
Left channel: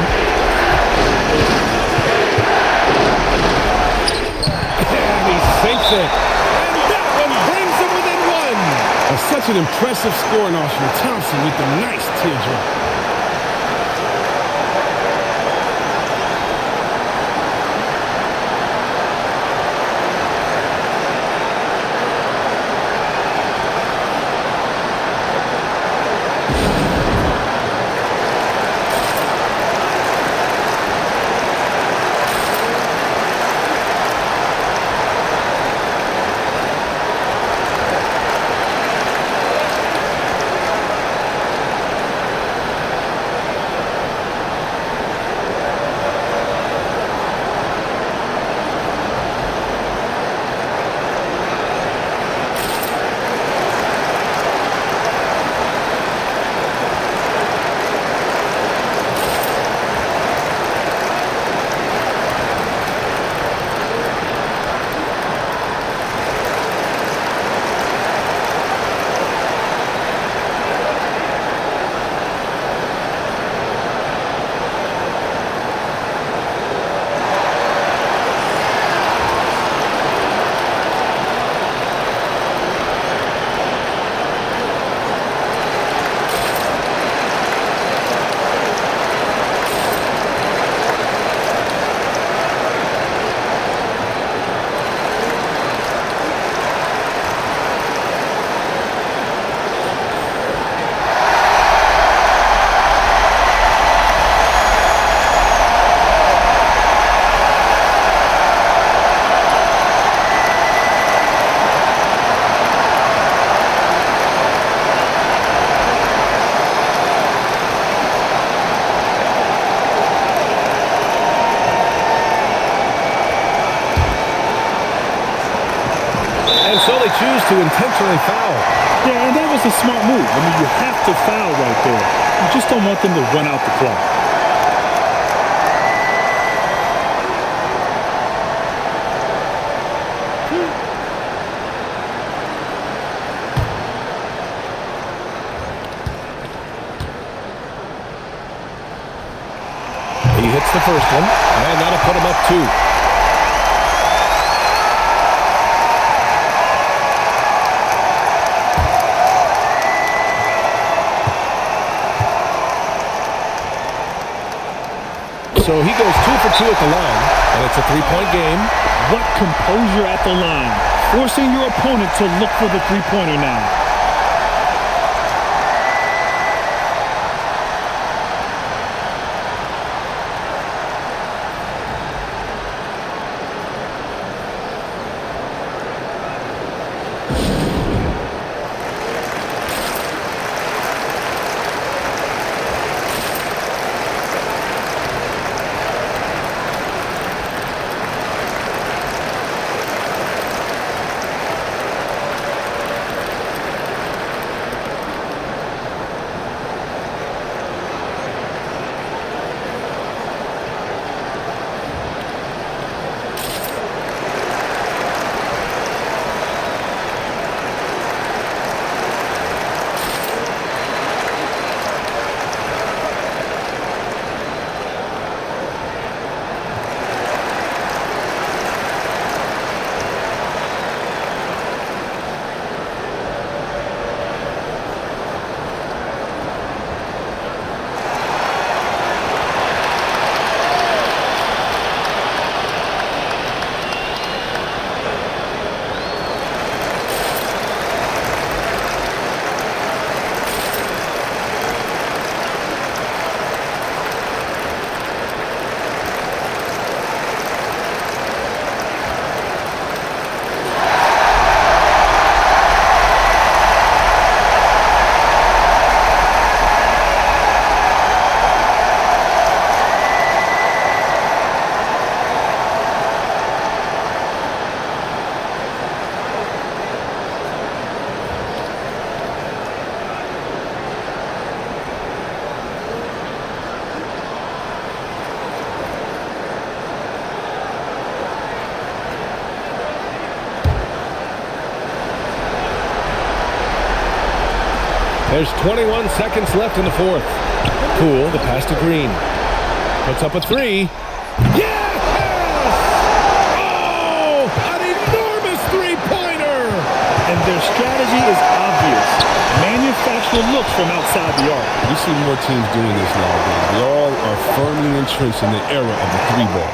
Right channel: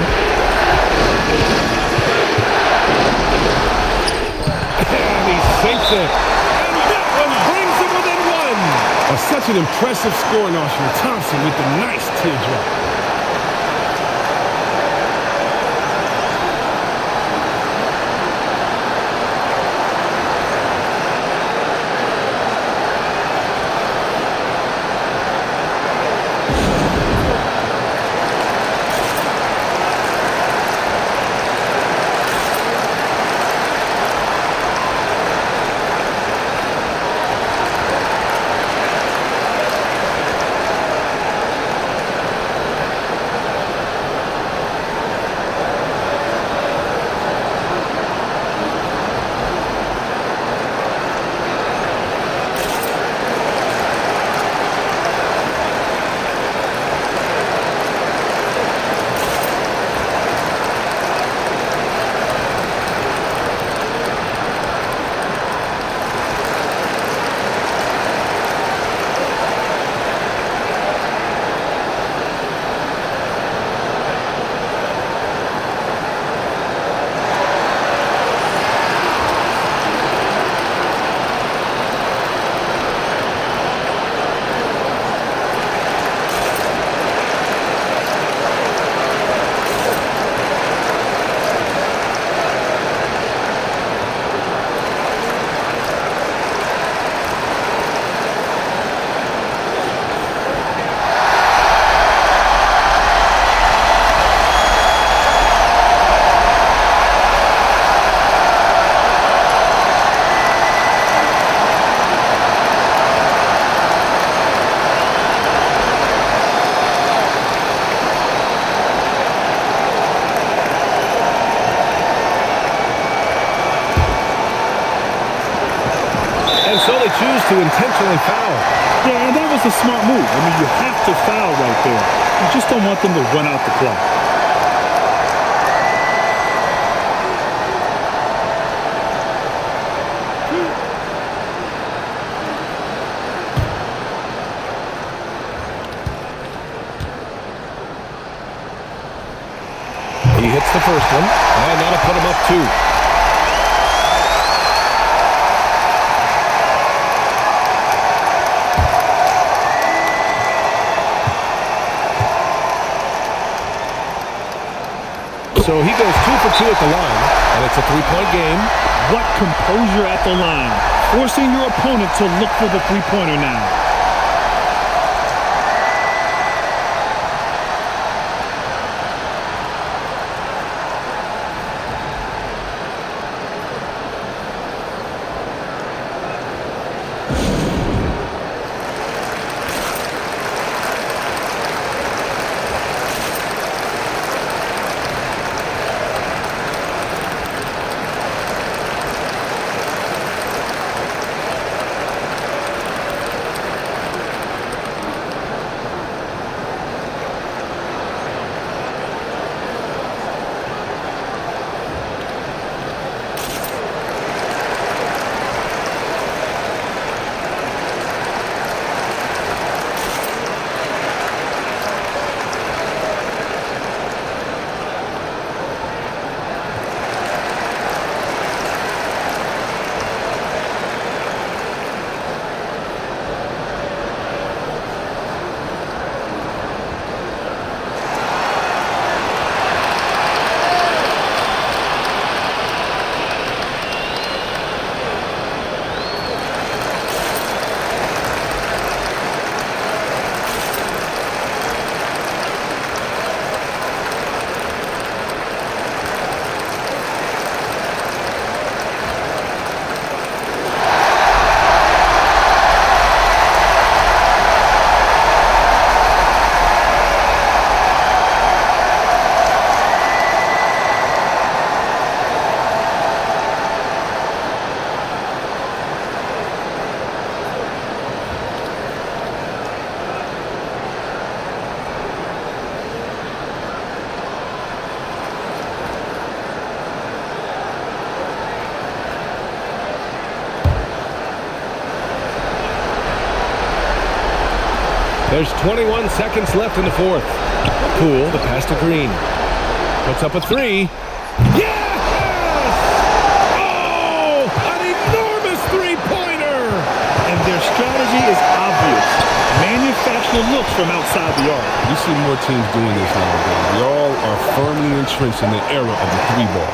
And he sinks it. And that one brings him within one. Such an impressive scoring arsenal. Thompson with the nice teardrop. And so they choose to intentionally foul. Yeah, and that was a smart move. I mean, you have to foul right there. You just don't want them to run out the clock. He hits the first one, and that'll put him up 2. So he goes 2 for 2 at the line, and it's a 3-point game. What composure at the line. Forcing your opponent to look for the three-pointer now. There's 21 seconds left in the fourth. Poole, the pass to Green. Puts up a three. Yes! Oh, an enormous three-pointer! And their strategy is obvious. Manufacture looks from outside the arc. You see more teams doing this nowadays. We all are firmly entrenched in the era of the three ball.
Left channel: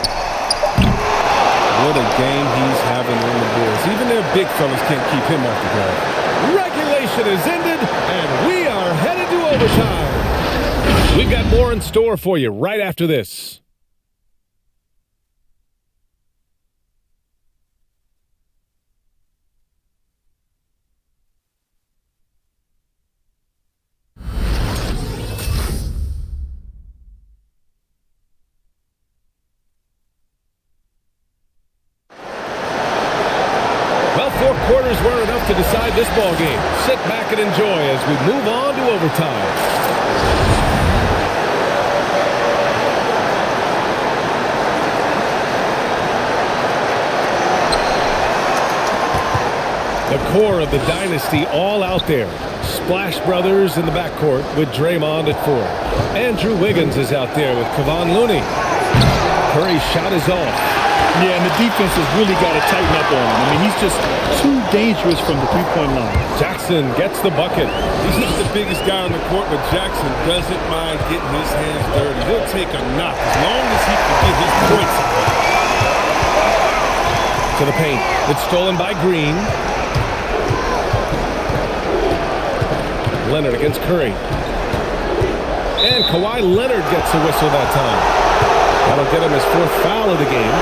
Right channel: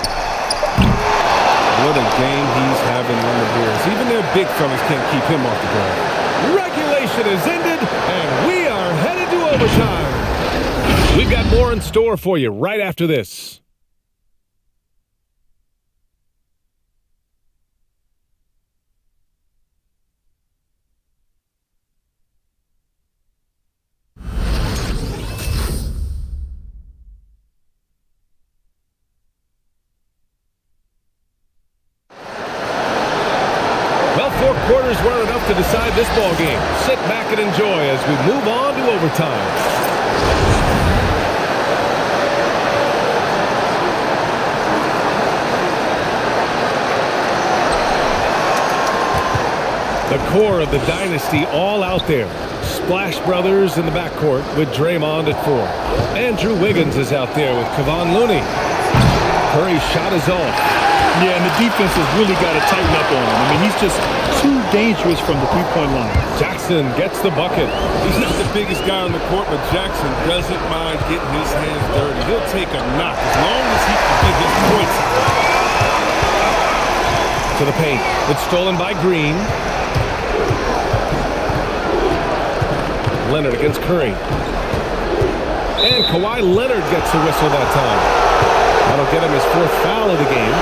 What a game he's having on the boards. Even their big fellas can't keep him off the ground. Regulation is ended, and we are headed to overtime. We've got more in store for you right after this. Well, 4 quarters weren't enough to decide this ball game. Sit back and enjoy as we move on to overtime. The core of the dynasty all out there. Splash Brothers in the backcourt with Draymond at 4. Andrew Wiggins is out there with Kevon Looney. Curry's shot is off. Yeah, and the defense has really got to tighten up on him. I mean, he's just too dangerous from the three-point line. Jackson gets the bucket. He's not the biggest guy on the court, but Jackson doesn't mind getting his hands dirty. He'll take a knock as long as he can get his points out of it. To the paint. It's stolen by Green. Leonard against Curry. And Kawhi Leonard gets a whistle that time. That'll get him his 4th foul of the game.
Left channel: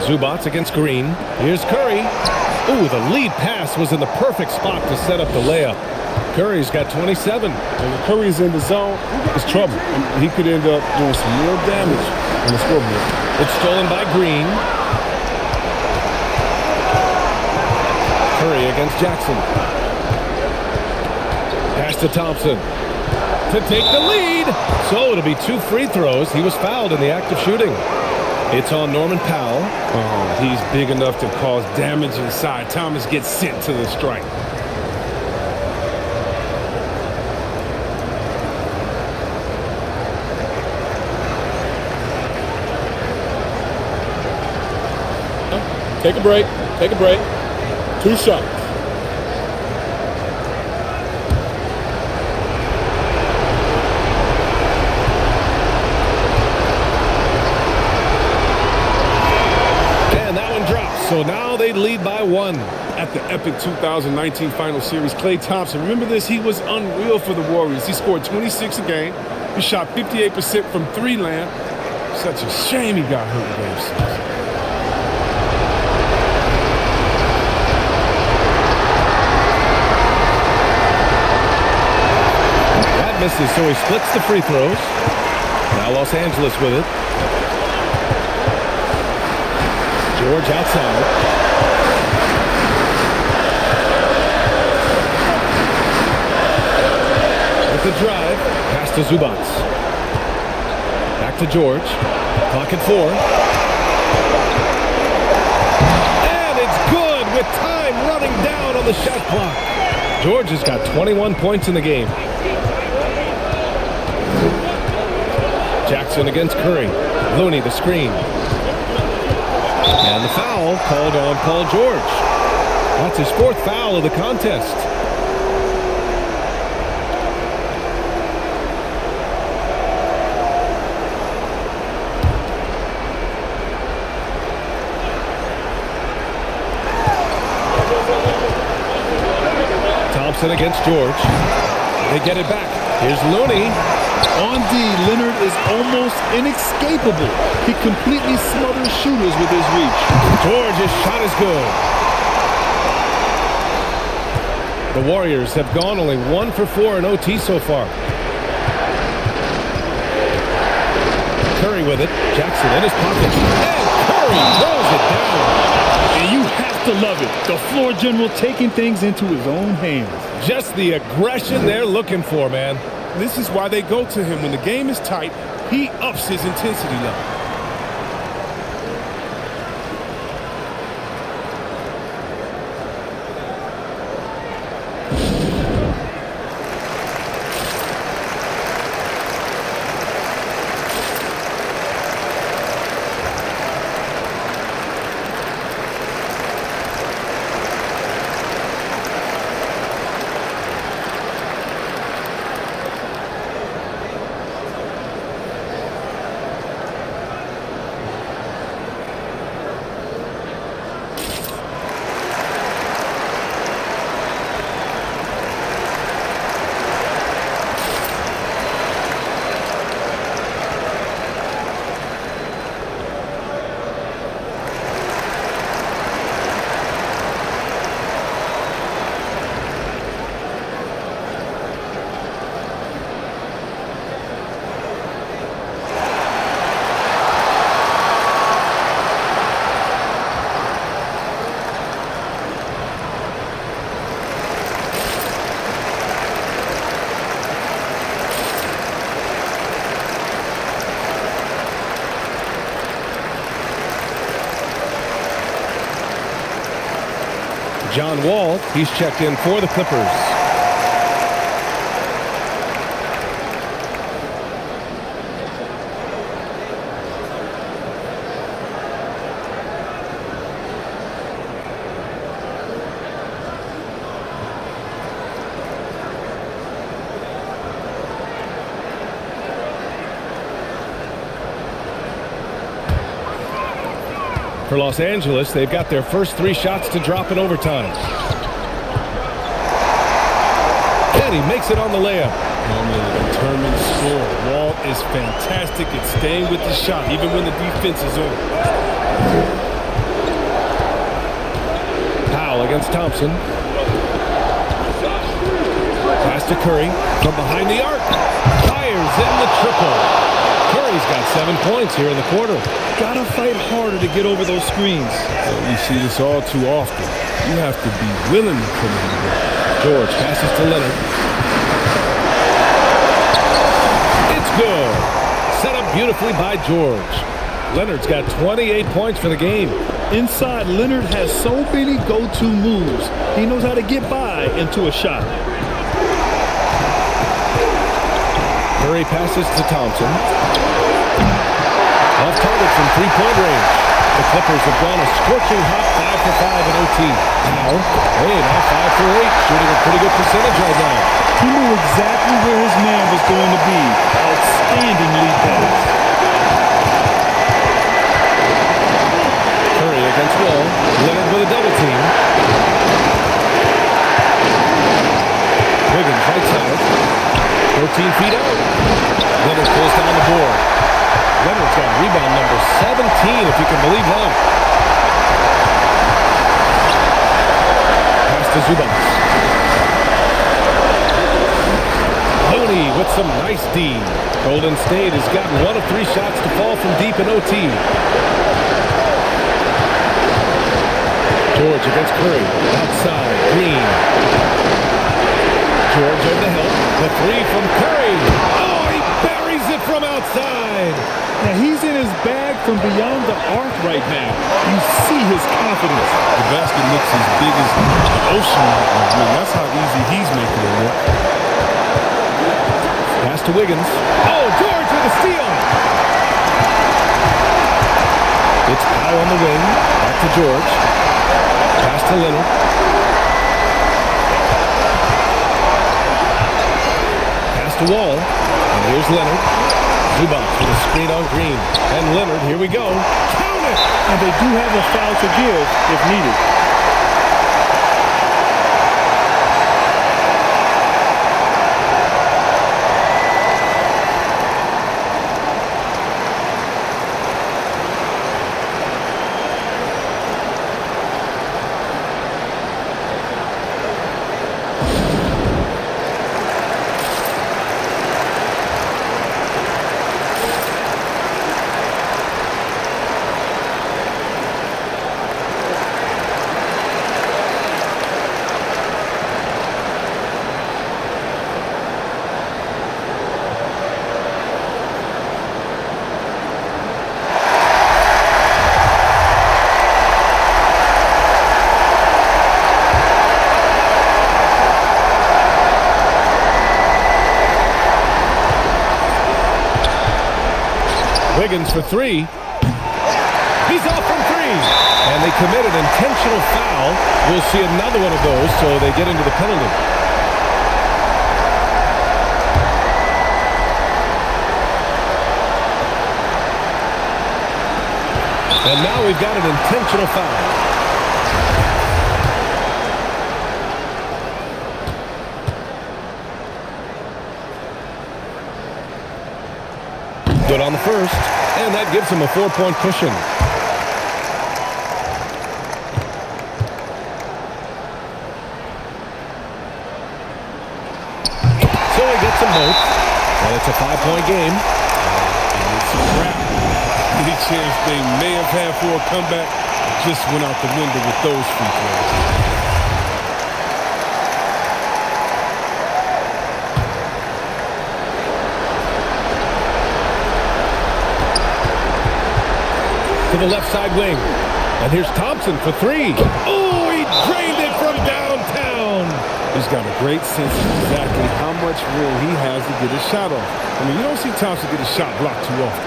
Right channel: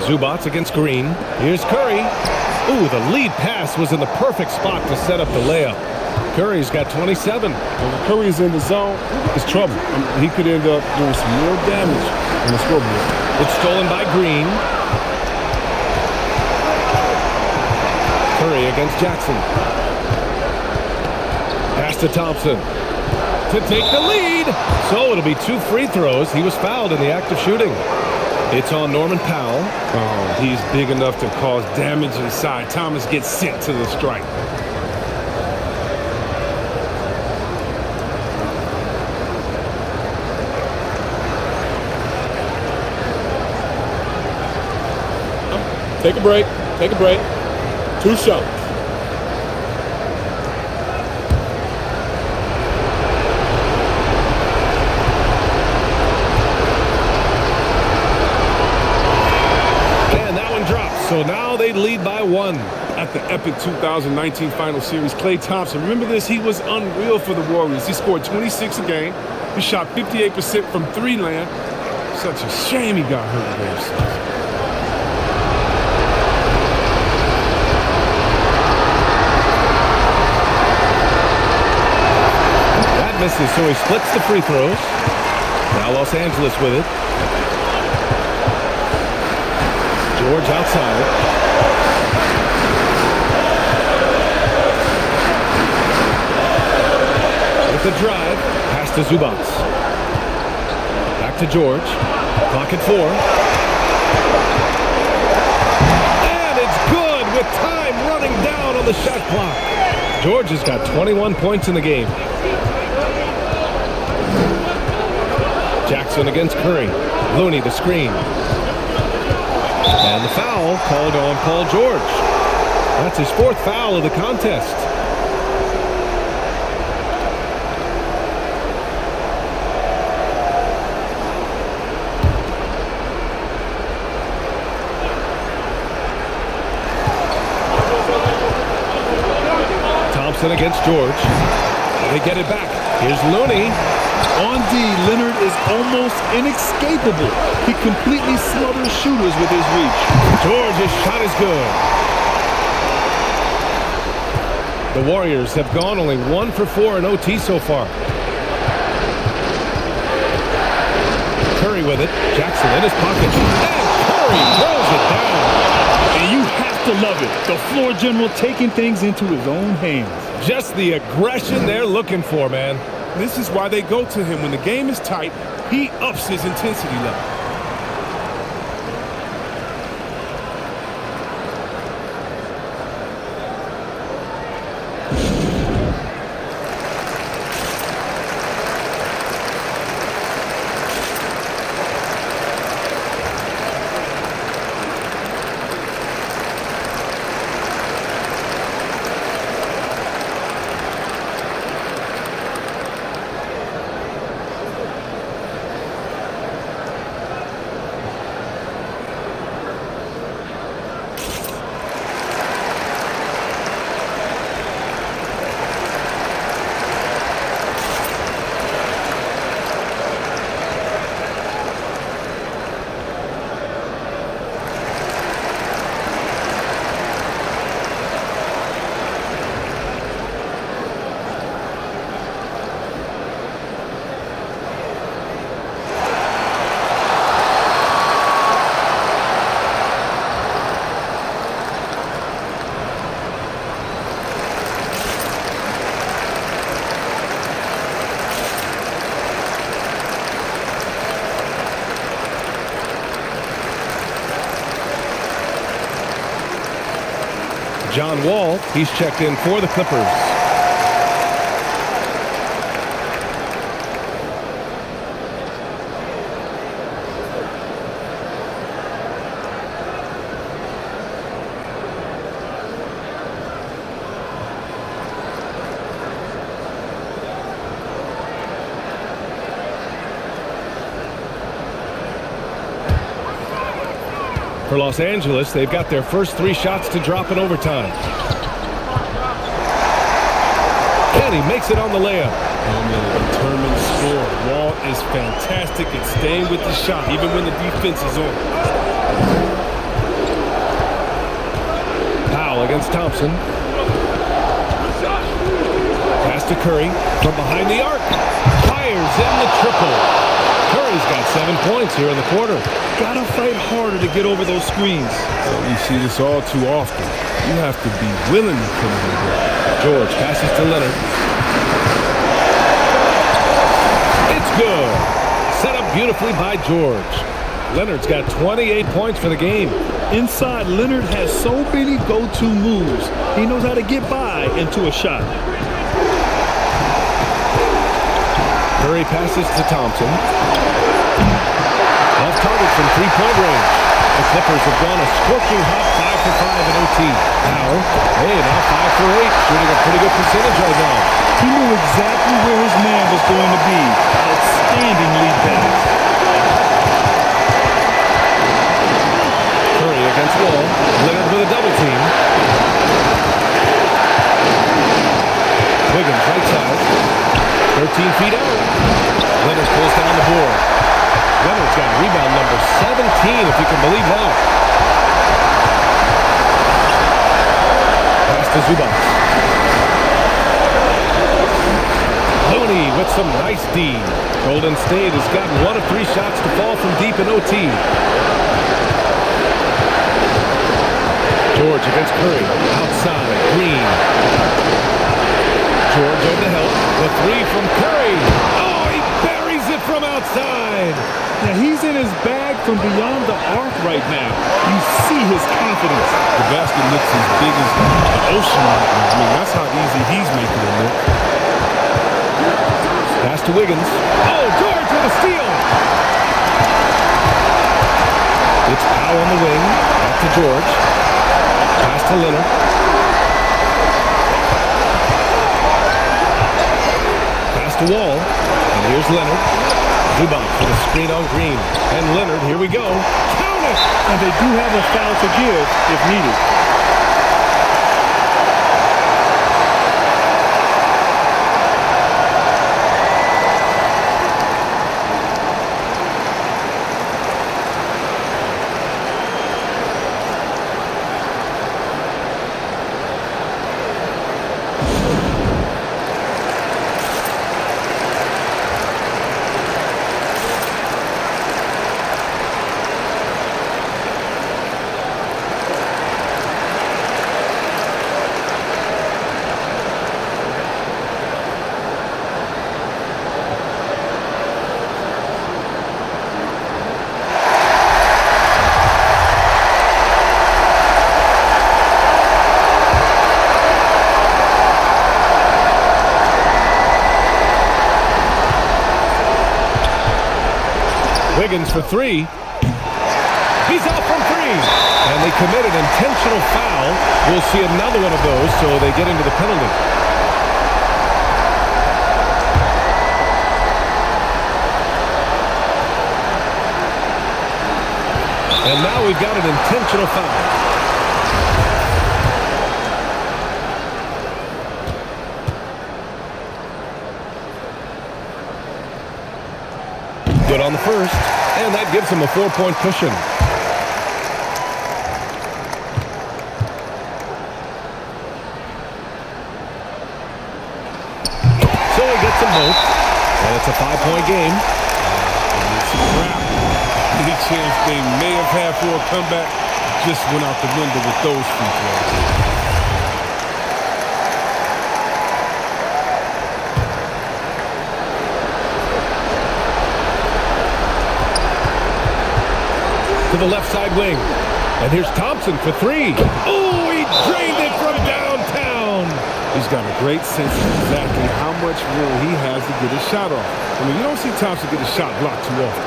Zubats against Green. Here's Curry. Ooh, the lead pass was in the perfect spot to set up the layup. Curry's got 27. And when Curry's in the zone, it's trouble. He could end up doing some real damage on the scoreboard. It's stolen by Green. Curry against Jackson. Pass to Thompson to take the lead. So it'll be 2 free throws. He was fouled in the act of shooting. It's on Norman Powell. Oh, he's big enough to cause damage inside. Thomas gets sent to the strike. Take a break. Take a break. 2 shots. And that one drops. So now they lead by 1. At the epic 2019 Final Series, Klay Thompson, remember this? He was unreal for the Warriors. He scored 26 a game. He shot 58% from 3 land. Such a shame he got hurt in Game 6. That misses, so he splits the free throws. Now Los Angeles with it. George outside. With the drive, pass to Zubats. Back to George. Clock at 4. And it's good with time running down on the shot clock. George has got 21 points in the game. Jackson against Curry. Looney the screen. And the foul called on Paul George. That's his 4th foul of the contest. Thompson against George. They get it back. Here's Looney. On D, Leonard is almost inescapable. He completely smothers shooters with his reach. George's shot is good. The Warriors have gone only 1 for 4 in OT so far. Curry with it. Jackson in his pocket. And Curry throws it down. And you have to love it. The floor general taking things into his own hands. Just the aggression they're looking for, man. This is why they go to him. When the game is tight, he ups his intensity level. John Wall, he's checked in for the Clippers. For Los Angeles, they've got their first 3 shots to drop in overtime. And he makes it on the layup. Oh, man, a determined scorer. Wall is fantastic at staying with the shot, even when the defense is on. Powell against Thompson. Pass to Curry from behind the arc. Fires in the triple. Curry's got 7 points here in the quarter. Gotta fight harder to get over those screens. We see this all too often. You have to be willing to put it in there. George passes to Leonard. It's good. Set up beautifully by George. Leonard's got 28 points for the game. Inside, Leonard has so many go-to moves. He knows how to get by into a shot. Curry passes to Thompson. Off target from 3-point range. The Clippers have gone a scorching hot 5 for 5 in OT. Powell, hey, now 5 for 8, shooting a pretty good percentage right now. He knew exactly where his man was going to be. Outstanding lead pass. Curry against Wall. Leonard with a double team. Wiggins right side. 13 feet out. Leonard pulls down the board. Leonard's got rebound number 17, if you can believe that. Pass to Zubac. Looney with some nice D. Golden State has gotten 1 of 3 shots to fall from deep in OT. George against Curry. Outside, Green. George over the help. The 3 from Curry. Oh, he buries it from outside. Yeah, he's in his bag from beyond the arc right now. You see his confidence. The basket looks as big as the ocean right now. I mean, that's how easy he's making it look. Pass to Wiggins. Oh, George with a steal. It's Powell on the wing. Back to George. Pass to Leonard. Pass to Wall. And here's Leonard. Zubac with a screen on Green. And Leonard, here we go. Count it! And they do have a foul to give if needed. Wiggins for 3. He's off from 3. And they commit an intentional foul. We'll see another one of those, so they get into the penalty. And now we've got an intentional foul. Good on the first, and that gives him a 4-point cushion. So he gets them both, and it's a 5-point game. And it's a wrap. Any chance they may have had for a comeback just went out the window with those free throws. To the left side wing. And here's Thompson for 3. Oh, he He drained it from downtown. He's got a great sense of exactly how much room he has to get his shot off. I mean, you don't see Thompson get his shot blocked too often.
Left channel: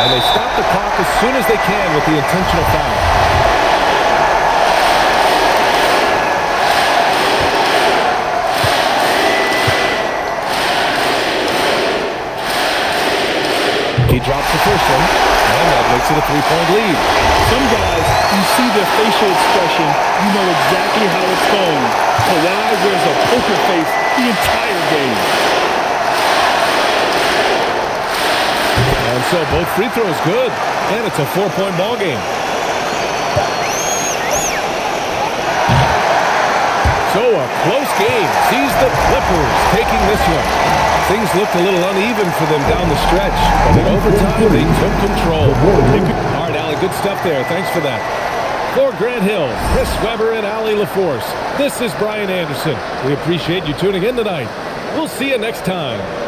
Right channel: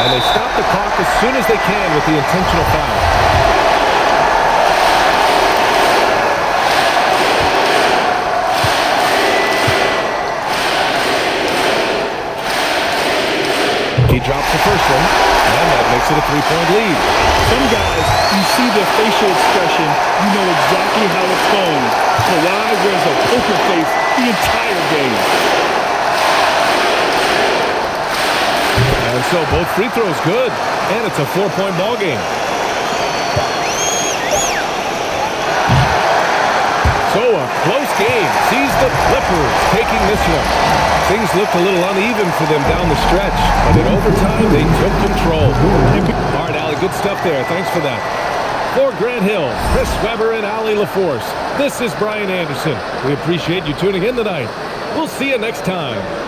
And they stop the clock as soon as they can with the intentional foul. He drops the first one, and that makes it a three-point lead. Some guys, you see their facial expression, you know exactly how it's going. Kawhi wears a poker face the entire game. And so both free throws good, and it's a 4-point ball game. So a close game sees the Clippers taking this one. Things looked a little uneven for them down the stretch, but in overtime, they took control. All right, Allie, good stuff there. Thanks for that. For Grant Hill, Chris Webber, and Allie LaForce, this is Brian Anderson. We appreciate you tuning in tonight. We'll see you next time.